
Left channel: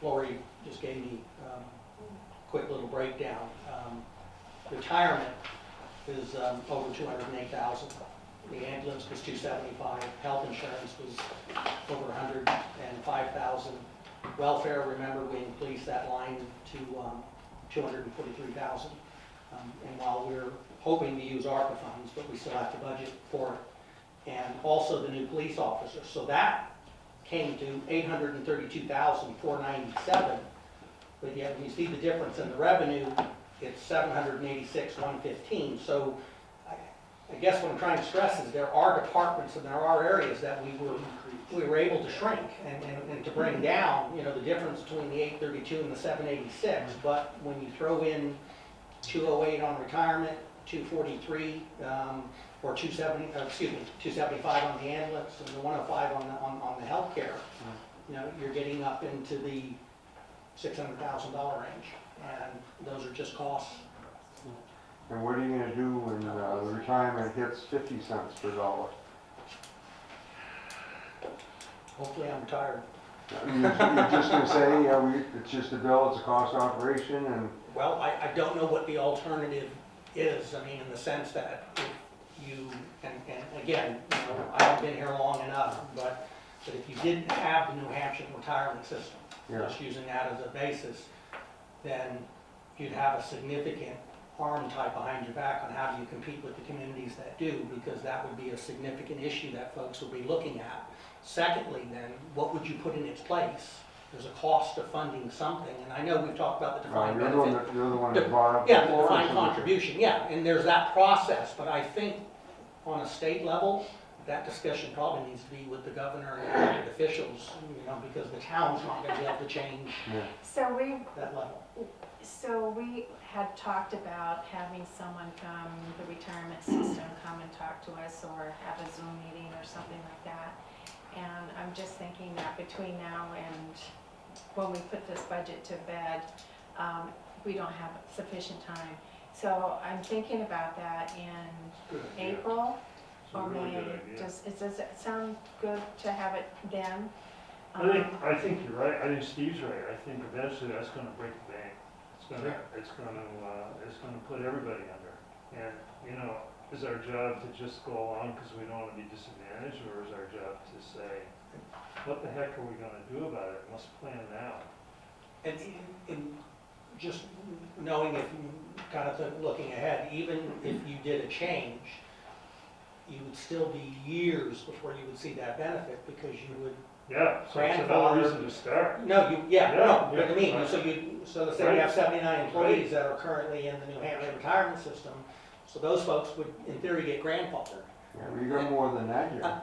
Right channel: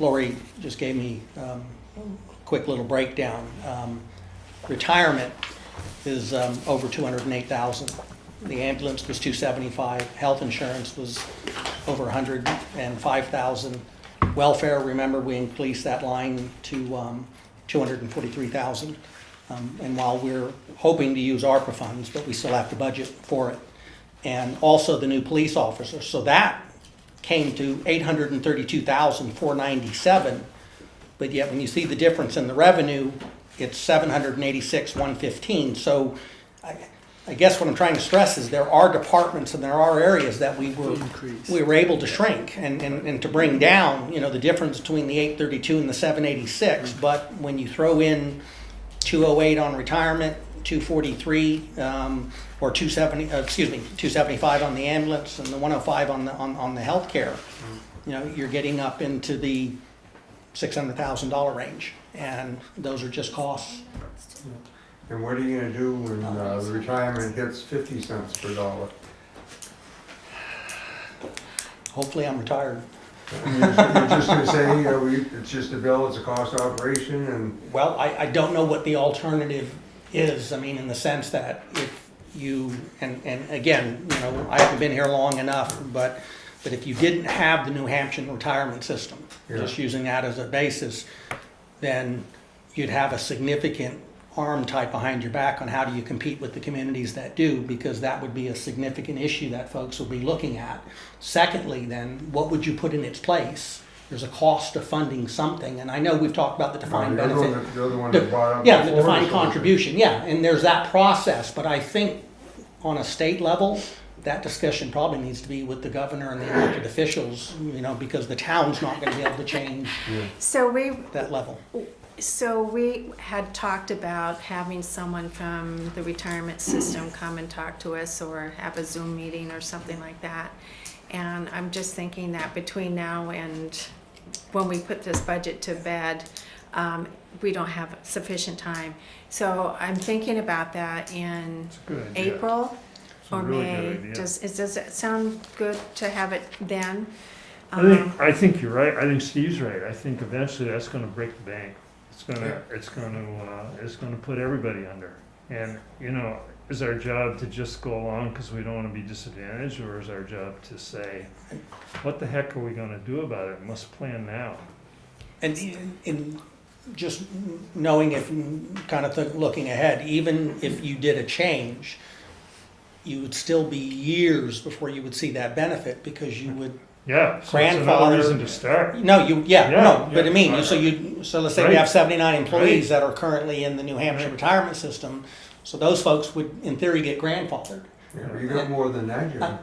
Lori just gave me a quick little breakdown. Retirement is over 208,000. The ambulance was 275. Health insurance was over 105,000. Welfare, remember, we increased that line to 243,000. And while we're hoping to use ARPA funds, but we still have to budget for it. And also the new police officer. So that came to 832,497. But yet when you see the difference in the revenue, it's 786,115. So I guess what I'm trying to stress is there are departments and there are areas that we were able to shrink and to bring down, the difference between the 832 and the 786. But when you throw in 208 on retirement, 243 or 275 on the ambulance, and the 105 on the healthcare, you're getting up into the $600,000 range, and those are just costs. And what are you gonna do when retirement hits 50 cents per dollar? Hopefully I'm retired. You're just gonna say, it's just a bill, it's a cost operation, and Well, I don't know what the alternative is. I mean, in the sense that if you, and again, I haven't been here long enough, but if you didn't have the New Hampshire retirement system, just using that as a basis, then you'd have a significant arm tied behind your back on how do you compete with the communities that do, because that would be a significant issue that folks will be looking at. Secondly, then, what would you put in its place? There's a cost of funding something, and I know we've talked about the defined benefit. You're the one that brought up Yeah, the before, defined so- contribution, yeah, and there's that process, but I think on a state level, that discussion probably needs to be with the governor and the elected officials, because the town's not gonna be able to change So that level. we had talked about having someone from the retirement system come and talk to us, or have a Zoom meeting or something like that. And I'm just thinking that between now and when we put this budget to bed, we don't have sufficient time. So I'm thinking about that in It's a good idea. April It's a or really May. good idea. Does it sound good to have it then? I think you're right. I think Steve's right. I think eventually that's gonna break the bank. It's gonna put everybody under. And, is our job to just go along because we don't wanna be disadvantaged, or is our job to say, what the heck are we gonna do about it? We must plan now. And in just knowing if, kind of looking ahead, even if you did a change, you would still be years before you would see that benefit, because you would, Yeah, so it's Grandfather- another reason to start. but I mean, so let's say we Right. have 79 employees that are currently in the New Hampshire retirement system, so those folks would, in theory, get grandfathered. Yeah, but you got more than that, you got,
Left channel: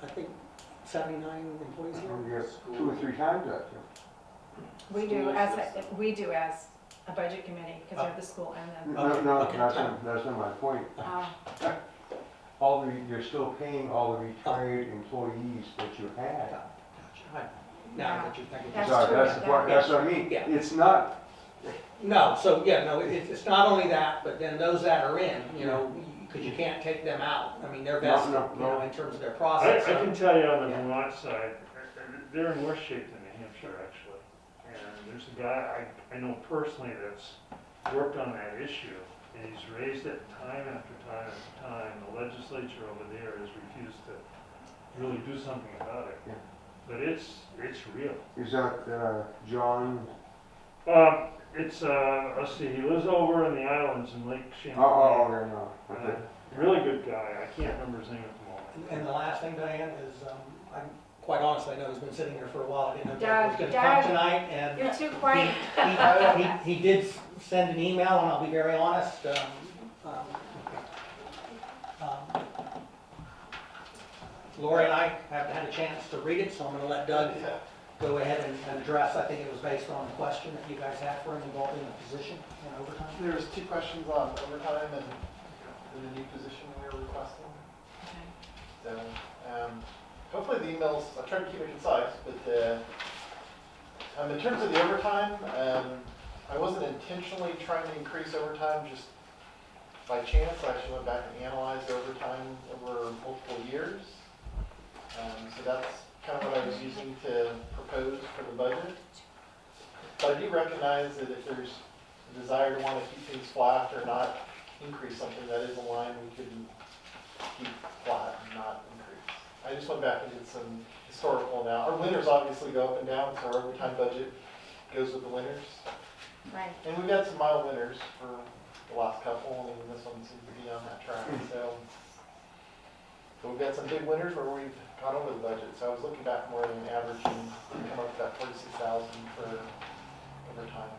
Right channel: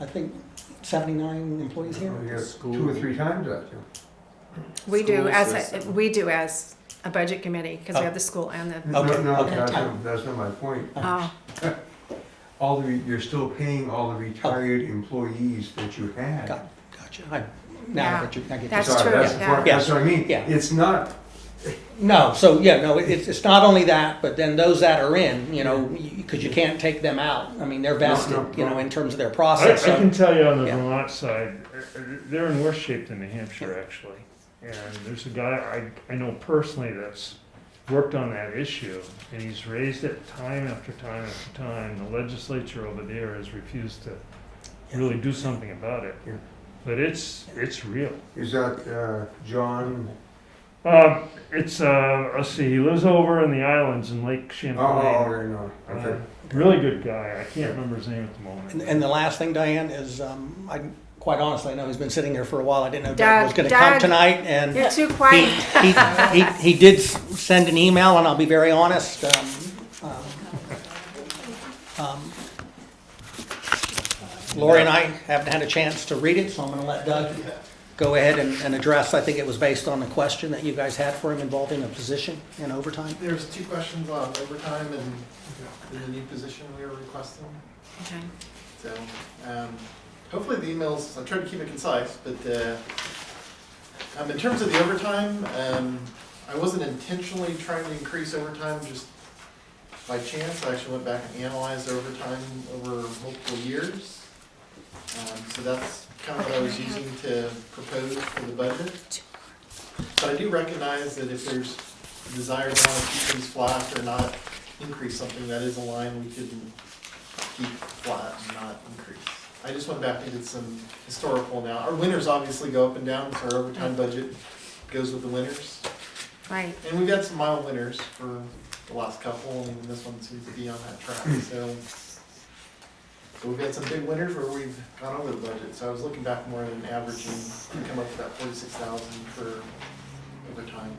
I think 79 employees here. you got 2 or 3 times that, We do as a budget committee, because we have the school and the. Okay, No, okay. that's not my point. Oh, You're still paying all the retired employees that you had. Gotcha. I Yeah, get you. that's Sorry, true, That's the yeah. point, that's what I mean. Yeah. It's not, It's not only that, but then those that are in, because you can't take them out. I mean, they're vested, No. in terms of their I process. can tell you on the Yeah. Vermont side, they're in worse shape than New Hampshire, actually. And there's a guy I know personally that's worked on that issue, and he's raised it time after time after time. The legislature over there has refused to really do something about it. Yeah. But it's real. is that, John? Let's see, he lives over in the islands in Lake Champlain. No, okay. Really good guy. I can't remember his name at the moment. And the last thing, Diane, is quite honestly, I know he's been sitting here for a while. I didn't know Doug was going to come Doug. tonight, and You're too quiet. he did send an email, and I'll be very honest. Lori and I haven't had a chance to read it, so I'm going to let Doug go ahead and address. I think it was based on a question that you guys had for him involving a position in overtime. There's 2 questions on overtime and the new position we are requesting. Okay. So, hopefully the emails, I'm trying to keep it concise, but in terms of the overtime, I wasn't intentionally trying to increase overtime, just by chance. I actually went back and analyzed their overtime over multiple years. So that's kind of what I was using to propose for the budget. But I do recognize that if there's a desire to want to keep things flat or not increase something, that is a line we could keep flat and not increase. I just went back and did some historical now. Our winters obviously go up and down, so our overtime budget goes with the winters. Right. And we've had some mild winters for the last couple, and this one seems to be on that track, so. So we've had some big winters where we've gone over the budget, so I was looking back more at an averaging, to come up to that 46,000 for overtime.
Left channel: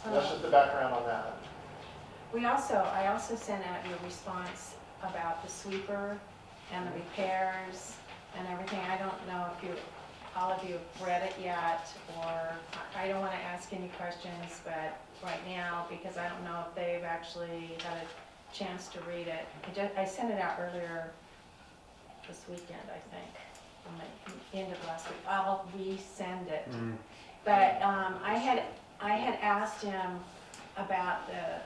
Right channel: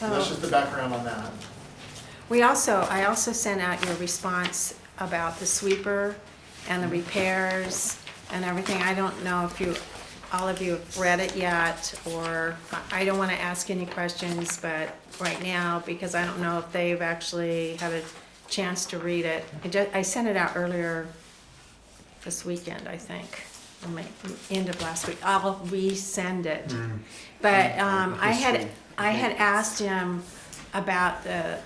And that's So just the background on that. I also sent out your response about the sweeper and the repairs and everything. I don't know if all of you have read it yet, or I don't want to ask any questions, but right now, because I don't know if they've actually had a chance to read it. I sent it out earlier this weekend, I think, or end of last week. I'll resend it. But I had asked him about the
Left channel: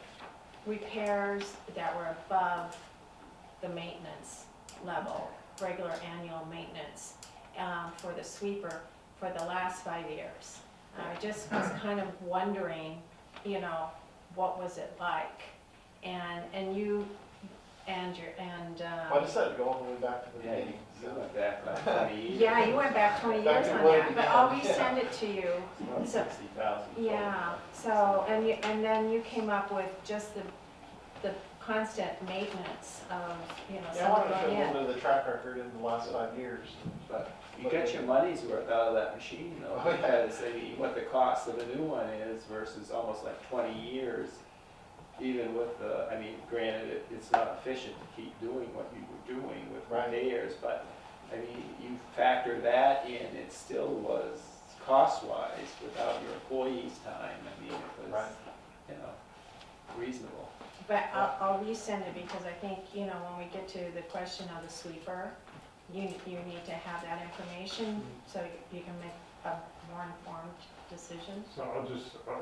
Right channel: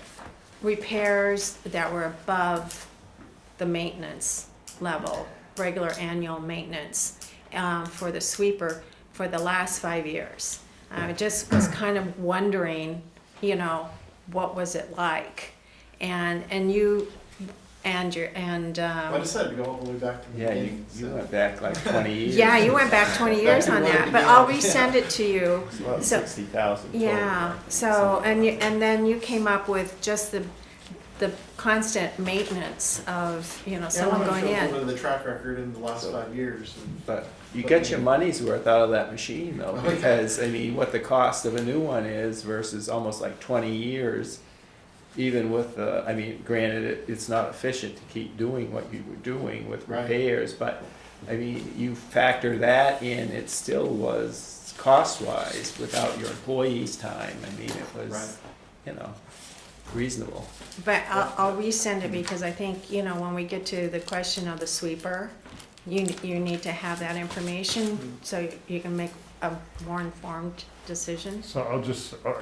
repairs that were above the maintenance level, regular annual maintenance, for the sweeper for the last 5 years. I just was kind of wondering, what was it like? And you and your Like I said, go all the way back to the Yeah, beginning. you so. went back like 20 years. yeah, you went back 20 years on that, but I'll resend it to you. It's about So- 60,000 total. Yeah, so, and then you came up with just the constant maintenance of, someone going in. Yeah, the track record in the last 5 years. But you get your money's worth out of that machine though, because what the cost of a new one is versus almost like 20 years, even with granted, it's not efficient to keep doing what you were doing with Right. repairs, but you factor that in, it still was cost-wise without your employees' time. It was, reasonable. But I'll resend it because I think, when we get to the question of the sweeper, you need to have that information so you can make a more informed decision. So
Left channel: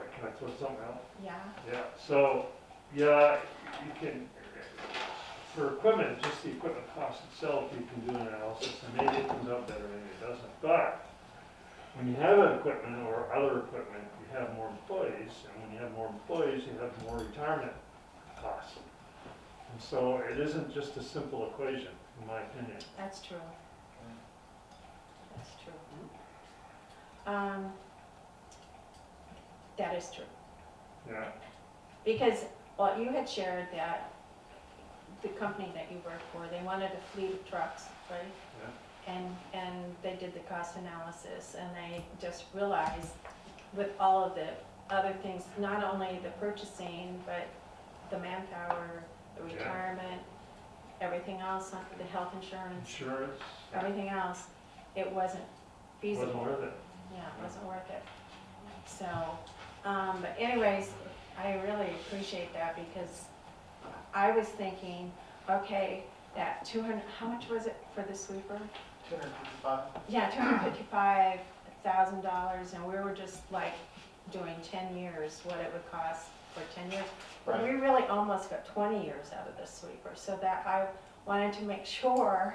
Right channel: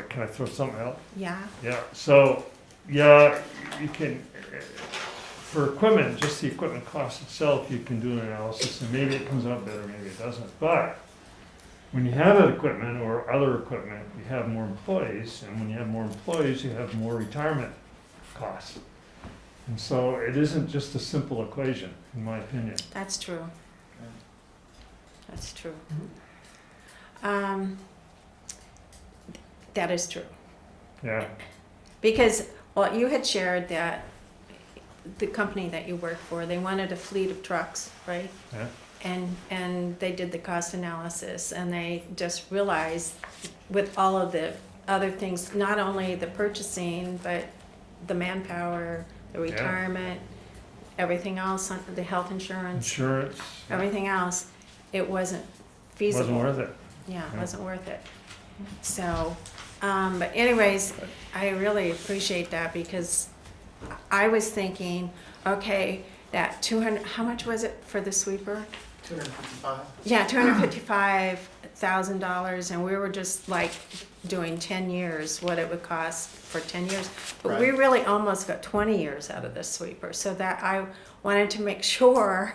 can I throw something out? Yeah, Yeah, so, yeah, you can, for equipment, just the equipment cost itself, you can do an analysis, and maybe it comes out better, maybe it doesn't. But when you have that equipment or other equipment, you have more employees, and when you have more employees, you have more retirement costs. And so it isn't just a simple equation, in my opinion. that's true. That's true. That is true. Yeah, Because, you had shared that the company that you worked for, they wanted a fleet of trucks, right? yeah, And they did the cost analysis, and they just realized with all of the other things, not only the purchasing, but the manpower, the Yeah. retirement, everything else, the health insurance, insurance, everything else, it wasn't feasible. wasn't worth it. Yeah, it Yeah. wasn't worth it. So, but anyways, I really appreciate that because I was thinking, okay, that 200, how much was it for the sweeper? 255. Yeah, $255,000, and we were just like doing 10 years, what it would cost for 10 years. But we Right. really almost got 20 years out of this sweeper, so that I wanted to make sure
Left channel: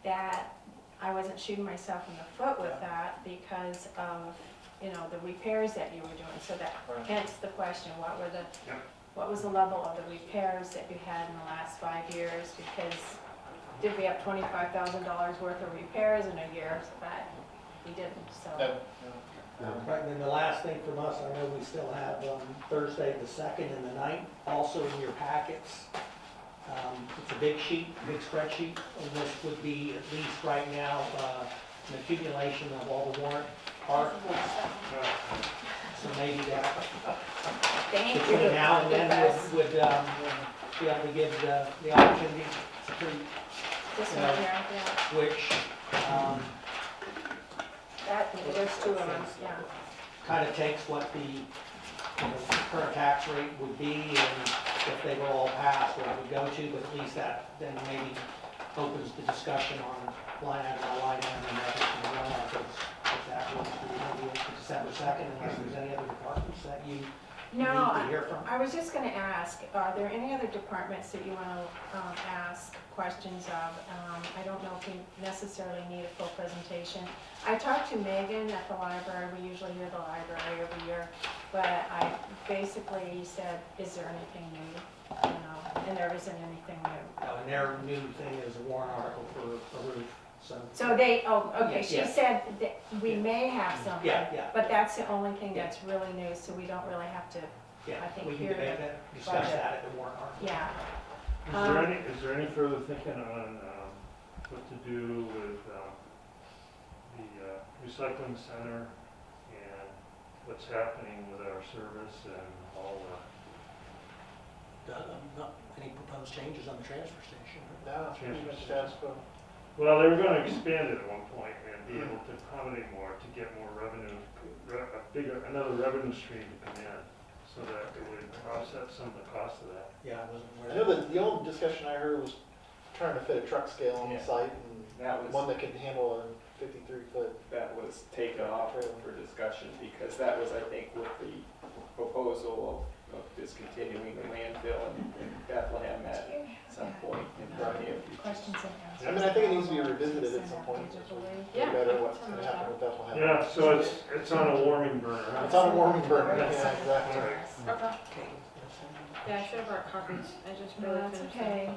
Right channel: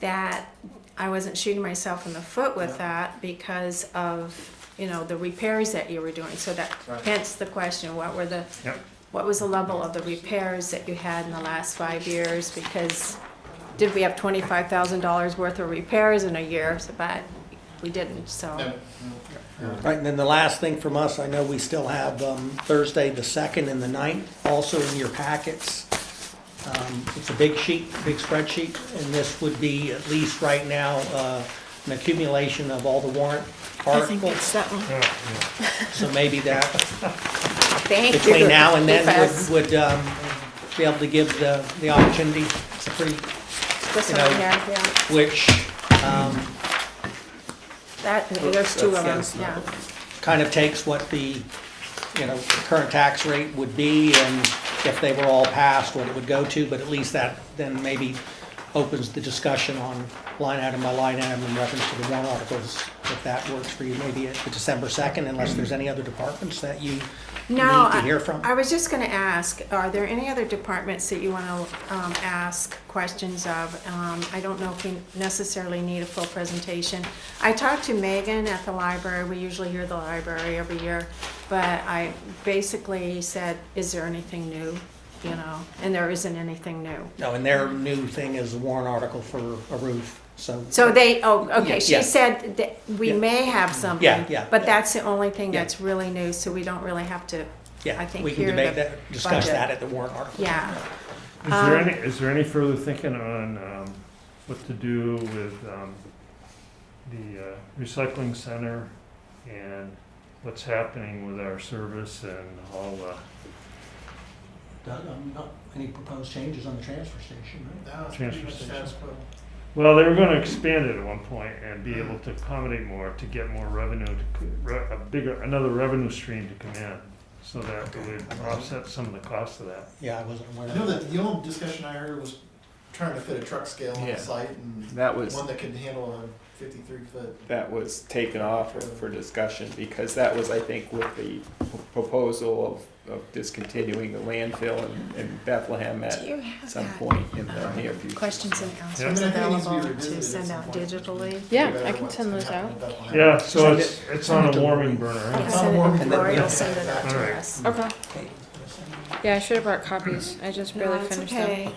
that I wasn't shooting myself in the foot with that because of, the repairs that you were doing. So that, Right. hence the question, what was the level of the repairs that you had in the last 5 years? Because did we have $25,000 worth of repairs in a year? But we didn't, so. No. Right, and then the last thing from us, I know we still have Thursday, the 2nd and the 9th, also in your packets. It's a big sheet, big spreadsheet, and this would be, at least right now, an accumulation of all the warrant articles. that one. Yeah, So maybe that, Thank you. between now and then, Yes. would be able to give the opportunity, it's a pretty, This you one know, here, yeah. which There's two of them, yeah. kind of takes what the, current tax rate would be, and if they were all passed, what it would go to, but at least that then maybe opens the discussion on line item by line item in reference to the warrant articles, if that works for you, maybe at the December 2nd, unless there's any other departments that you No, need to hear from. I was just gonna ask, are there any other departments that you wanna, ask questions of? I don't know if we necessarily need a full presentation. I talked to Megan at the library, we usually hear the library every year, but I basically said, is there anything new? You know, and there isn't anything new. No, and their new thing is the warrant article for a roof, so. So they, oh, okay, Yeah. she said that we Yeah. may have something. Yeah. But that's the only thing Yeah. that's really new, so we don't really have to, Yeah, I think we can here debate the that, discuss budget. that at the warrant article. yeah. Is there any further thinking on, what to do with, the recycling center and what's happening with our service and all the Not any proposed changes on the transfer station, right? No, it's pretty Transfer much station. status quo. Well, they were gonna expand it at one point and be able to accommodate more, to get more revenue, another revenue stream to come in, so that it would offset some of the cost of that. Yeah, I wasn't aware You of know, that. the old discussion I heard was trying to fit a truck scale on Yeah. the site and That was, one that could handle a 53-foot. that was taken off for discussion, because that was, I think, with the proposal of discontinuing the landfill in Bethlehem at Do you have some that, point in the near future. questions and I answers mean, I think it needs to be available to revisited at send some out point. digitally? Yeah, Better I can what's send gonna those happen out. with Bethlehem. Yeah, so Send it's on a warming burner, Yeah, huh? send it, warming and Lori will burner. send it out to Alright. us. Okay. Okay. Yeah, I should have brought copies. I just No, barely that's finished okay, them.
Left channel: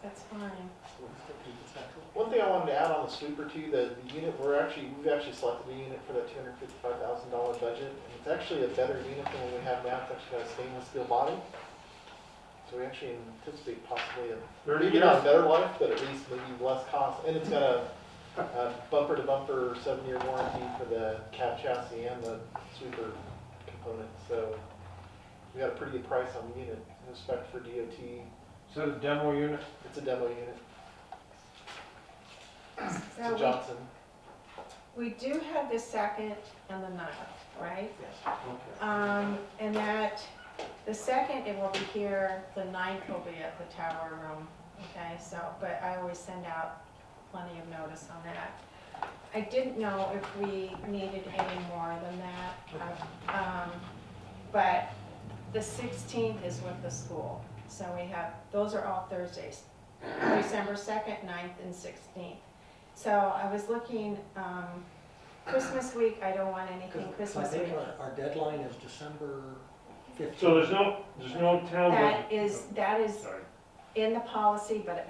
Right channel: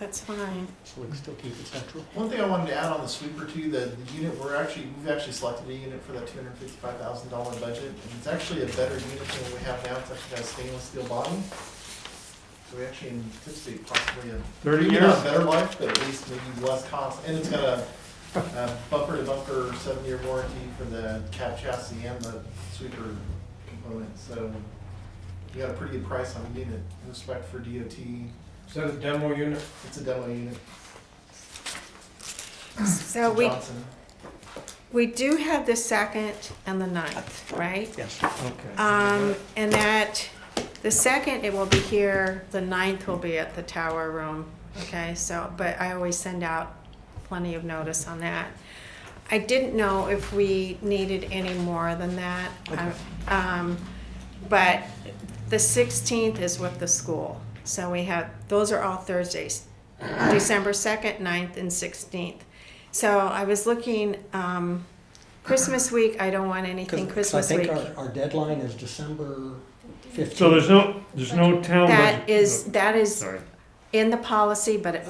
that's fine. So we can still keep it central. One thing I wanted to add on the sweeper too, the unit, we've actually selected a unit for that $255,000 budget, and it's actually a better unit than what we have now. It's actually got a stainless steel body. So we actually anticipate possibly 30 maybe years? not better life, but at least maybe less cost. And it's got a bumper to bumper 7-year warranty for the cab chassis and the sweeper component. So we got a pretty good price on the unit in respect for DOT. Is that a demo unit? It's a demo unit. So It's a Johnson. we do have the 2nd and the 9th, right? Yes. Okay. And that, the 2nd, it will be here, the 9th will be at the tower room, okay, so, but I always send out plenty of notice on that. I didn't know if we needed any more than that, but the 16th is with the school, so we have, those are all Thursdays, December 2nd, 9th, and 16th. So I was looking, Christmas week, I don't want anything Christmas I week. think our deadline is December 15th. So there's no town budget? That is Sorry. in the policy, but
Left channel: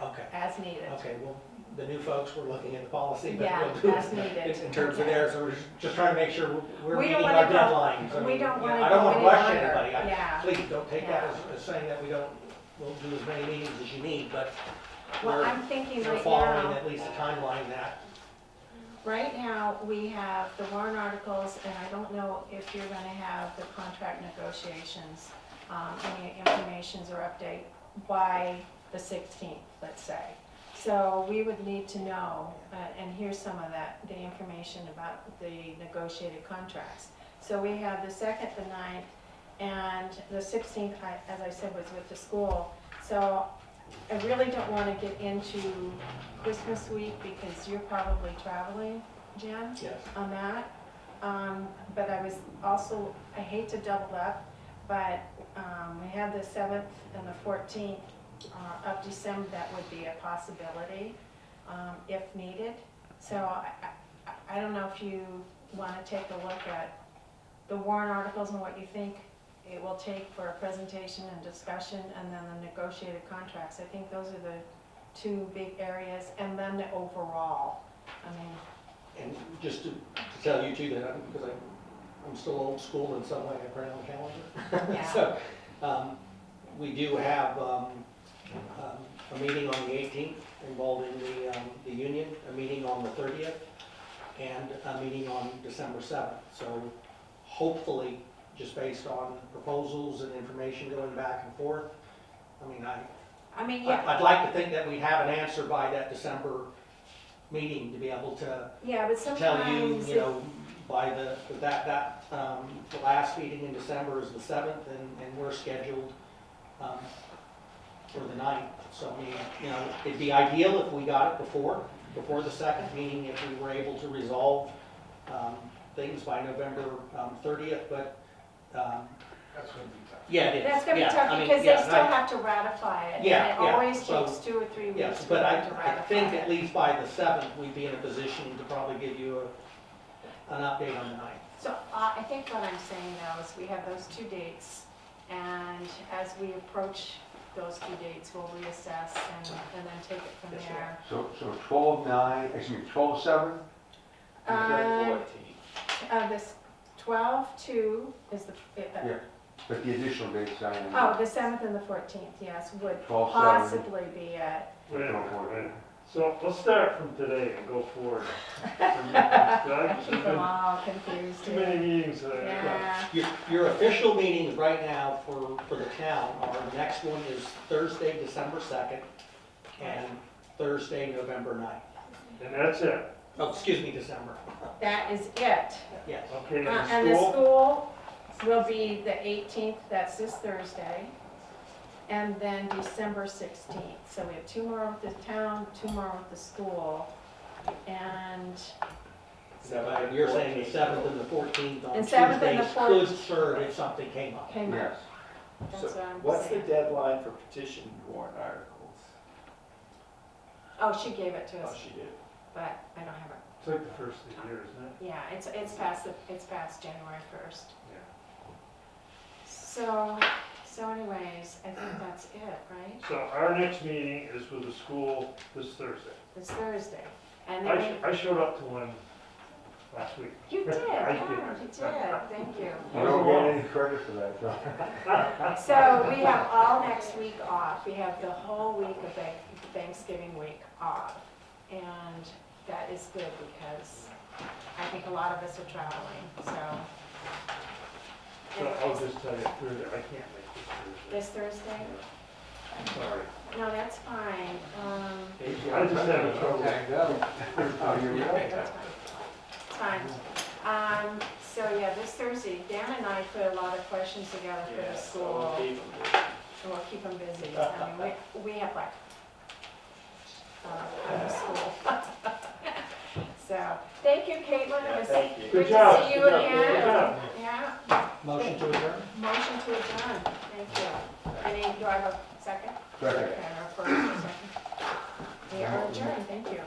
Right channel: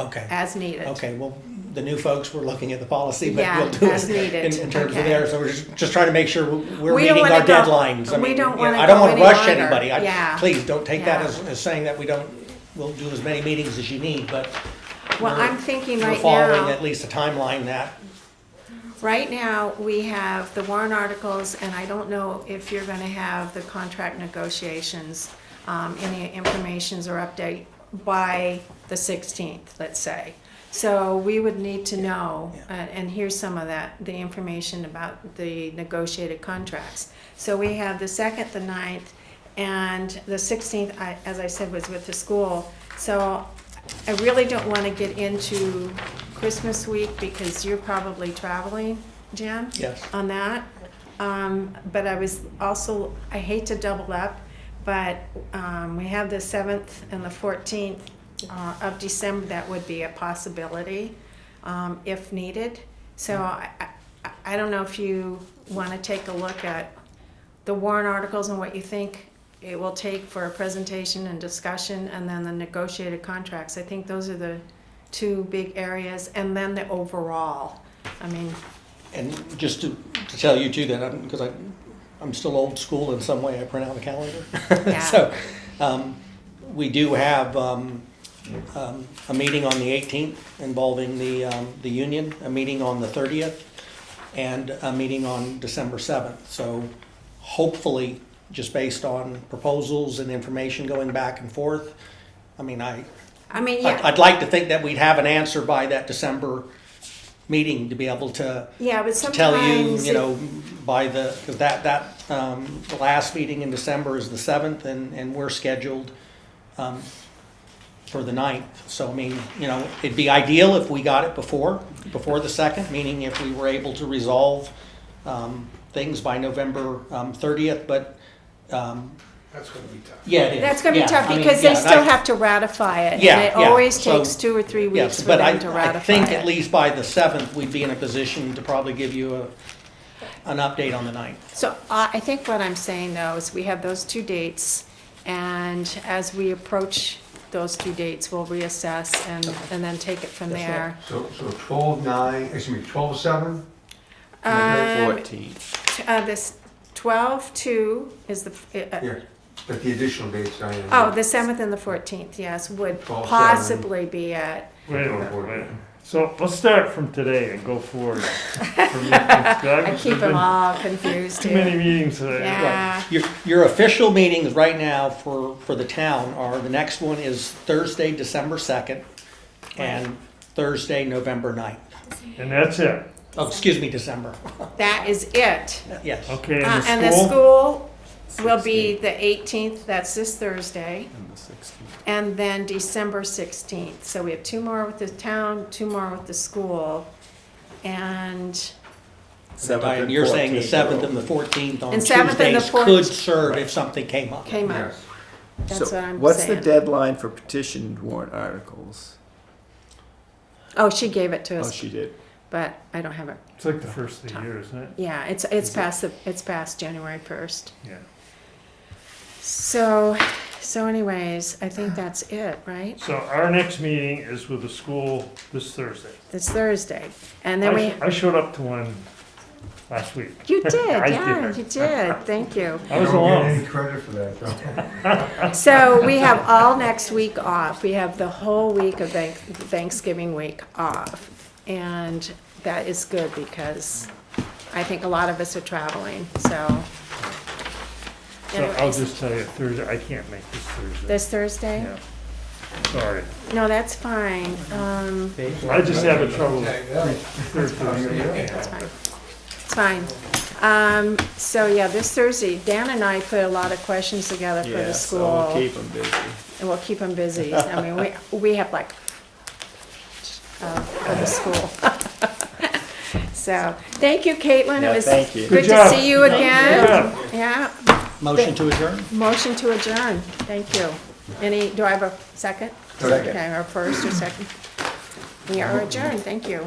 Okay. as needed. Okay, well, the new folks were looking at the policy, but Yeah, we'll do as it needed, in terms of okay. there, so we're just trying to make sure we're We don't meeting our wanna go- deadlines. I we mean, don't you know, wanna I don't go wanna any rush longer. anybody. Yeah. Please, don't take that Yeah. as saying that we'll do as many meetings as you need, but Well, we're- I'm thinking we're right following now, at least a timeline that, right now, we have the warrant articles, and I don't know if you're gonna have the contract negotiations, any informations or update by the 16th, let's say. So we would need to know, and here's some of that, the information about the negotiated contracts. So we have the 2nd, the 9th, and the 16th, as I said, was with the school. So I really don't want to get into Christmas week because you're probably traveling, Jen, yes. on that. But I was also, I hate to double up, but we have the 7th and the 14th of December. That would be a possibility if needed. So I don't know if you want to take a look at the warrant articles and what you think it will take for a presentation and discussion, and then the negotiated contracts. I think those are the two big areas, and then the overall. I mean, And just to tell you too, that because I'm still old school in some way, I print out the calendar. Yeah. So, we do have, a meeting on the 18th involving the union, a meeting on the 30th, and a meeting on December 7th. So hopefully, just based on proposals and information going back and forth, I mean, yeah, I'd like to think that we'd have an answer by that December meeting to be able to yeah, but to tell you, sometimes you know, by the, because the last meeting in December is the 7th, and we're scheduled for the 9th. So, I mean, you know, it'd be ideal if we got it before the 2nd, meaning if we were able to resolve things by November 30th, but That's gonna be tough. yeah, it is. That's gonna be Yeah, tough I mean, because yeah, they and still I- have to ratify it. Yeah, And it yeah, always so- takes 2 or 3 weeks Yes, for but them to ratify I think it. at least by the 7th, we'd be in a position to probably give you an update on the 9th. So I think what I'm saying though is we have those 2 dates, and as we approach those 2 dates, we'll reassess and then take it from That's there. So 12/9, excuse me, 12/7? Um, 14th. This 12/2 is the, Yeah, but the additional dates, Diane. oh, the 7th and the 14th, yes, would 12/7. possibly be it. Wait a minute. So let's start from today and go forward. I I keep them all confused Too many here. meetings today. Yeah, Your official meetings right now for the town are, the next one is Thursday, December 2nd, and Thursday, November 9th. And that's it. Oh, excuse me, December. that is it. Yes. Okay, And the school will be the 18th, that's this Thursday, And the 16th. and then December 16th. So we have 2 more with the town, 2 more with the school, and 7th Diane, and you're saying the 14th. 7th and the 14th on And 7th and the Tuesdays 14th. could serve if something came up. came up. Yes. That's So what I'm what's the saying. deadline for petitioned warrant articles? Oh, she gave it to Oh, us, she did. but I don't have it. It's like the first of the year, isn't it? Yeah, it's past January 1st. Yeah. So anyways, I think that's it, right? So our next meeting is with the school this Thursday. It's Thursday. And then we, I showed up to one last week. you did, I yeah, did. you did, thank you. I was You don't get alone. any credit for that, though. So we have all next week off. We have the whole week of Thanksgiving week off. And that is good because I think a lot of us are traveling, so. So I'll Anyways, just tell you, Thursday, I can't make this Thursday. this Thursday? Yeah. Sorry. No, that's fine. I just have trouble. Tag out. That's fine. It's fine. So yeah, this Thursday, Dan and I put a lot of questions together for the Yeah, so school. we'll keep them busy. And we'll keep them busy. I mean, we have like, for the school. So, thank you, Caitlin. It Yeah, was thank you. good Good to job. see you Good again. job. Yeah, Motion to adjourn? motion to adjourn. Thank you. Do I have a second? Second. Okay, our first or second? We are adjourned. Thank you.